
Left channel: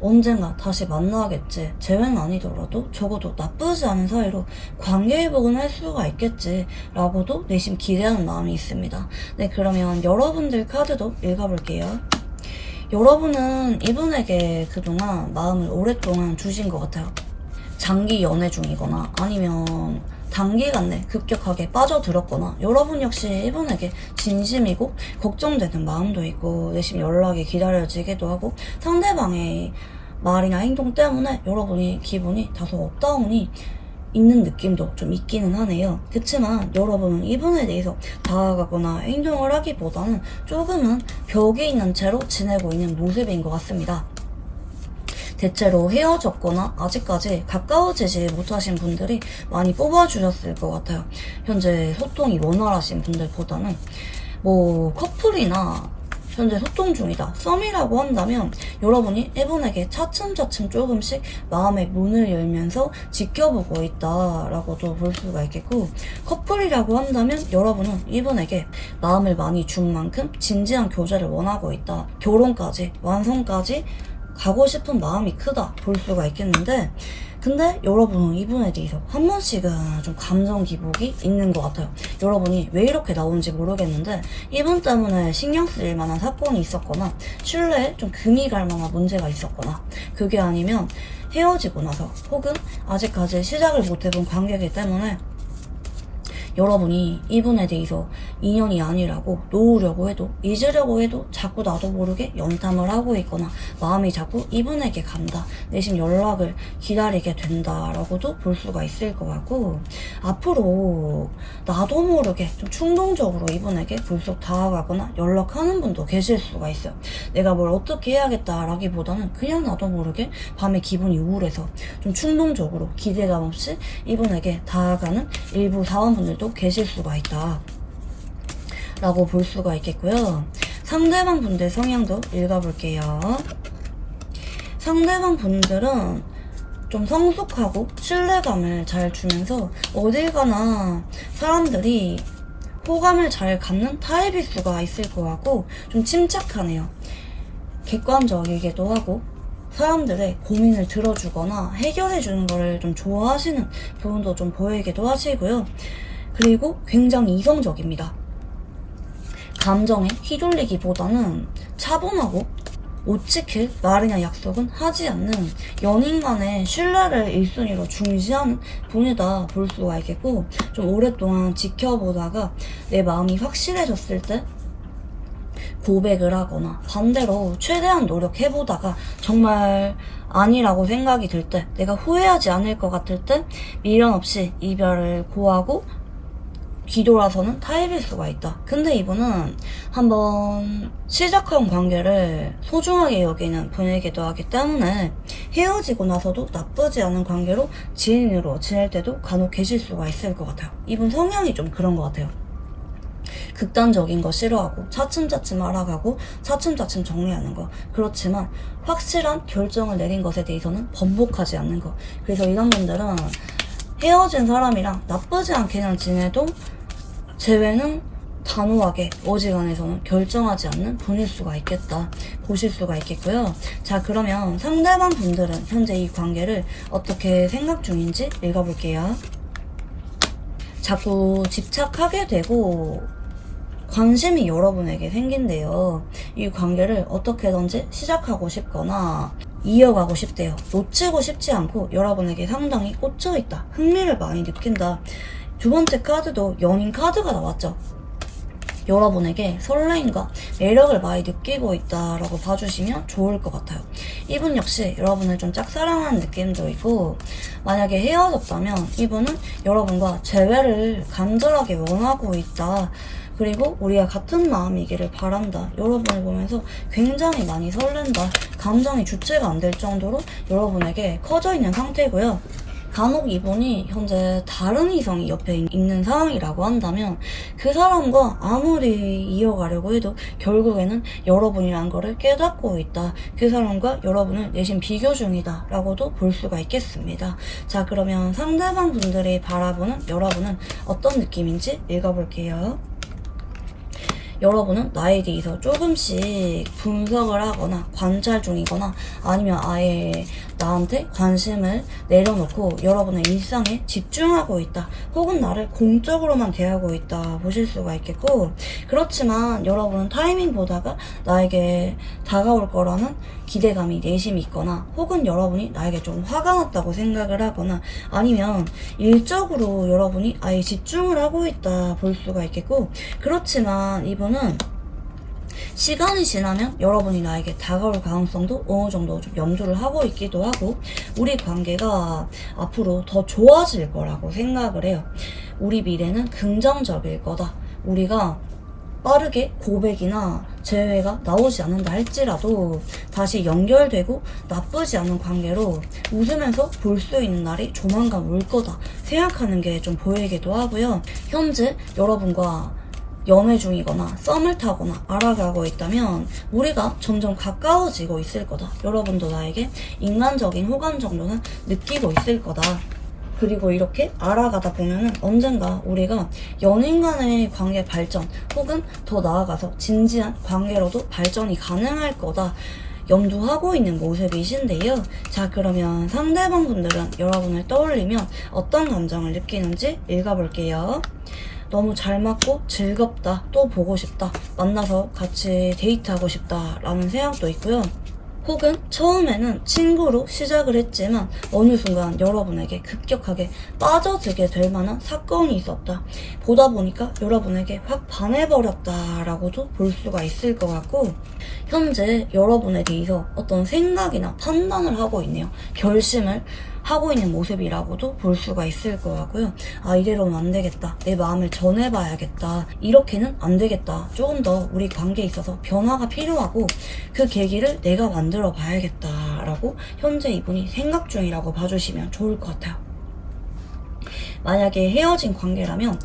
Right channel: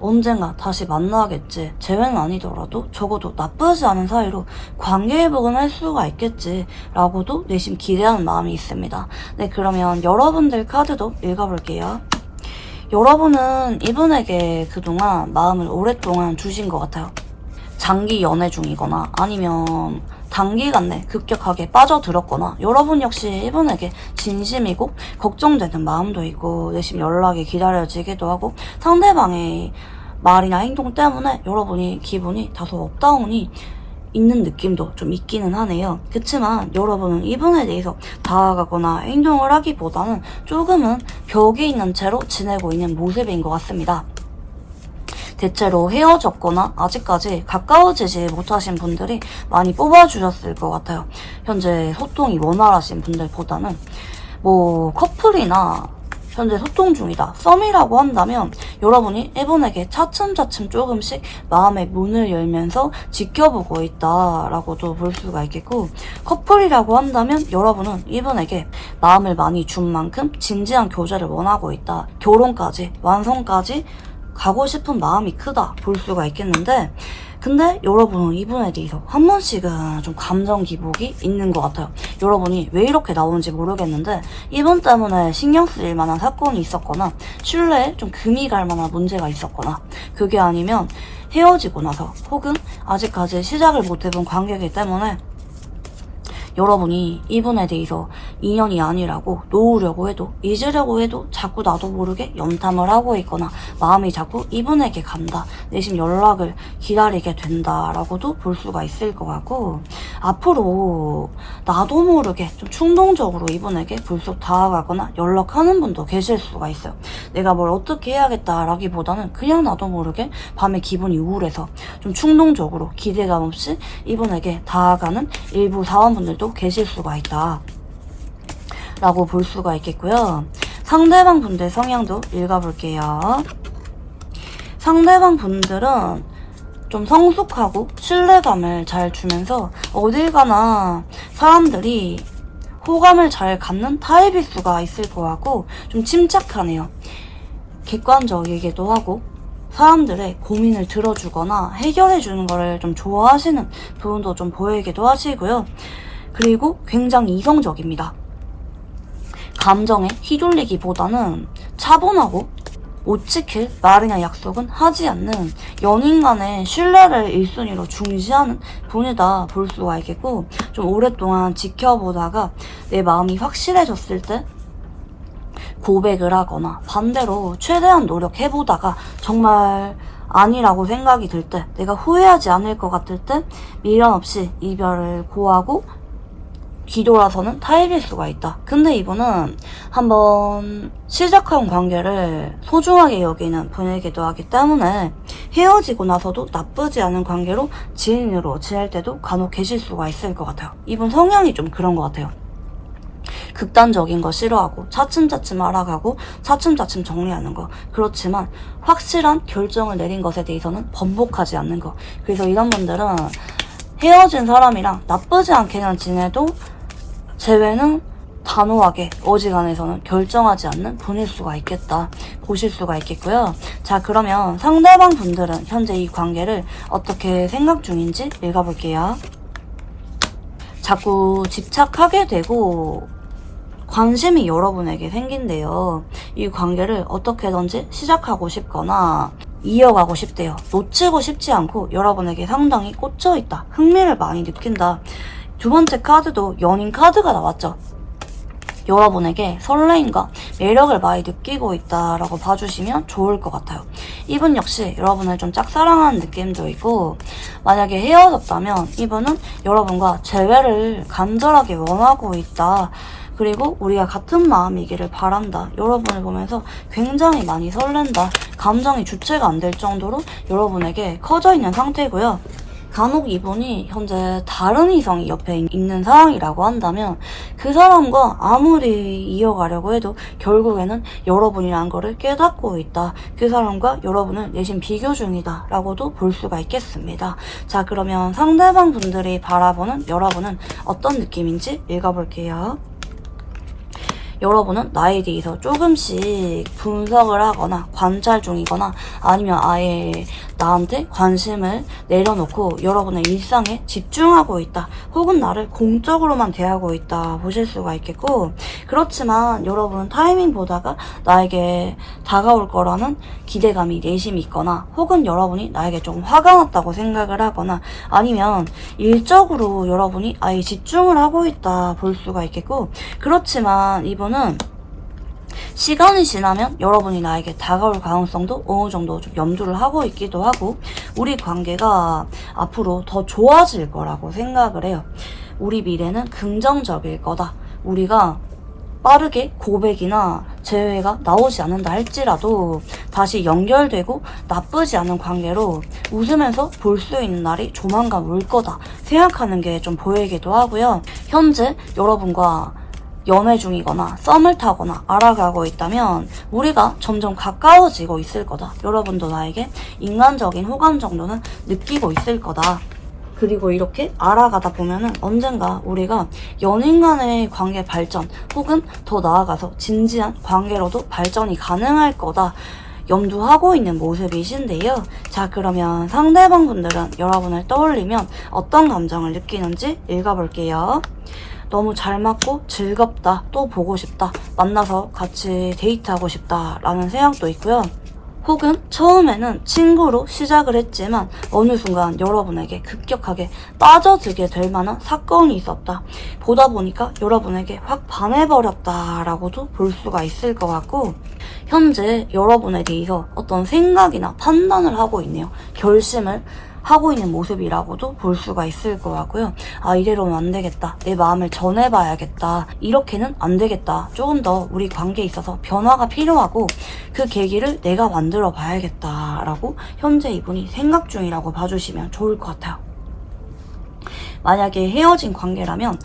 언젠가 다시 만나겠지, 재회는 아니더라도 적어도 나쁘지 않은 사이로 관계 회복은 할 수가 있겠지 라고도 내심 기대하는 마음이 있습니다. 네, 그러면 여러분들 카드도 읽어볼게요. 여러분은 이분에게 그동안 마음을 오랫동안 주신 것 같아요. 장기 연애 중이거나 아니면 단기간 내 급격하게 빠져들었거나 여러분 역시 이분에게 진심이고 걱정되는 마음도 있고 내심 연락이 기다려지기도 하고 상대방의 말이나 행동 때문에 여러분이 기분이 다소 업다운이 있는 느낌도 좀 있기는 하네요. 그치만 여러분은 이분에 대해서 다가가거나 행동을 하기보다는 조금은 벽이 있는 채로 지내고 있는 모습인 것 같습니다. 대체로 헤어졌거나 아직까지 가까워지지 못하신 분들이 많이 뽑아주셨을 것 같아요. 현재 소통이 원활하신 분들보다는 뭐 커플이나 현재 소통 중이다. 썸이라고 한다면 여러분이 이분에게 차츰차츰 조금씩 마음의 문을 열면서 지켜보고 있다라고도 볼 수가 있겠고, 커플이라고 한다면 여러분은 이분에게 마음을 많이 준 만큼 진지한 교제를 원하고 있다. 결혼까지, 완성까지 가고 싶은 마음이 크다 볼 수가 있겠는데, 근데 여러분은 이분에 대해서 한 번씩은 좀 감정 기복이 있는 것 같아요. 여러분이 왜 이렇게 나오는지 모르겠는데 이분 때문에 신경 쓰일 만한 사건이 있었거나 신뢰에 좀 금이 갈 만한 문제가 있었거나, 그게 아니면 헤어지고 나서 혹은 아직까지 시작을 못 해본 관계이기 때문에 여러분이 이분에 대해서 인연이 아니라고 놓으려고 해도, 잊으려고 해도 자꾸 나도 모르게 염탐을 하고 있거나 마음이 자꾸 이분에게 간다, 내심 연락을 기다리게 된다라고도 볼 수가 있을 것 같고, 앞으로 나도 모르게 좀 충동적으로 이분에게 불쑥 다가가거나 연락하는 분도 계실 수가 있어요. 내가 뭘 어떻게 해야겠다라기보다는 그냥 나도 모르게 밤에 기분이 우울해서 좀 충동적으로 기대감 없이 이분에게 다가가는 일부 사원분들도 계실 수가 있다 라고 볼 수가 있겠고요. 상대방 분들 성향도 읽어볼게요. 상대방 분들은 좀 성숙하고 신뢰감을 잘 주면서 어딜 가나 사람들이 호감을 잘 갖는 타입일 수가 있을 것 같고, 좀 침착하네요. 객관적이기도 하고 사람들의 고민을 들어주거나 해결해주는 거를 좀 좋아하시는 부분도 좀 보이기도 하시고요. 그리고 굉장히 이성적입니다. 감정에 휘둘리기보다는 차분하고 못 지킬 말이나 약속은 하지 않는 연인 간의 신뢰를 1순위로 중시하는 분이다 볼 수가 있겠고, 좀 오랫동안 지켜보다가 내 마음이 확실해졌을 때 고백을 하거나 반대로 최대한 노력해보다가 정말 아니라고 생각이 들 때, 내가 후회하지 않을 것 같을 때 미련 없이 이별을 고하고 뒤돌아서는 타입일 수가 있다. 근데 이분은 한번 시작한 관계를 소중하게 여기는 분이기도 하기 때문에 헤어지고 나서도 나쁘지 않은 관계로 지인으로 지낼 때도 간혹 계실 수가 있을 것 같아요. 이분 성향이 좀 그런 것 같아요. 극단적인 거 싫어하고 차츰차츰 알아가고 차츰차츰 정리하는 거. 그렇지만 확실한 결정을 내린 것에 대해서는 번복하지 않는 거. 그래서 이런 분들은 헤어진 사람이랑 나쁘지 않게는 지내도 재회는 단호하게 어지간해서는 결정하지 않는 분일 수가 있겠다 보실 수가 있겠고요. 자, 그러면 상대방 분들은 현재 이 관계를 어떻게 생각 중인지 읽어볼게요. 자꾸 집착하게 되고 관심이 여러분에게 생긴대요. 이 관계를 어떻게든지 시작하고 싶거나 이어가고 싶대요. 놓치고 싶지 않고 여러분에게 상당히 꽂혀있다, 흥미를 많이 느낀다. 두 번째 카드도 연인 카드가 나왔죠. 여러분에게 설레임과 매력을 많이 느끼고 있다라고 봐주시면 좋을 것 같아요. 이분 역시 여러분을 좀 짝사랑하는 느낌도 있고, 만약에 헤어졌다면 이분은 여러분과 재회를 간절하게 원하고 있다. 그리고 우리가 같은 마음이기를 바란다. 여러분을 보면서 굉장히 많이 설렌다. 감정이 주체가 안 될 정도로 여러분에게 커져 있는 상태고요. 간혹 이분이 현재 다른 이성이 옆에 있는 상황이라고 한다면 그 사람과 아무리 이어가려고 해도 결국에는 여러분이란 거를 깨닫고 있다. 그 사람과 여러분을 내심 비교 중이다 라고도 볼 수가 있겠습니다. 자, 그러면 상대방 분들이 바라보는 여러분은 어떤 느낌인지 읽어볼게요. 여러분은 나에 대해서 조금씩 분석을 하거나 관찰 중이거나 아니면 아예 나한테 관심을 내려놓고 여러분의 일상에 집중하고 있다, 혹은 나를 공적으로만 대하고 있다 보실 수가 있겠고, 그렇지만 여러분은 타이밍 보다가 나에게 다가올 거라는 기대감이 내심이 있거나, 혹은 여러분이 나에게 좀 화가 났다고 생각을 하거나, 아니면 일적으로 여러분이 아예 집중을 하고 있다 볼 수가 있겠고, 그렇지만 이분은 시간이 지나면 여러분이 나에게 다가올 가능성도 어느 정도 좀 염두를 하고 있기도 하고, 우리 관계가 앞으로 더 좋아질 거라고 생각을 해요. 우리 미래는 긍정적일 거다. 우리가 빠르게 고백이나 재회가 나오지 않는다 할지라도 다시 연결되고 나쁘지 않은 관계로 웃으면서 볼 수 있는 날이 조만간 올 거다 생각하는 게 좀 보이기도 하고요. 현재 여러분과 연애 중이거나 썸을 타거나 알아가고 있다면 우리가 점점 가까워지고 있을 거다. 여러분도 나에게 인간적인 호감 정도는 느끼고 있을 거다. 그리고 이렇게 알아가다 보면은 언젠가 우리가 연인 간의 관계 발전 혹은 더 나아가서 진지한 관계로도 발전이 가능할 거다. 염두하고 있는 모습이신데요. 자, 그러면 상대방 분들은 여러분을 떠올리면 어떤 감정을 느끼는지 읽어볼게요. 너무 잘 맞고 즐겁다, 또 보고 싶다, 만나서 같이 데이트하고 싶다 라는 생각도 있고요. 혹은 처음에는 친구로 시작을 했지만 어느 순간 여러분에게 급격하게 빠져들게 될 만한 사건이 있었다. 보다 보니까 여러분에게 확 반해버렸다 라고도 볼 수가 있을 것 같고, 현재 여러분에 대해서 어떤 생각이나 판단을 하고 있네요. 결심을 하고 있는 모습이라고도 볼 수가 있을 것 같고요. 아, 이대로는 안 되겠다. 내 마음을 전해봐야겠다. 이렇게는 안 되겠다. 조금 더 우리 관계에 있어서 변화가 필요하고 그 계기를 내가 만들어 봐야겠다 라고 현재 이분이 생각 중이라고 봐주시면 좋을 것 같아요. 만약에 헤어진 관계라면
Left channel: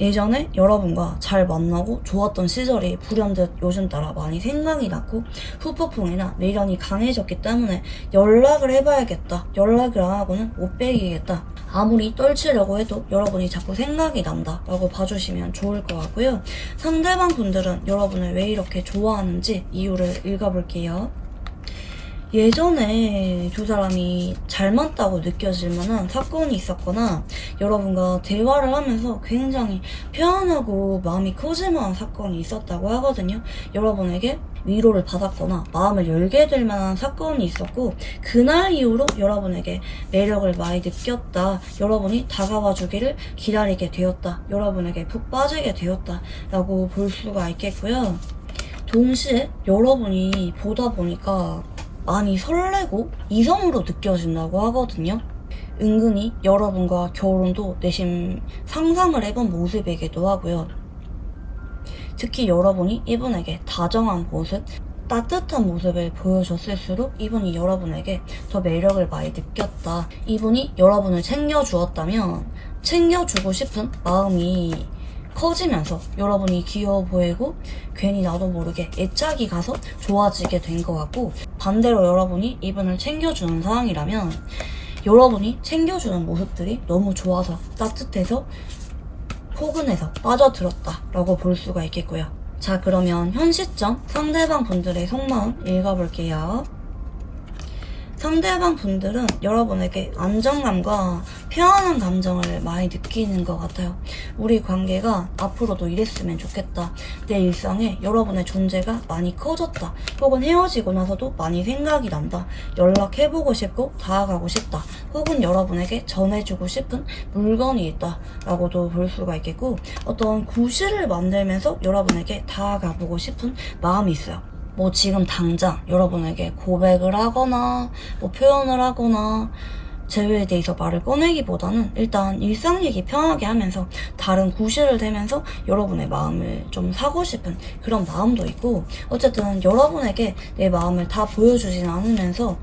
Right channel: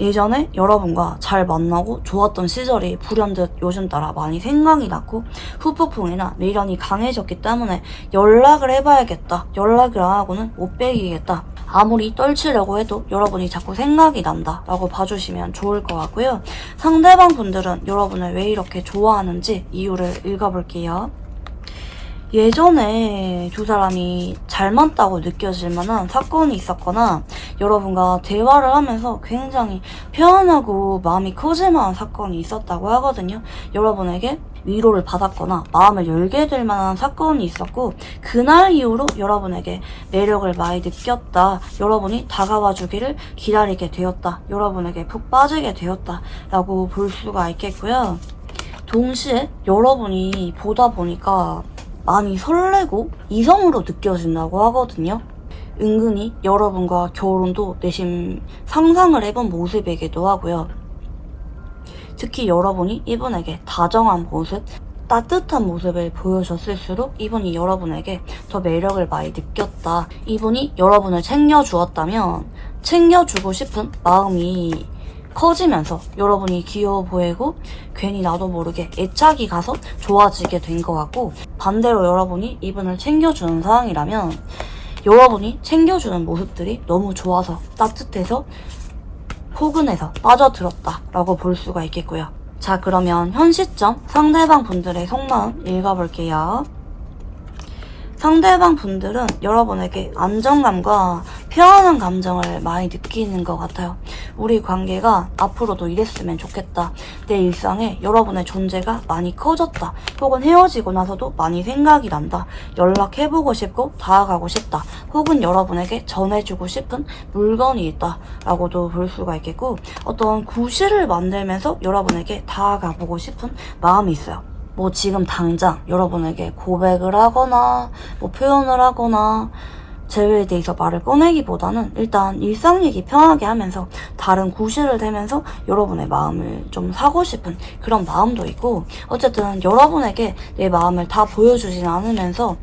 예전에 여러분과 잘 만나고 좋았던 시절이 불현듯 요즘 따라 많이 생각이 났고 후폭풍이나 미련이 강해졌기 때문에 연락을 해봐야겠다. 연락을 안 하고는 못 베기겠다. 아무리 떨치려고 해도 여러분이 자꾸 생각이 난다 라고 봐주시면 좋을 것 같고요. 상대방 분들은 여러분을 왜 이렇게 좋아하는지 이유를 읽어볼게요. 예전에 두 사람이 잘 맞다고 느껴질 만한 사건이 있었거나 여러분과 대화를 하면서 굉장히 편안하고 마음이 커질 만한 사건이 있었다고 하거든요. 여러분에게 위로를 받았거나 마음을 열게 될 만한 사건이 있었고 그날 이후로 여러분에게 매력을 많이 느꼈다. 여러분이 다가와 주기를 기다리게 되었다. 여러분에게 푹 빠지게 되었다 라고 볼 수가 있겠고요. 동시에 여러분이 보다 보니까 많이 설레고 이성으로 느껴진다고 하거든요. 은근히 여러분과 결혼도 내심 상상을 해본 모습이기도 하고요. 특히 여러분이 이분에게 다정한 모습, 따뜻한 모습을 보여줬을수록 이분이 여러분에게 더 매력을 많이 느꼈다. 이분이 여러분을 챙겨주었다면 챙겨주고 싶은 마음이 커지면서 여러분이 귀여워 보이고 괜히 나도 모르게 애착이 가서 좋아지게 된 것 같고, 반대로 여러분이 이분을 챙겨주는 상황이라면 여러분이 챙겨주는 모습들이 너무 좋아서 따뜻해서 포근해서 빠져들었다 라고 볼 수가 있겠고요. 자, 그러면 현 시점 상대방 분들의 속마음 읽어볼게요. 상대방 분들은 여러분에게 안정감과 편안한 감정을 많이 느끼는 것 같아요. 우리 관계가 앞으로도 이랬으면 좋겠다. 내 일상에 여러분의 존재가 많이 커졌다. 혹은 헤어지고 나서도 많이 생각이 난다. 연락해보고 싶고 다가가고 싶다. 혹은 여러분에게 전해주고 싶은 물건이 있다 라고도 볼 수가 있겠고, 어떤 구실을 만들면서 여러분에게 다가가보고 싶은 마음이 있어요. 뭐 지금 당장 여러분에게 고백을 하거나 뭐 표현을 하거나 재회에 대해서 말을 꺼내기보다는 일단 일상 얘기 편하게 하면서 다른 구실을 대면서 여러분의 마음을 좀 사고 싶은 그런 마음도 있고, 어쨌든 여러분에게 내 마음을 다 보여주진 않으면서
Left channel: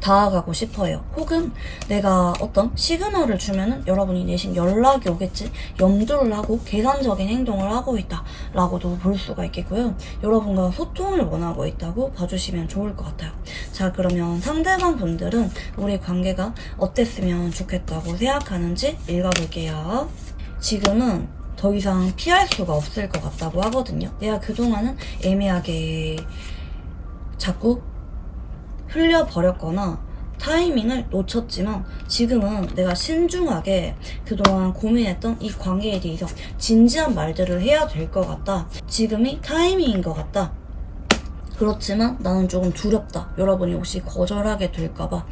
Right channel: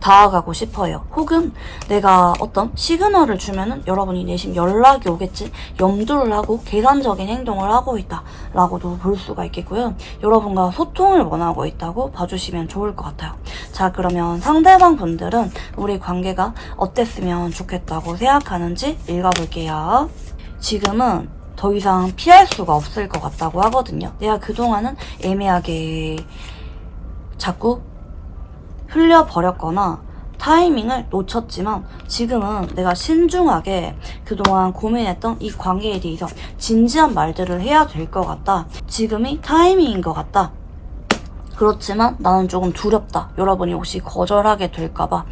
다가가고 싶어요. 혹은 내가 어떤 시그널을 주면은 여러분이 내심 연락이 오겠지 염두를 하고 계산적인 행동을 하고 있다 라고도 볼 수가 있겠고요. 여러분과 소통을 원하고 있다고 봐주시면 좋을 것 같아요. 자, 그러면 상대방 분들은 우리 관계가 어땠으면 좋겠다고 생각하는지 읽어볼게요. 지금은 더 이상 피할 수가 없을 것 같다고 하거든요. 내가 그동안은 애매하게 자꾸 흘려버렸거나 타이밍을 놓쳤지만 지금은 내가 신중하게 그동안 고민했던 이 관계에 대해서 진지한 말들을 해야 될 것 같다. 지금이 타이밍인 것 같다. 그렇지만 나는 조금 두렵다. 여러분이 혹시 거절하게 될까봐,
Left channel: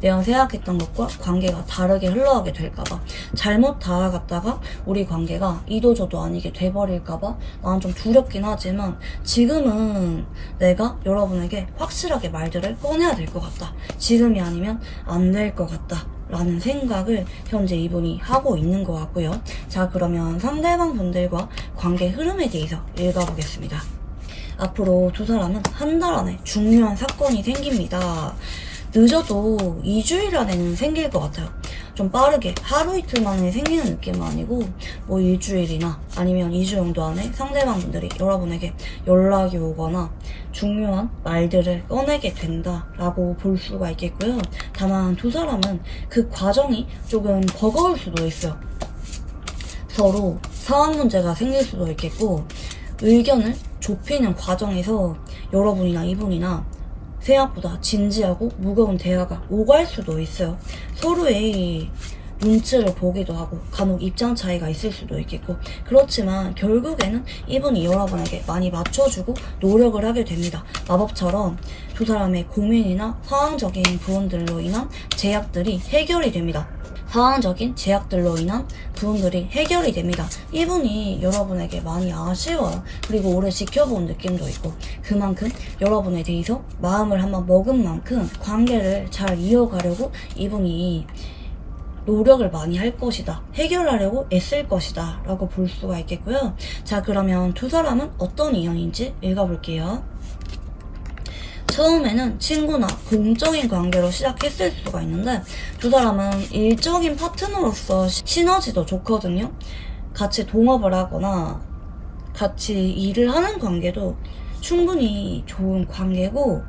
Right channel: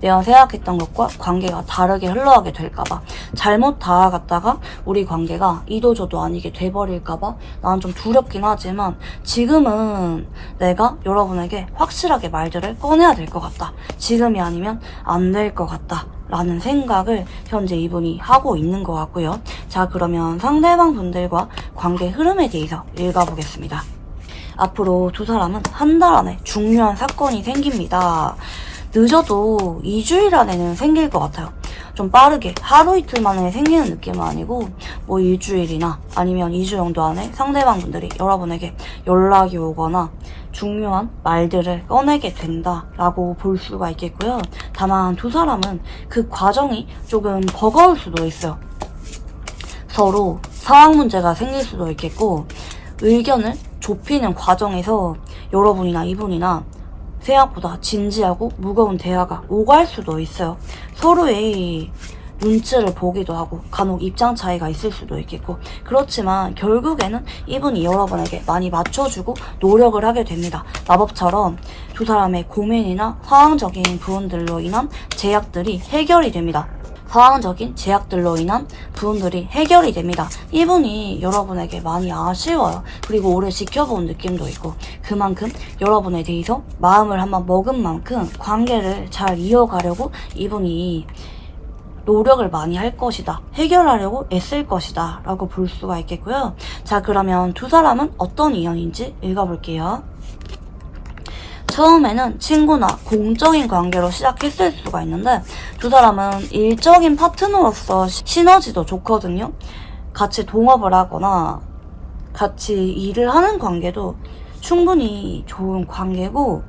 내가 생각했던 것과 관계가 다르게 흘러가게 될까봐, 잘못 다가갔다가 우리 관계가 이도저도 아니게 돼버릴까봐 나는 좀 두렵긴 하지만 지금은 내가 여러분에게 확실하게 말들을 꺼내야 될 것 같다. 지금이 아니면 안 될 것 같다 라는 생각을 현재 이분이 하고 있는 것 같고요. 자, 그러면 상대방 분들과 관계 흐름에 대해서 읽어보겠습니다. 앞으로 두 사람은 한 달 안에 중요한 사건이 생깁니다. 늦어도 2주일 안에는 생길 것 같아요. 좀 빠르게 하루 이틀 만에 생기는 느낌은 아니고 뭐 일주일이나 아니면 2주 정도 안에 상대방 분들이 여러분에게 연락이 오거나 중요한 말들을 꺼내게 된다라고 볼 수가 있겠고요. 다만 두 사람은 그 과정이 조금 버거울 수도 있어요. 서로 상황 문제가 생길 수도 있겠고 의견을 좁히는 과정에서 여러분이나 이분이나 생각보다 진지하고 무거운 대화가 오갈 수도 있어요. 서로의 눈치를 보기도 하고 간혹 입장 차이가 있을 수도 있겠고 그렇지만 결국에는 이분이 여러분에게 많이 맞춰주고 노력을 하게 됩니다. 마법처럼 두 사람의 고민이나 상황적인 부분들로 인한 제약들이 해결이 됩니다. 상황적인 제약들로 인한 부분들이 해결이 됩니다. 이분이 여러분에게 많이 아쉬워요. 그리고 오래 지켜본 느낌도 있고 그만큼 여러분에 대해서 마음을 한번 먹은 만큼 관계를 잘 이어가려고 이분이 노력을 많이 할 것이다. 해결하려고 애쓸 것이다. 라고 볼 수가 있겠고요. 자, 그러면 두 사람은 어떤 인연인지 읽어볼게요. 처음에는 친구나 공적인 관계로 시작했을 수가 있는데 두 사람은 일적인 파트너로서 시너지도 좋거든요. 같이 동업을 하거나 같이 일을 하는 관계도 충분히 좋은 관계고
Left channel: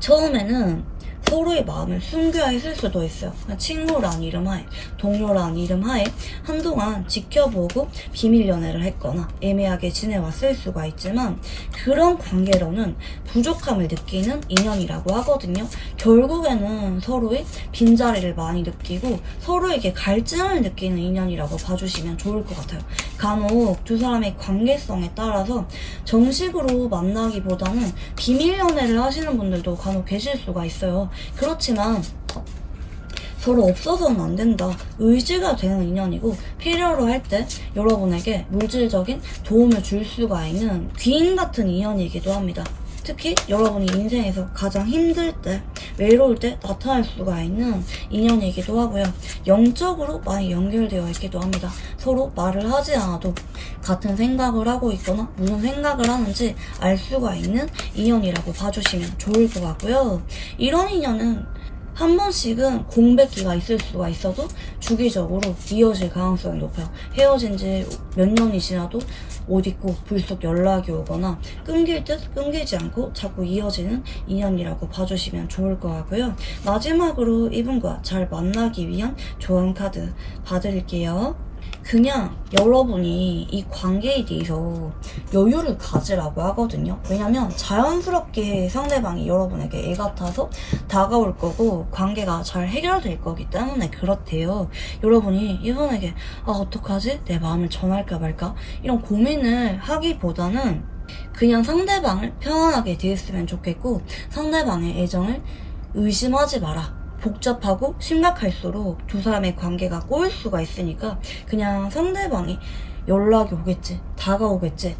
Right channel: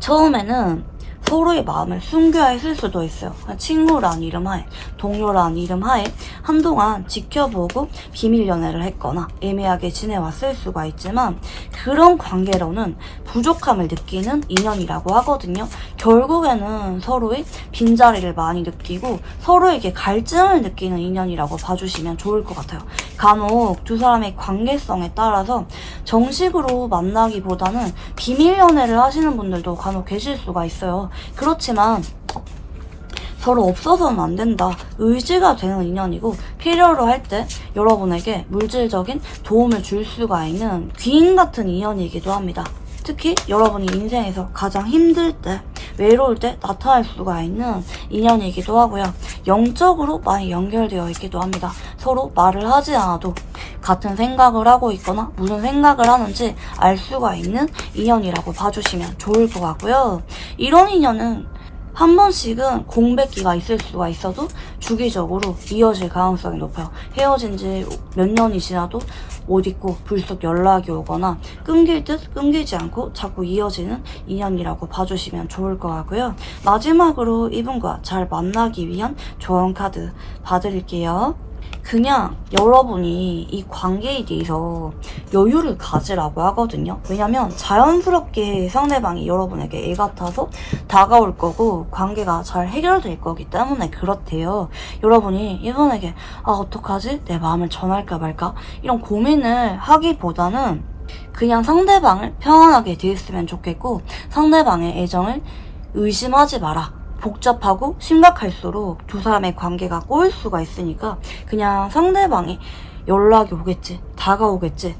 처음에는 서로의 마음을 숨겨야 했을 수도 있어요. 친구란 이름 하에, 동료란 이름 하에 한동안 지켜보고 비밀 연애를 했거나 애매하게 지내왔을 수가 있지만 그런 관계로는 부족함을 느끼는 인연이라고 하거든요. 결국에는 서로의 빈자리를 많이 느끼고 서로에게 갈증을 느끼는 인연이라고 봐주시면 좋을 것 같아요. 간혹 두 사람의 관계성에 따라서 정식으로 만나기보다는 비밀 연애를 하시는 분들도 간혹 계실 수가 있어요. 그렇지만 서로 없어서는 안 된다. 의지가 되는 인연이고 필요로 할 때 여러분에게 물질적인 도움을 줄 수가 있는 귀인 같은 인연이기도 합니다. 특히 여러분이 인생에서 가장 힘들 때, 외로울 때 나타날 수가 있는 인연이기도 하고요. 영적으로 많이 연결되어 있기도 합니다. 서로 말을 하지 않아도 같은 생각을 하고 있거나 무슨 생각을 하는지 알 수가 있는 인연이라고 봐주시면 좋을 것 같고요. 이런 인연은 한 번씩은 공백기가 있을 수가 있어도 주기적으로 이어질 가능성이 높아요. 헤어진 지 몇 년이 지나도 못 잊고 불쑥 연락이 오거나 끊길 듯 끊기지 않고 자꾸 이어지는 인연이라고 봐주시면 좋을 것 같고요. 마지막으로 이분과 잘 만나기 위한 조언 카드 봐드릴게요. 그냥 여러분이 이 관계에 대해서 여유를 가지라고 하거든요. 왜냐면 자연스럽게 상대방이 여러분에게 애 같아서 다가올 거고 관계가 잘 해결될 거기 때문에 그렇대요. 여러분이 이분에게 어떡하지? 내 마음을 전할까 말까? 이런 고민을 하기보다는 그냥 상대방을 편안하게 대했으면 좋겠고 상대방의 애정을 의심하지 마라. 복잡하고 심각할수록 두 사람의 관계가 꼬일 수가 있으니까 그냥 상대방이 연락이 오겠지, 다가오겠지,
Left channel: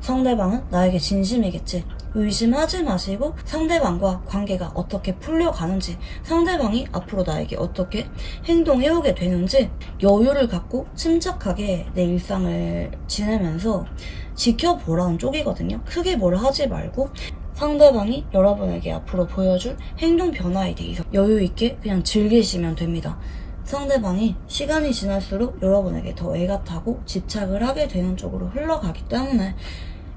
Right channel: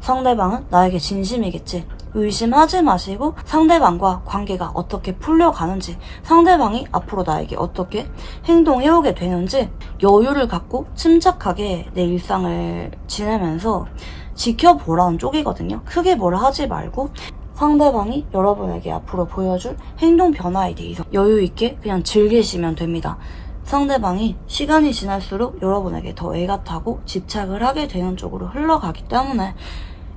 상대방은 나에게 진심이겠지 의심하지 마시고 상대방과 관계가 어떻게 풀려가는지 상대방이 앞으로 나에게 어떻게 행동해오게 되는지 여유를 갖고 침착하게 내 일상을 지내면서 지켜보라는 쪽이거든요. 크게 뭘 하지 말고 상대방이 여러분에게 앞으로 보여줄 행동 변화에 대해서 여유 있게 그냥 즐기시면 됩니다. 상대방이 시간이 지날수록 여러분에게 더 애가 타고 집착을 하게 되는 쪽으로 흘러가기 때문에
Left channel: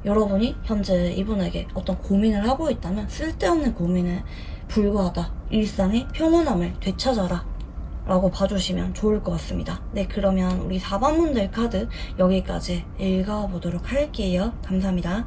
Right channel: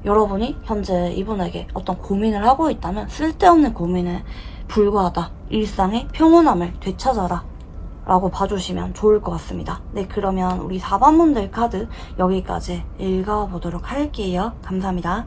여러분이 현재 이분에게 어떤 고민을 하고 있다면 쓸데없는 고민에 불과하다. 일상의 평온함을 되찾아라. 라고 봐주시면 좋을 것 같습니다. 네, 그러면 우리 4번 분들 카드 여기까지 읽어보도록 할게요. 감사합니다.